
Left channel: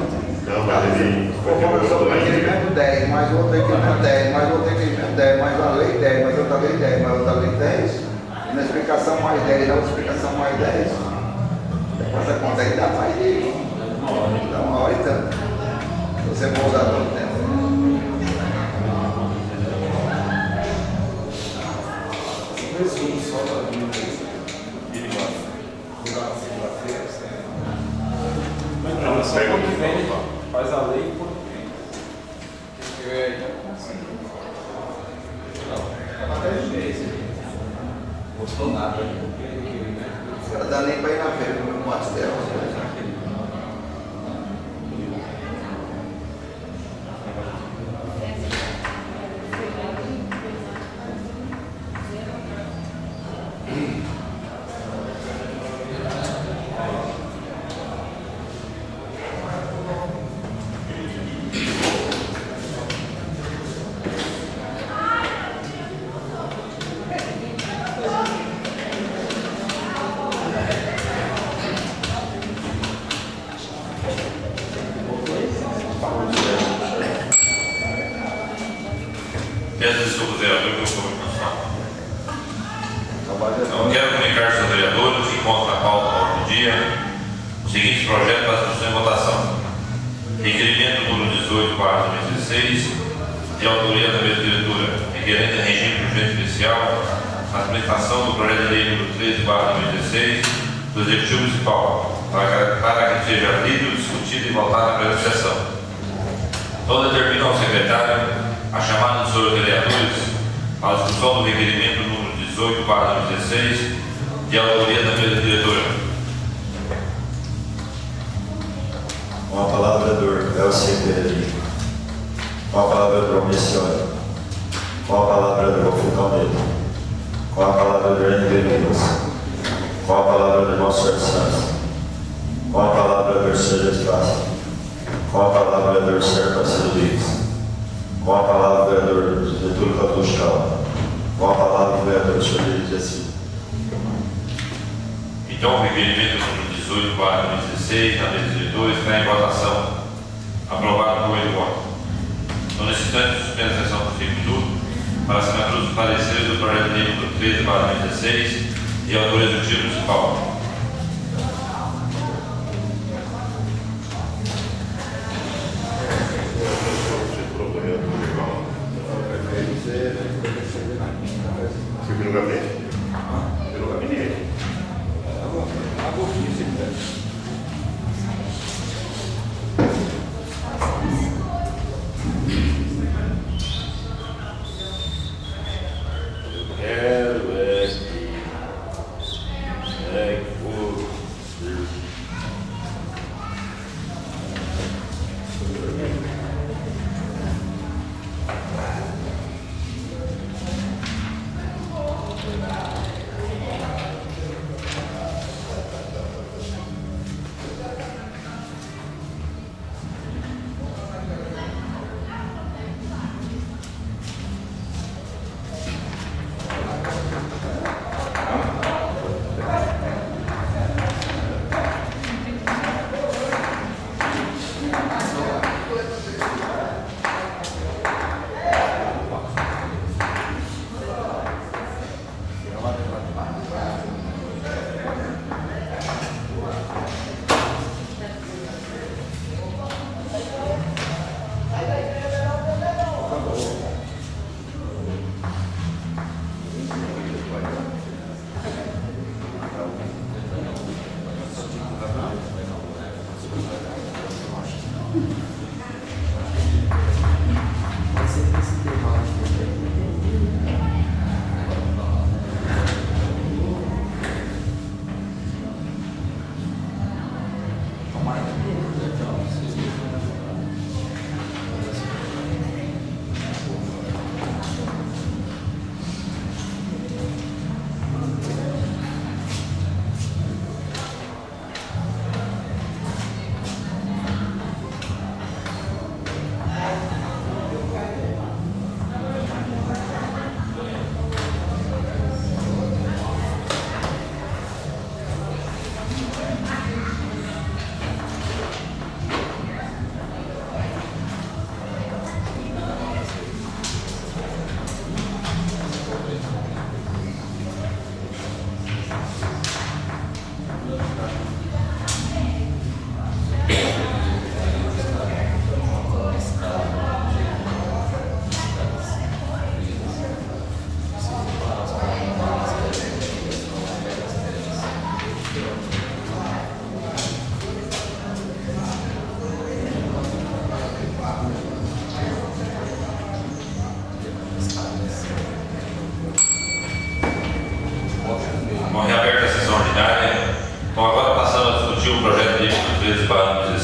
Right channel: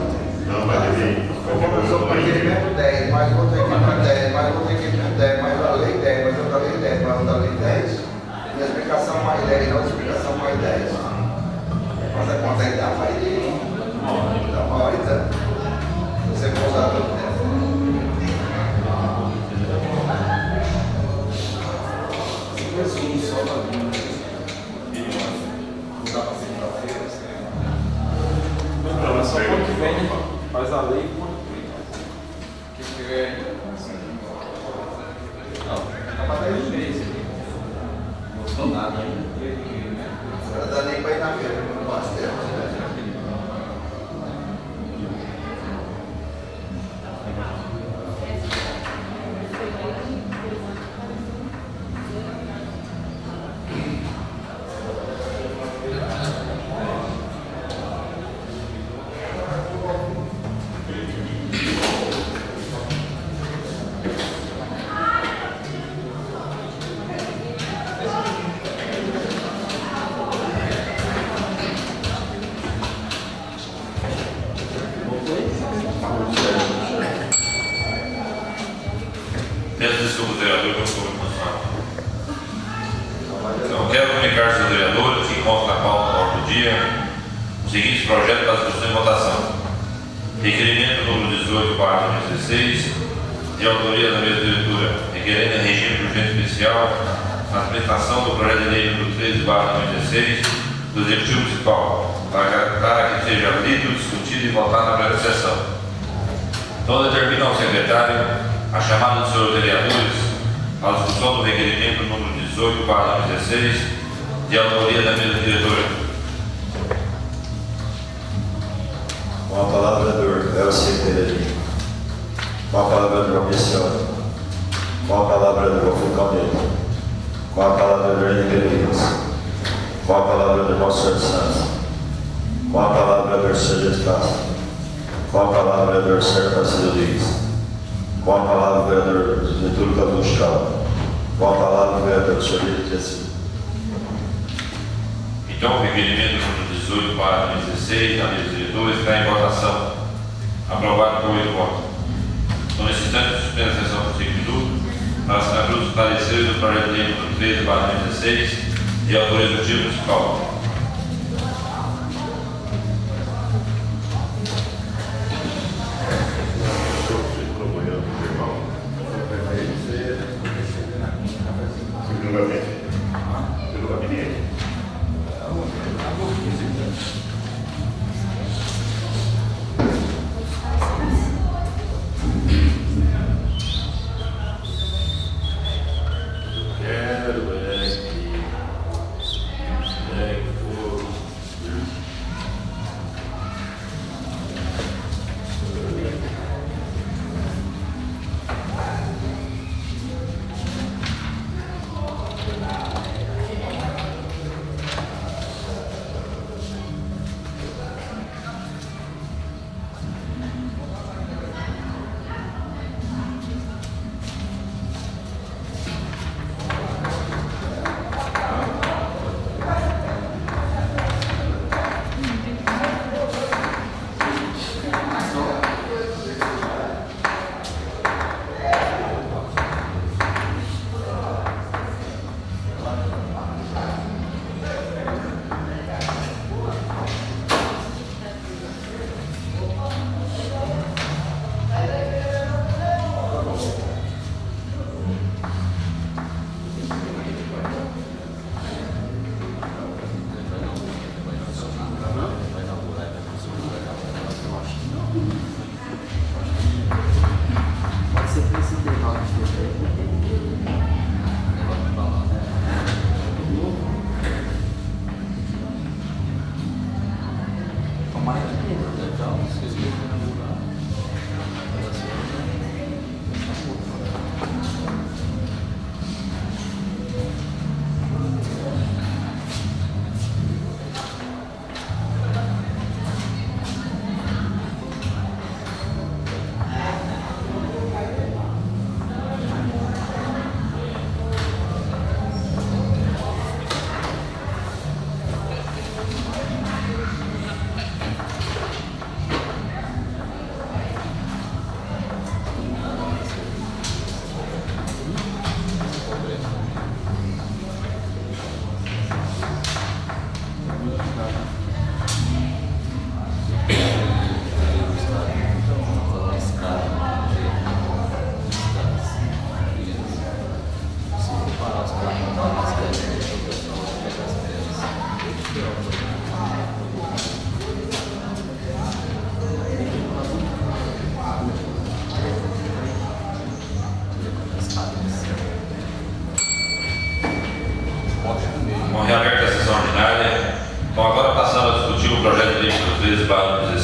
não, mas ele Começou com requerimento 10, mais outro requerimento 10, mais outro requerimento 10, mais uma lei 10, mais outra lei 10, mais outra lei 10, na explicação mais 10, na outra explicação mais 10. Mas a conta aí dá mais de uma hora e tanto. Se você for usar todo o tempo. Resumo só da vida. Ele vai para segunda-feira. Não, é só quando que vem, faz a lei quando que tiver aí. Não, tá para 10 meses. Não gostou nada. Agora dá nem para ir na feira, no pastel. Peço desculpas, vereador, pelo comunicação. Então, quero comunicar aos vereadores que consta na pauta da ordem do dia o seguinte projeto para discussão e votação. Requerimento número 18/2016, de autoria da mesa diretora, requerendo em regime de urgência especial a aplicação do projeto de lei número 13/2016 do Executivo Municipal, para que seja lido, discutido e votado na presente sessão. Então, determina ao secretário a chamada dos senhores vereadores à discussão do requerimento número 18/2016, de autoria da mesa diretora. Com a palavra, vereador Elcio Pereira. Com a palavra, vereador Almicione. Com a palavra, vereador Fulcão Neto. Com a palavra, vereador Henrique. Com a palavra, vereador Sérgio Santos. Com a palavra, vereador Sérgio Castro. Com a palavra, vereador Sérgio Parceiro Rodrigues. Com a palavra, vereador Getúlio Cazuchal. Com a palavra, vereador Xavier Jacir. Então, o requerimento número 18/2016 da mesa diretora está em votação. Aprovado por 8 votos. Então, nesse instante, suspendo a sessão por 5 minutos para assinatura dos pareceres do projeto de lei número 13/2016, de autoria do Executivo Municipal. Pelo gabinete. Pelo gabinete. Quero é que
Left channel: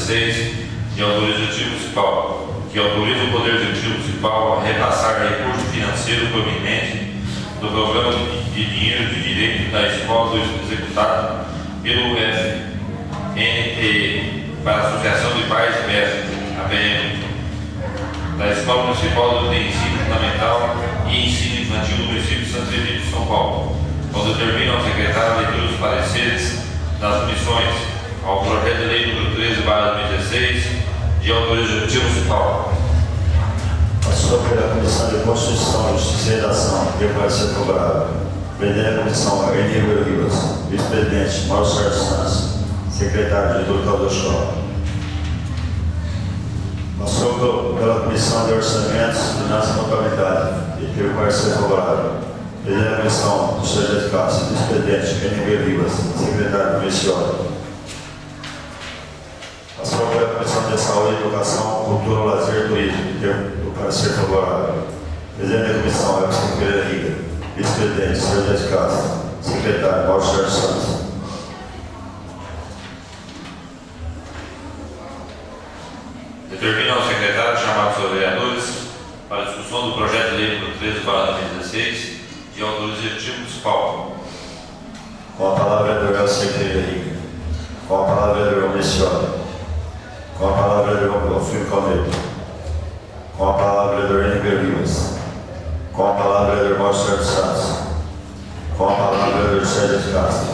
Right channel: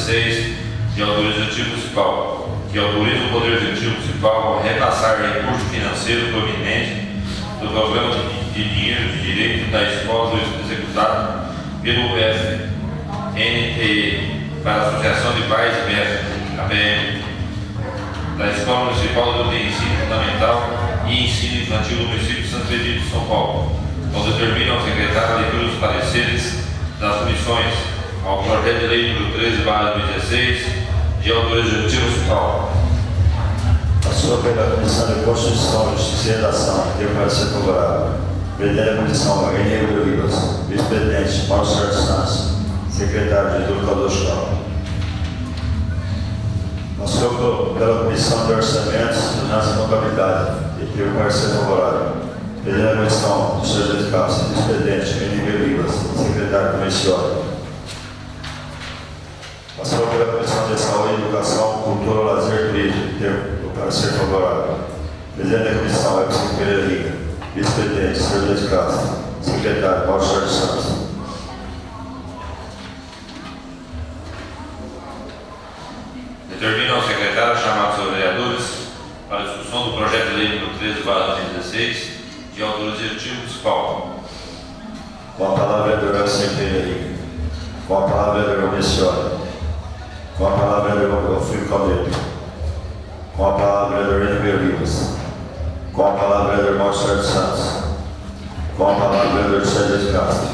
2016, de autoria executiva municipal, que autoriza o Poder Executivo Municipal a repassar recurso financeiro proveniente do programa de dinheiro de direito da escola executado pelo FNTE para a Associação de Pais e Mestres, APM, da Escola Municipal do Ensino Fundamental e Ensino Infantil do município de Santo Egídio de São Paulo, quando determina ao secretário a leitura dos pareceres das comissões ao projeto de lei número 13/2016, de autoria executiva municipal. Passou pela Comissão de Constituição, Justiça e Redação, deu parecer favorável. Presidente da Comissão, Enio Ribas. Vice-presidente, Mauro Sérgio Santos. Secretário, Getúlio Caldochó. Passou pela Comissão de Orçamentos, Finanças e Contabilidade, e deu parecer favorável. Presidente da Comissão, Sr. de Castro. Vice-presidente, Enio Ribas. Secretário, Mencioli. Passou pela Comissão de Saúde, Educação, Cultura, Lazer e Turismo, deu parecer favorável. Presidente da Comissão, Elton Pereira Riga. Vice-presidente, Sr. de Castro. Secretário, Paulo Sérgio Santos. Determina ao secretário chamar os seus vereadores para a discussão do projeto de lei número 13/2016, de autoria executiva municipal. Com a palavra, vereador Elton Pereira Riga. Com a palavra, vereador Mencioli. Com a palavra, vereador Alfredo Caldeto. Com a palavra, vereador Enio Ribas. Com a palavra, vereador Mauro Sérgio Santos. Com a palavra, vereador Sérgio de Castro.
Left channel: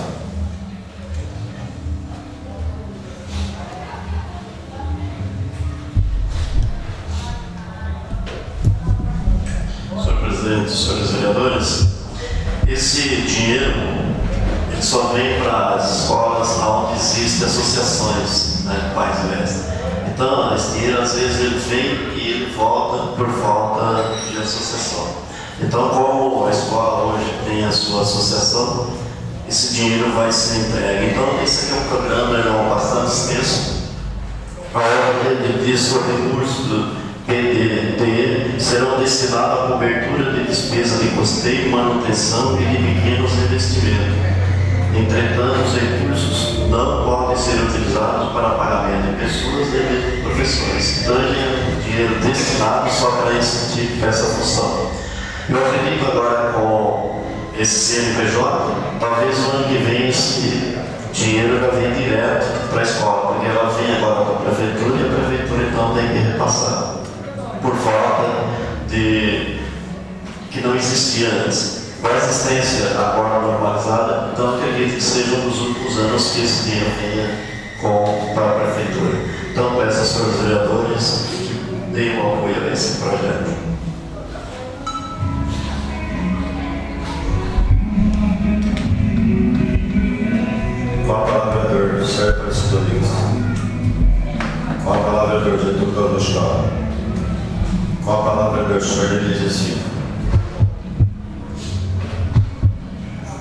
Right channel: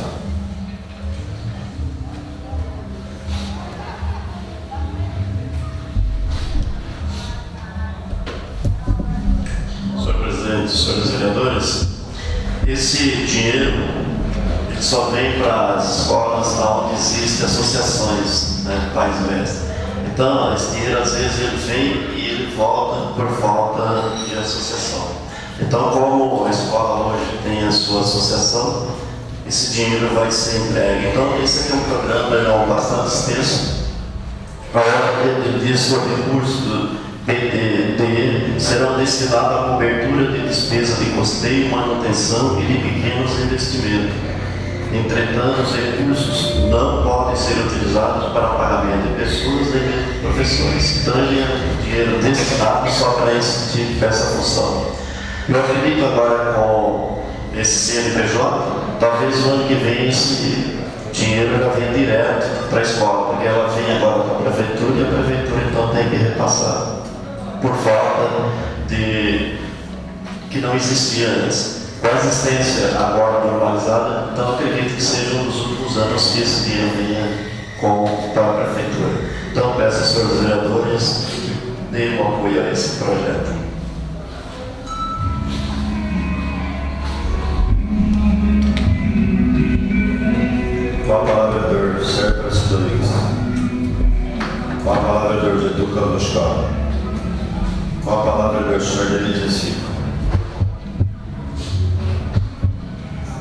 Senhor presidente, senhores vereadores, esse dinheiro ele só vem para as escolas onde existem associações, né, de pais e mestres. Então, esse dinheiro às vezes ele vem e ele volta por falta de associação. Então, como a escola hoje tem a sua associação, esse dinheiro vai ser entregue. Então, esse aqui é um programa bastante extenso, para disso o recurso do PDT serão destinados à cobertura de despesa de custeio, manutenção e de pequenos investimentos. Entretanto, os recursos não podem ser utilizados para pagamento de pessoas nem de professores. Então, é dinheiro destinado só para esse tipo, para essa função. Eu acredito agora com esse CNPJ, talvez o ano que vem esse dinheiro já vem direto para a escola, porque ela vem agora para a prefeitura e a prefeitura então tem que repassar por falta de que não existia antes. Com a existência agora normalizada, então acredito que seja um dos últimos anos que esse dinheiro venha para a prefeitura. Então peço aos senhores vereadores que deem um apoio a esse projeto. Com a palavra, vereador Sérgio Aparecido Rodrigues. Com a palavra, vereador Getúlio Caldochó. Com a palavra, vereador Sr. Denise Silva.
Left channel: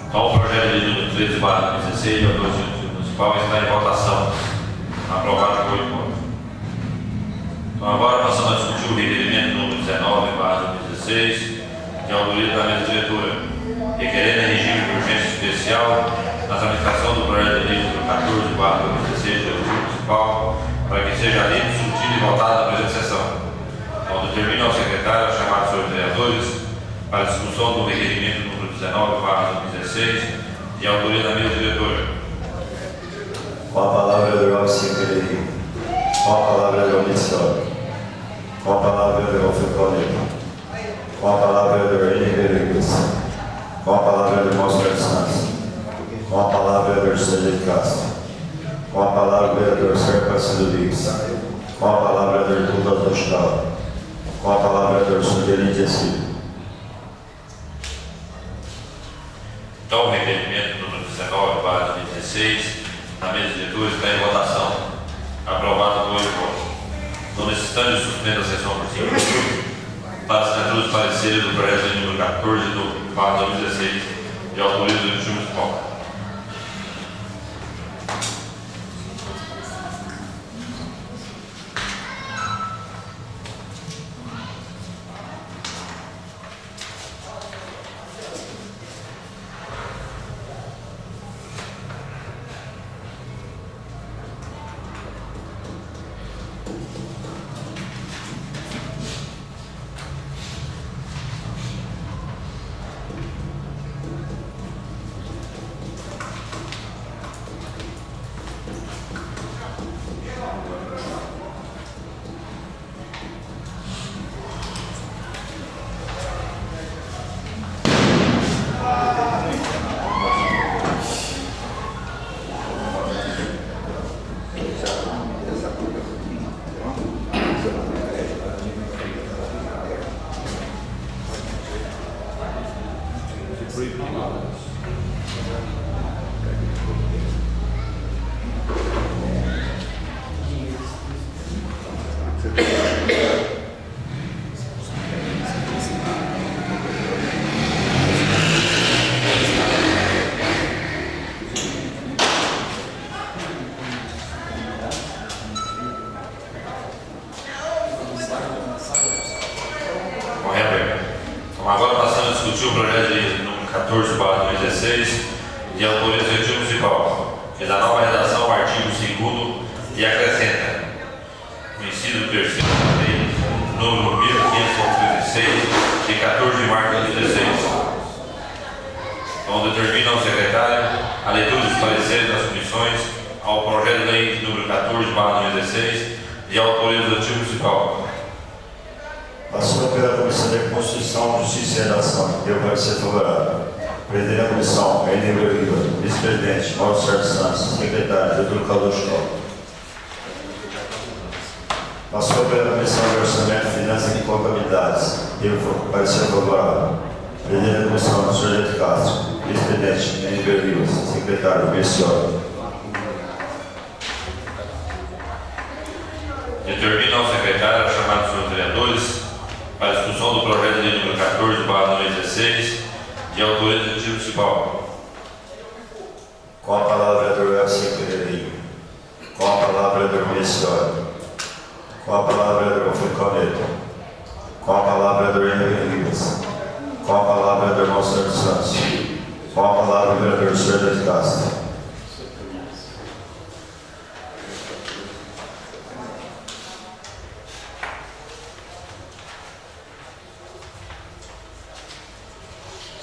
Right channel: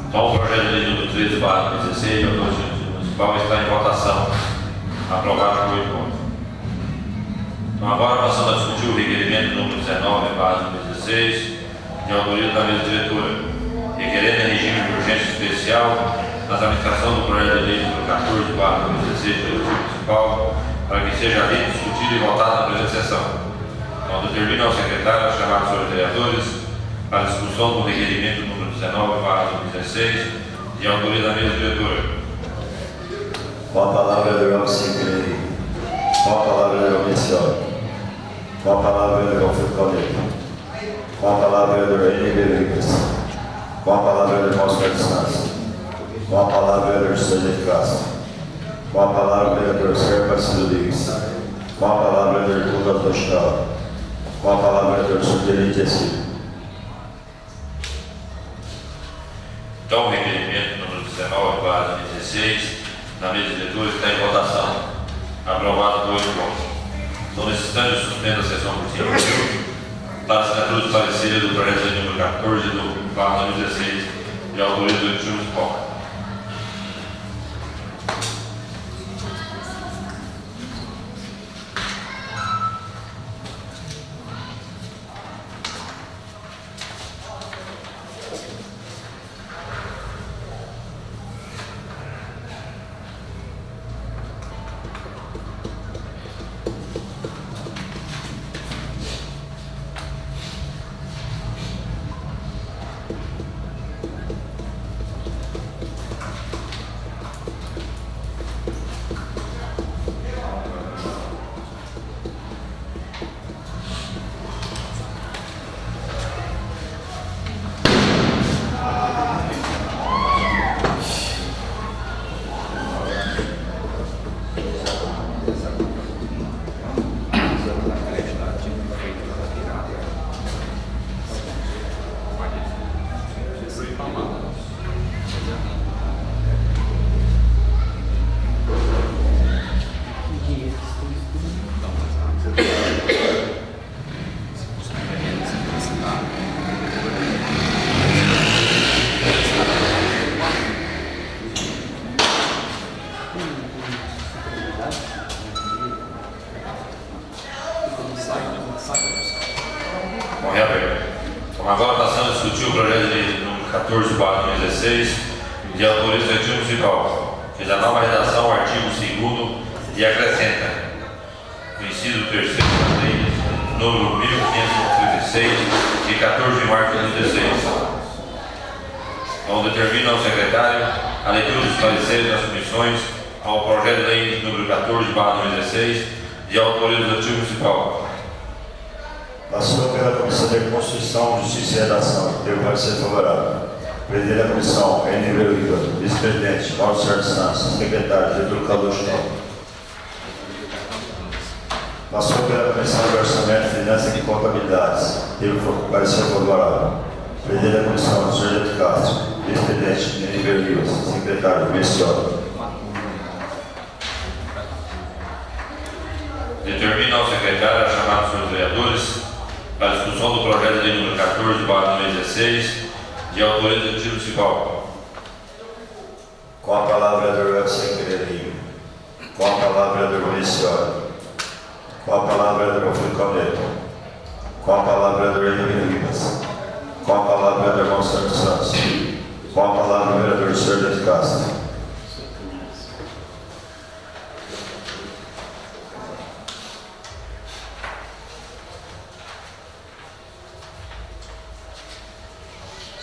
Então, o projeto de lei número 13/2016, de autoria executiva municipal, está em votação. Aprovado por 8 votos. Então, agora passando a discutir o requerimento número 19/2016, de autoria da mesa diretora, requerendo em regime de urgência especial a tramitação do projeto de lei número 14/2016, de autoria municipal, para que seja lido, discutido e votado na presente sessão. Então, determina ao secretário a chamar os seus vereadores para a discussão do requerimento número 19/2016, de autoria da mesa diretora. Com a palavra, vereador Alcim Pereira. Com a palavra, vereador Mencioli. Com a palavra, vereador Alfredo Caldeto. Com a palavra, vereador Enio Ribas. Com a palavra, vereador Mauro Sérgio Santos. Com a palavra, vereador Sérgio de Castro. Com a palavra, vereador Sérgio Aparecido Rodrigues. Com a palavra, vereador Getúlio Caldochó. Com a palavra, vereador Sr. Silva. Então, o requerimento número 19/2016, na mesa diretora, está em votação. Aprovado por 8 votos. Então, nesse instante, suspendo a sessão por 5 minutos para a assinatura dos pareceres do projeto de número 14/2016, de autoria do Executivo Municipal. Agora passando a discutir o projeto de lei número 14/2016, de autoria do Executivo Municipal, que dá nova redação ao artigo 2º e acrescenta o inciso 3º da lei número 1536, de 14 de março de 2016, onde determina ao secretário a leitura dos pareceres das comissões ao projeto de lei número 14/2016, de autoria do Executivo Municipal. Passou pela Comissão de Constituição, Justiça e Redação, que deu parecer favorável. Presidente da Comissão, N. Riva. Vice-presidente, Mauro Sérgio Santos. Secretário, Getúlio Cardoso. Passou pela Comissão de Orçamento, Finanças e Contabilidades, teve parecer favorável. Presidente da Comissão, Sargento Castro. Vice-presidente, N. Riva. Secretário, Messiolo. Determina ao secretário a chamada dos vereadores para a discussão do projeto de lei número 14/2016, de autoria do Executivo Municipal. Com a palavra, vereador Elcio Pereira. Com a palavra, vereador Messiolo. Com a palavra, vereador Alfredo Neto. Com a palavra, vereador Henrique Rivas. Com a palavra, vereador Marcelo Santos. Com a palavra, vereador Sérgio Castro.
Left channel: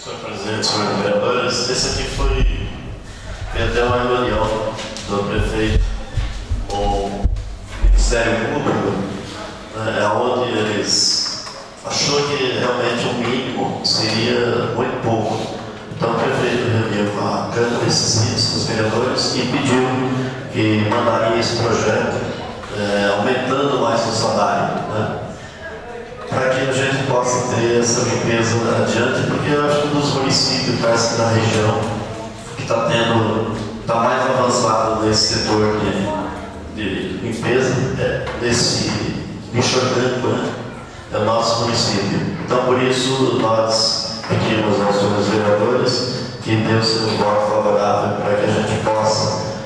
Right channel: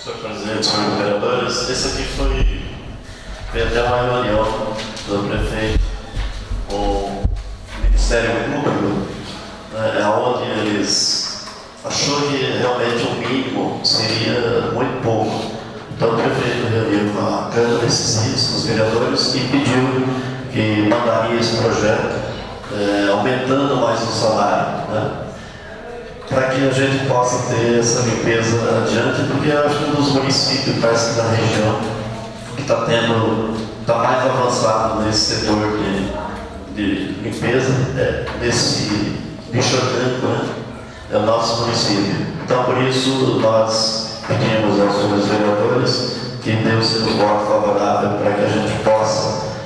Senhor presidente, senhores vereadores, esse aqui foi até uma reunião do prefeito com o Ministério Público, onde eles achou que realmente o mínimo seria muito pouco. Então o prefeito reuniu com a Câmara esses dias, com os vereadores, e pediu que mandaria esse projeto aumentando mais o salário, né? Para que a gente possa ter essa limpeza adiante, porque eu acho que um dos municípios, parece que da região, que está mais avançado nesse setor de limpeza, desse bicho orgânico, né? É o nosso município. Então, por isso, nós pedimos aos senhores vereadores que dê o seu voto favorável para que a gente possa,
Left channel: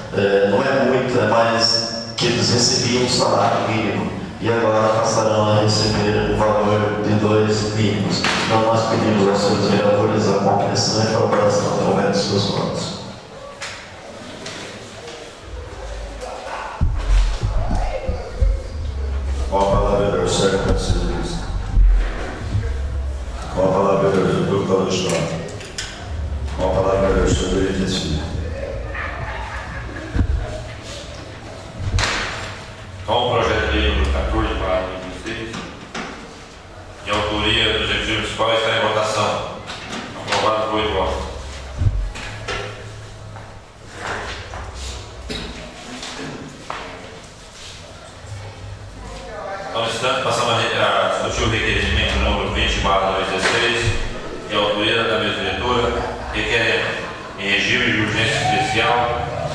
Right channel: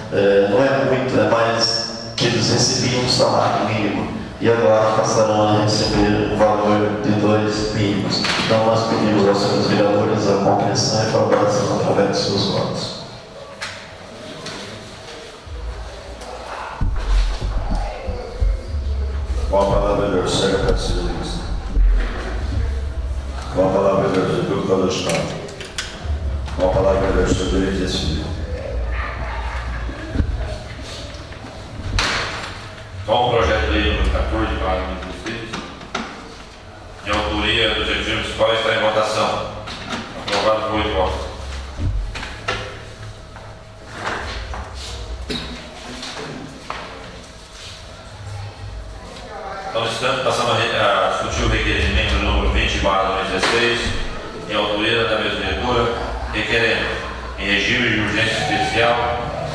não é muito, é mais que eles recebiam um salário mínimo. E agora passarão a receber o valor de 2 mínimos. Então nós pedimos aos senhores vereadores a compreensão e colaboração através dos seus votos. Com a palavra, vereador Sérgio Castro. Com a palavra, vereador Getúlio Cardoso. Com a palavra, vereador Sérgio Dias Filho. Com o projeto de lei número 14/2016, de autoria do Executivo Municipal, está em votação. Aprovado por 8 votos. Então, passamos a discutir o requerimento número 20/2016, de autoria da mesa diretora, requerendo, em regime de urgência especial,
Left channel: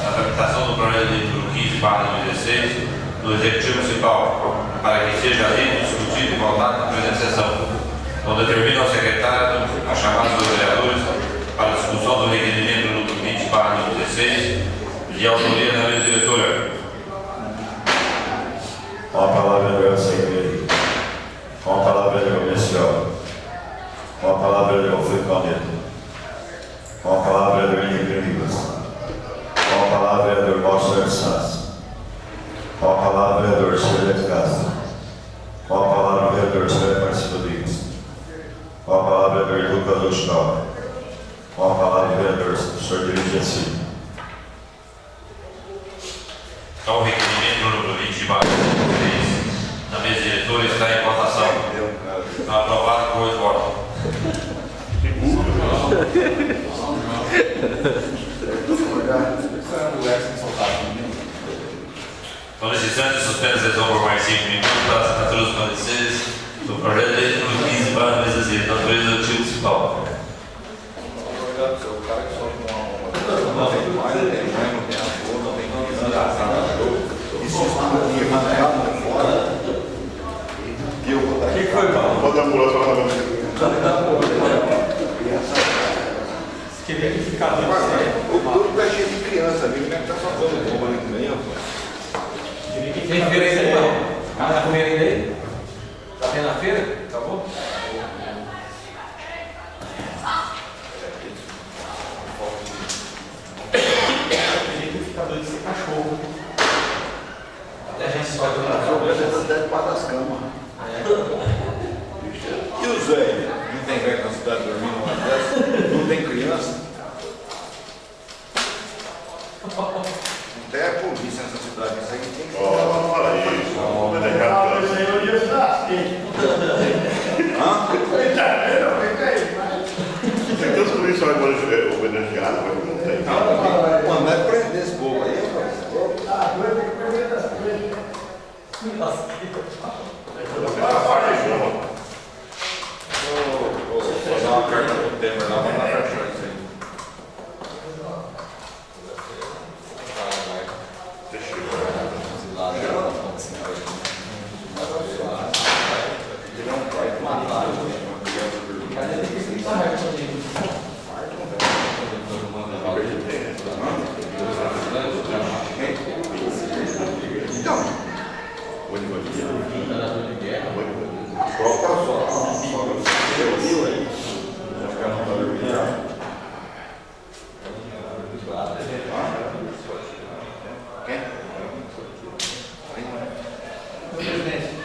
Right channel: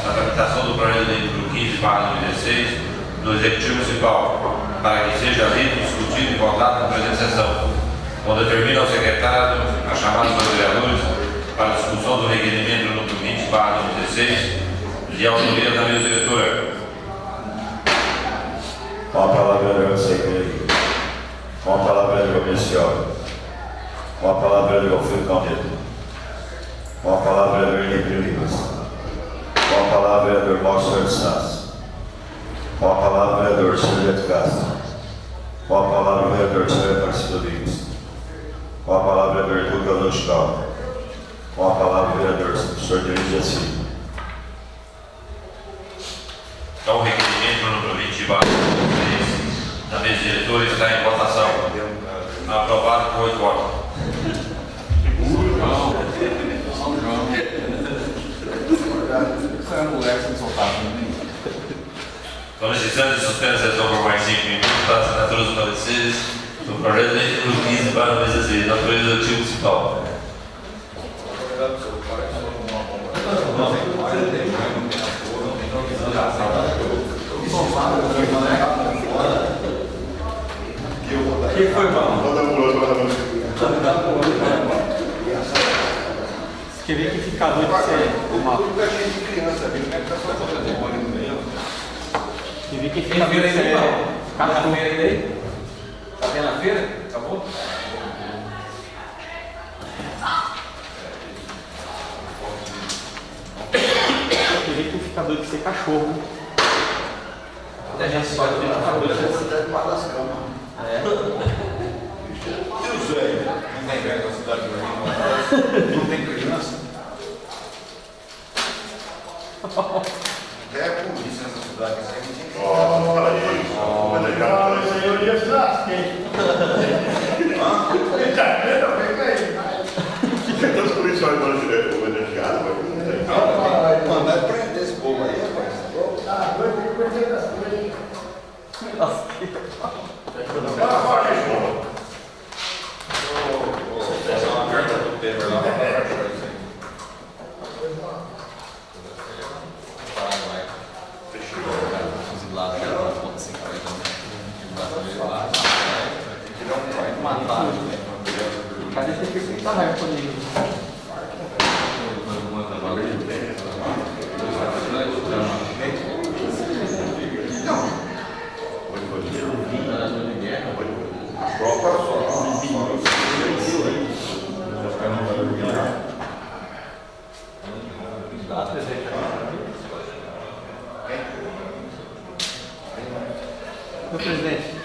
a tramitação do projeto de lei número 15/2016, do Executivo Municipal, para que seja lido, discutido e votado na presente sessão. Então determina ao secretário a chamada dos vereadores para a discussão do requerimento número 20/2016, de autoria da mesa diretora. Com a palavra, vereador Elcio. Com a palavra, vereador Messiolo. Com a palavra, vereador Alfredo Neto. Com a palavra, vereador Henrique Rivas. Com a palavra, vereador Mauro Santos. Com a palavra, vereador Sérgio Castro. Com a palavra, vereador Sérgio Marcelo Rodrigues. Com a palavra, vereador Getúlio Cardoso. Com a palavra, vereador Sérgio Dias Filho. Então o requerimento número 20/2016 da mesa diretora está em votação. Aprovado por 8 votos. Então, nesse instante, suspende a sessão por mais 5 minutos para a assinatura dos pareceres do projeto de lei número 15/2016, da autoria do Executivo Municipal. O que foi, Paulo? Vou dar um pulo para você. Você queria que ficar doido de ser uma... Tudo é cheio de criança, viu? Não é que tá só coisa no meio. Queria que Tem ficar doido feira de ainda, ser... não? Tá na feira ainda aí? Tá tendo a feira? Acabou? Tem gente que fica doido de ser cachorro. Até gente só doido de ficar doido Debaixo das camas. E os velhos? Não tem velho na cidade dormindo? Não tem criança? Até a polícia nessa cidade, isso aí não tem. Olha isso. Vou deixar Isso aí eu ia churrasquinho. Tá vendo? Vem aí. então os policiais vão obedeciar, mas não tem. Mano, vai prender esse povo aí, rapaz. Ah, vai ter que perder das três. Nossa, Vou fazer uma carta pro Temer lá pra fechar isso aí. cadê ter que fritar raiva comigo? Meu presidente.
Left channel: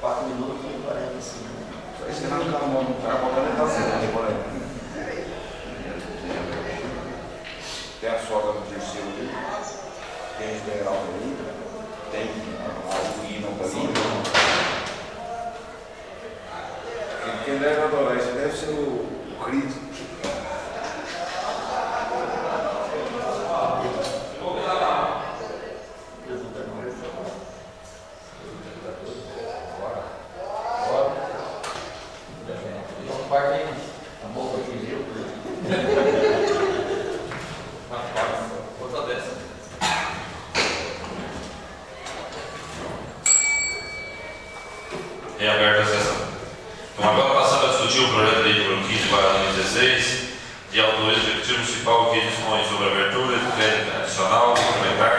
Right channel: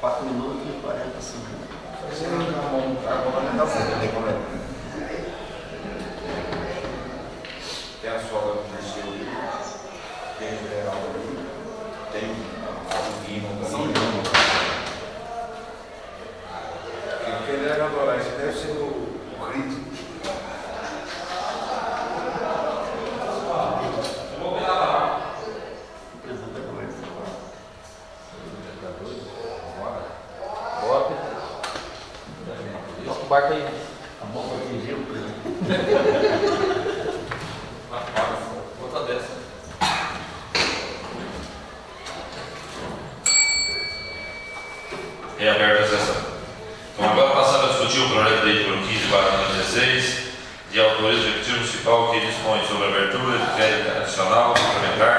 4 minutos e 40 segundos. Esse ano não vamos montar, vamos aumentar sempre. Tem a sogra do terceiro ali, tem o general ali, tem a Guina ali. Quem deve adorar isso deve ser o crítico. Nosso barco aí. Tá bom, eu fingi o outra dessa. Reaberta a sessão. Então, agora passando a discutir o projeto de lei número 15/2016, de autoria do Executivo Municipal que dispõe sobre a abertura de crédito adicional suplementar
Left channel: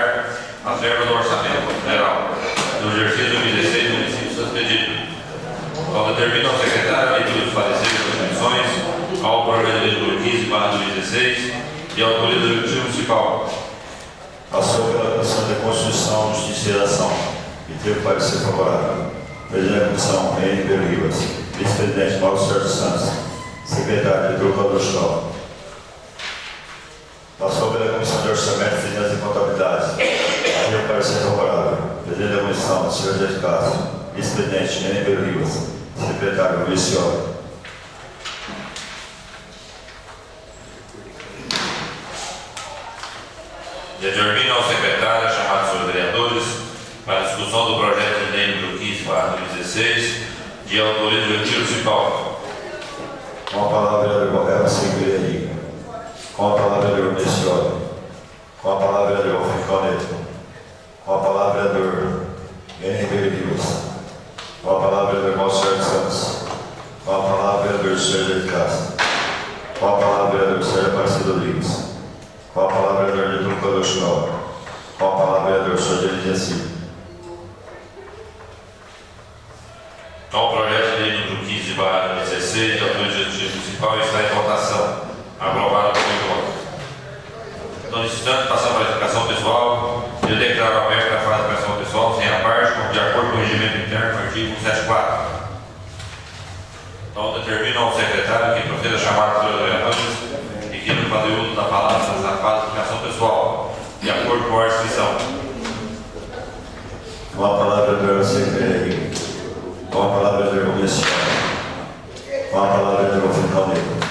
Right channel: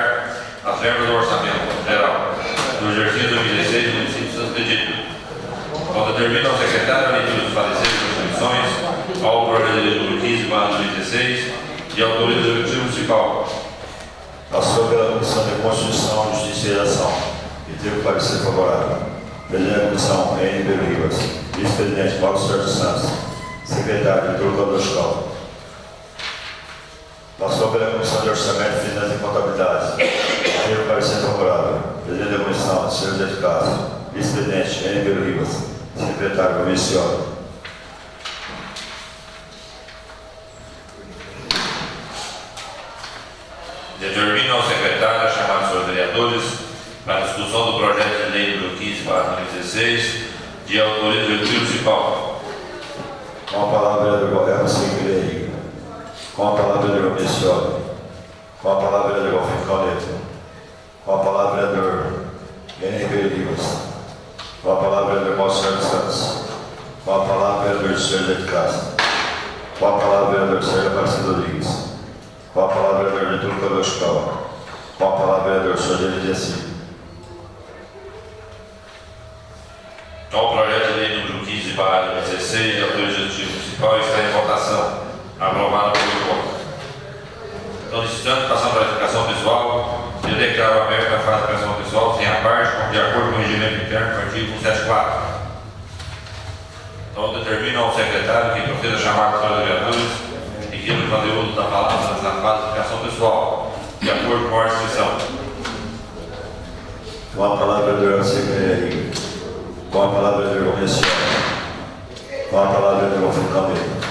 às verbas do Orçamento Geral do exercício 2016 do município de Santo Expedito. Então, determina ao secretário a leitura dos pareceres das comissões ao projeto de lei número 15/2016, de autoria do Executivo Municipal. Passou pela Comissão de Constituição, Justiça e Redação e teve parecer favorável. Presidente da Comissão, N. Rivas. Vice-presidente, Paulo Sérgio Santos. Secretário, Vitor Codoscal. Passou pela Comissão de Orçamento, Finanças e Contabilidade. Teve parecer favorável. Presidente da Comissão, Sr. José de Castro. Vice-presidente, N. Rivas. Secretário, Vicione. Determina ao secretário chamar seus vereadores para a discussão do projeto de lei número 15/2016, de autoria do Executivo Municipal. Com a palavra, vereador Elma Silveira. Com a palavra, vereador Vicione. Com a palavra, vereador Rincon Neto. Com a palavra, vereador N. Rivas. Com a palavra, vereador Paulo Sérgio Santos. Com a palavra, vereador Sérgio de Castro. Com a palavra, vereador Sérgio Aparecido Rodrigues. Com a palavra, vereador Vitor Codoscal. Com a palavra, vereador Sérgio Elidiaci. Então, o projeto de lei número 15/2016, de autoria do Executivo Municipal, está em votação. Aprovado por voto. Então, nesse instante, passando para a explicação pessoal, eu declaro aberta a fase de explicação pessoal sem a parte, como de acordo com o regimento interno do artigo 174. Então, determina ao secretário que proceda a chamar os vereadores e que não fazer uso da palavra nessa fase de explicação pessoal, de acordo com a inscrição. Com a palavra, vereador Silveira. Com a palavra, vereador Vicione. Com a palavra, vereador Rincon Neto.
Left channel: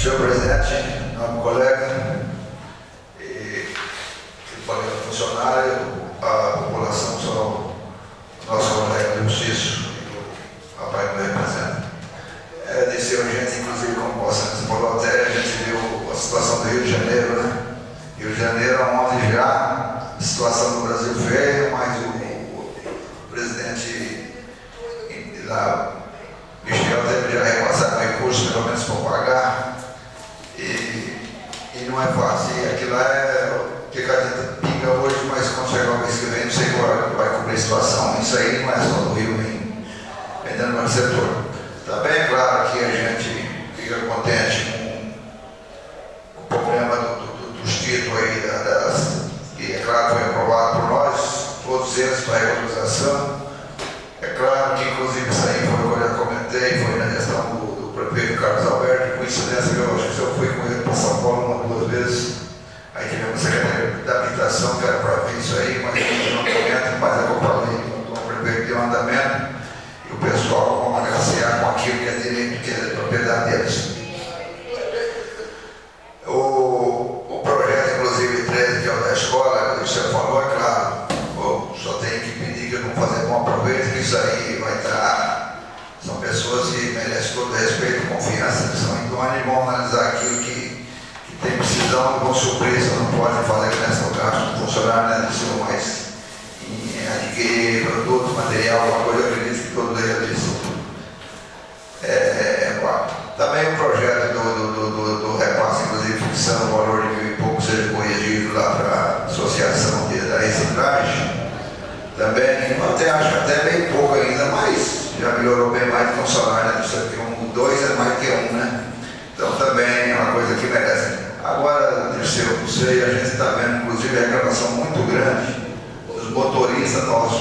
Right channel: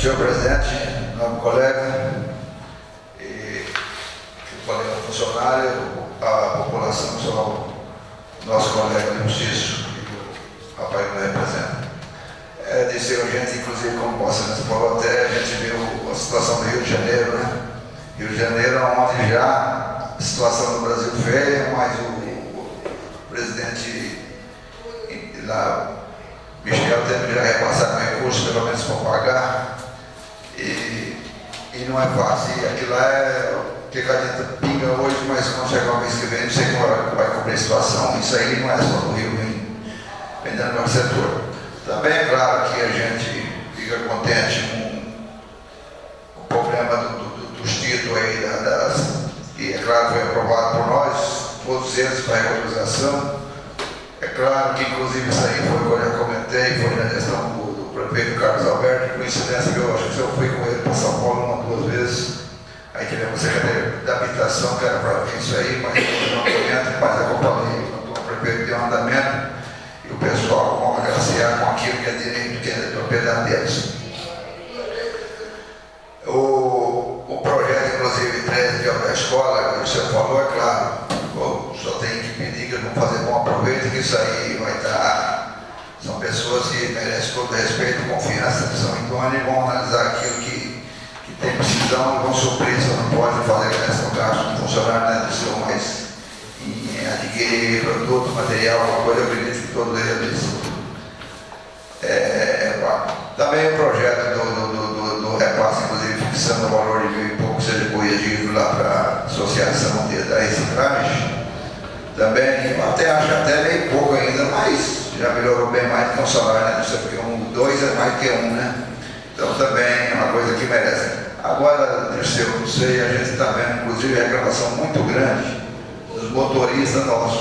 Senhor presidente, nobre colega, e colega funcionário, a população, só nosso colega do Justiça, o rapaz que me representa. É de ser urgente, inclusive, como você falou, até a gente viu a situação do Rio de Janeiro, né? Rio de Janeiro, onde já a situação do Brasil feia, mas o presidente lá, Michel, teve já repassado recursos, pelo menos para pagar. E E não é fácil. E aquilo lá é o que a gente pinga hoje, mas quando chegar o mês que vem, não sei como vai cobrir a situação. Isso aí não é só do Rio, vem dando no setor. Também é claro que a gente fica contente com o problema dos títulos aí, que é claro foi aprovado por nós, todos eles para regularização. É claro que inclusive isso aí foi o que eu já comentei, foi na gestão do prefeito Carlos Alberto, coincidência que eu acho que eu fui com ele para São Paulo 1 ou 2 vezes. Aí tivemos a Secretaria da Habitação, que era para ver isso aí, mas não comenta, mas a companhia, o prefeito deu um andamento. E o pessoal vão agraciar com aquilo que é direito, que é propriedade deles. O projeto, inclusive, 13, que é o da escola, que você falou, é claro, só tem que pedir que não fazer bom aproveito, que isso aí vai estar. São pessoas que merecem todo respeito, confiança, que são idôneas e vão analisar aquilo que tem precisão, vão suprir, você não pode fazer questão gasto do funcionário, né, do seu mais. Adquirir produto, material, alguma coisa, eu acredito que todo eles também o projeto do repasse, inclusive fixando o valor de 1.000 e pouco, seja corrigido lá para a associação da reciclagem, também, eu até acho até bem pouco ainda, mas já melhorou bem mais que um salário, né? Porque 2 é mais que 1, né? Então também é uma coisa que merece. Agora, Dirceu, não sei, a gente está vendo, inclusive, a reclamação muito grande dos motoristas nossos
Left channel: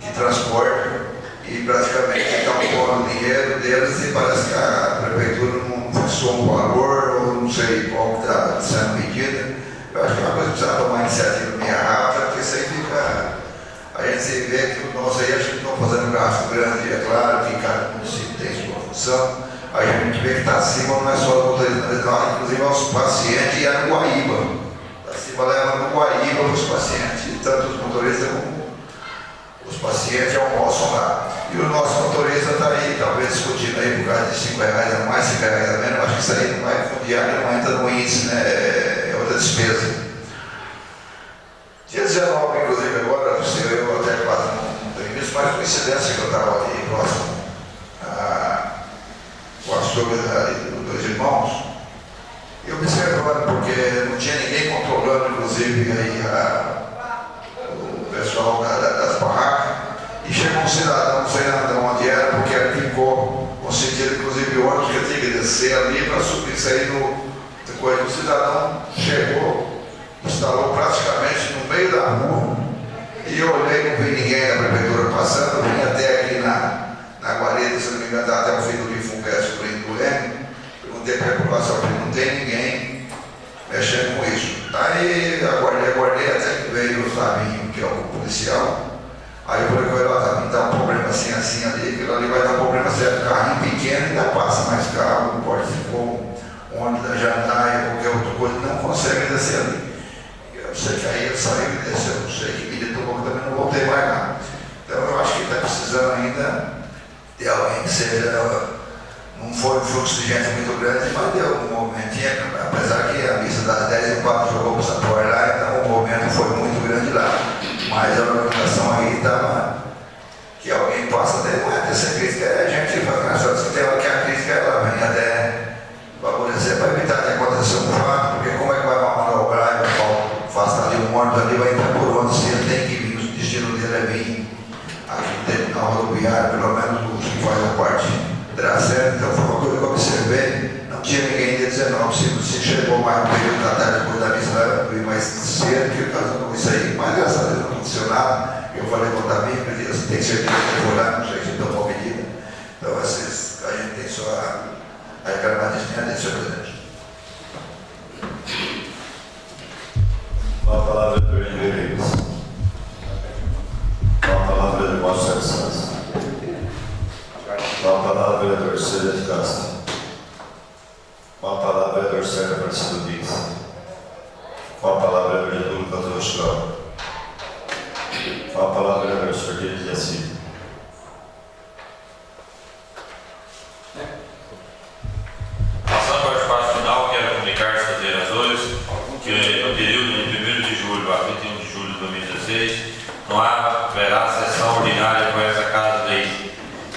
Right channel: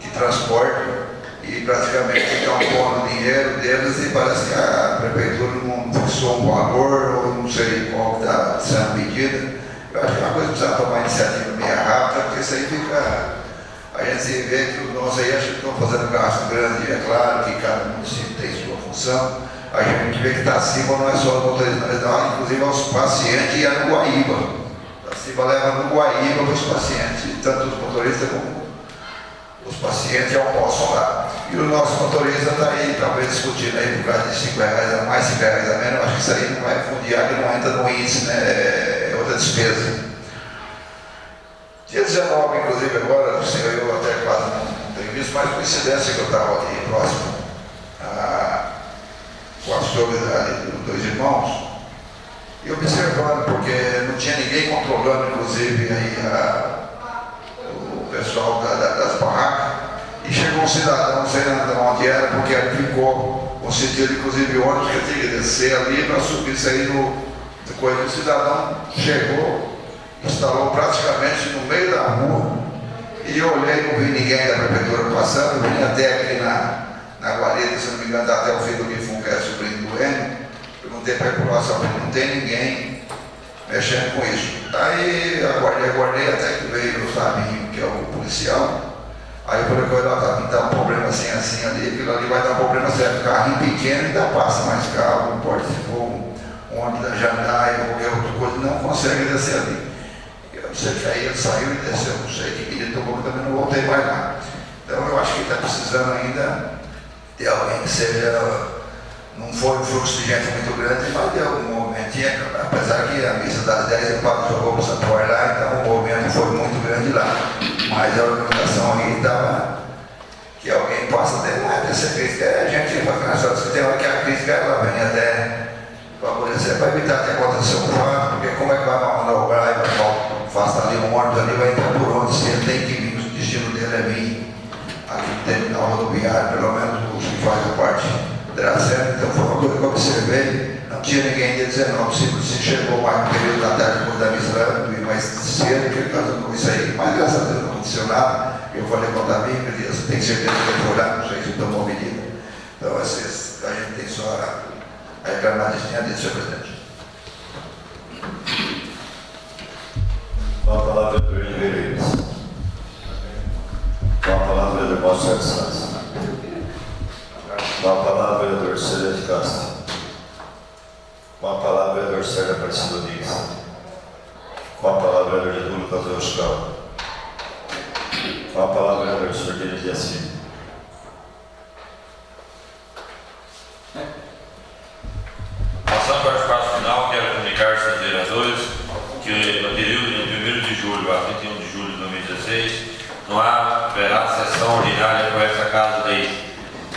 que transportam e praticamente estão pondo o dinheiro deles e parece que a prefeitura não fixou um valor ou não sei qual está sendo medida. Eu acho que é uma coisa que precisa tomar iniciativa meio rápida, porque isso aí fica. A gente vê que o nosso aí acho que estão fazendo gasto grande, é claro que cada município tem sua função. A gente vê que Taciba não é só o motorista, não, inclusive aos pacientes e a no Guaíba. Taciba leva no Guaíba os pacientes, tanto os motoristas como os pacientes almoçam lá. E o nosso motorista está aí, talvez discutindo aí por causa de R$5 a mais, R$5 a menos. Acho que isso aí não vai fundiar, que não entra no índice, né? É outra despesa. Dia 19, inclusive, agora, eu até quase não tenho visto, mas coincidência que eu estava ali próximo com a sogra dos 2 irmãos, e observando, porque não tinha ninguém controlando, inclusive, aí o pessoal das barracas, e chegou um cidadão, não sei onde era, porque ele ficou com sentido, inclusive, o ônibus que tinha que descer ali para subir, sair no coisa. O cidadão chegou, instalou praticamente no meio da rua, e eu olhei, não vi ninguém da prefeitura passando, vim até aqui na guarita, se não me engano, até o filho do Gifun, que é sobrinho do N, perguntei para a população, não tem ninguém mexendo com isso. Aí aguardei até que veio o Fabinho, que é o policial. Aí eu falei com ele, Fabinho, tá um problema assim ali, aquilo ali vai dar um problema sério, carrinho pequeno ainda passa mais carro, um porte-fogo, ônibus da Jandaia, qualquer outra coisa, não consegue descer ali. Eu sei que aí ele saiu e desceu, não sei que ele tomou, também não voltei mais lá. Então eu acho que está precisando ainda de alguém que seja. Não foi um fluxo de gente muito grande, mas deu um movimentinho, apesar que a missa das 10 e 4 jogou para o Santuário lá, então o movimento foi muito grande lá. Mas a organização aí estava, que alguém possa ter, não é ter essa crítica, é a gente só tem hora que a crítica ela vem até favorecer para evitar que aconteça um fato, porque como é que vai manobrar e faça ali um ônibus ali, vai entrar por onde, se ele tem que vir, o destino dele é vir aqui no terminal rodoviário, pelo menos os que fazem a parte. Então foi uma coisa que eu observei, não tinha ninguém dia 19, se chegou mais no período da tarde depois da missa, eu vi mais cedo, que casou isso aí, mas graças a Deus não aconteceu nada. Eu falei com o Davi, que eu tenho certeza que foi lá, não sei se tomou medida. Então a gente tem só a reclamar disso, senhor presidente. Com a palavra do Henrique. Com a palavra do Marcelo Santos. Com a palavra, vereador Célio de Castro. Com a palavra, vereador Sérgio Aparecido Dias. Com a palavra, vereador Getúlio Cazuza. Com a palavra, vereador Sordelli de Assis. Passando para o espaço final, quero comunicar aos vereadores que no período de 1º de julho a 31 de julho de 2016 não haverá sessão ordinária com essa Casa Lei.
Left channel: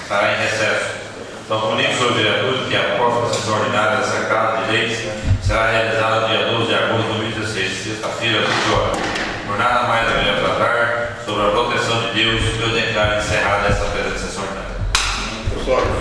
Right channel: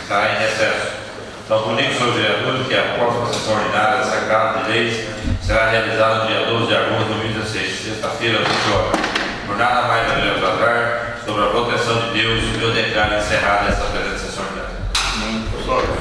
Estará em recesso. Então, comunico aos vereadores que a próxima sessão ordinária dessa Casa de Leis será realizada no dia 12 de Por nada mais haveremos tratar, sobre a proteção de Deus, eu declaro encerrada essa presente sessão ordinária. Pessoal,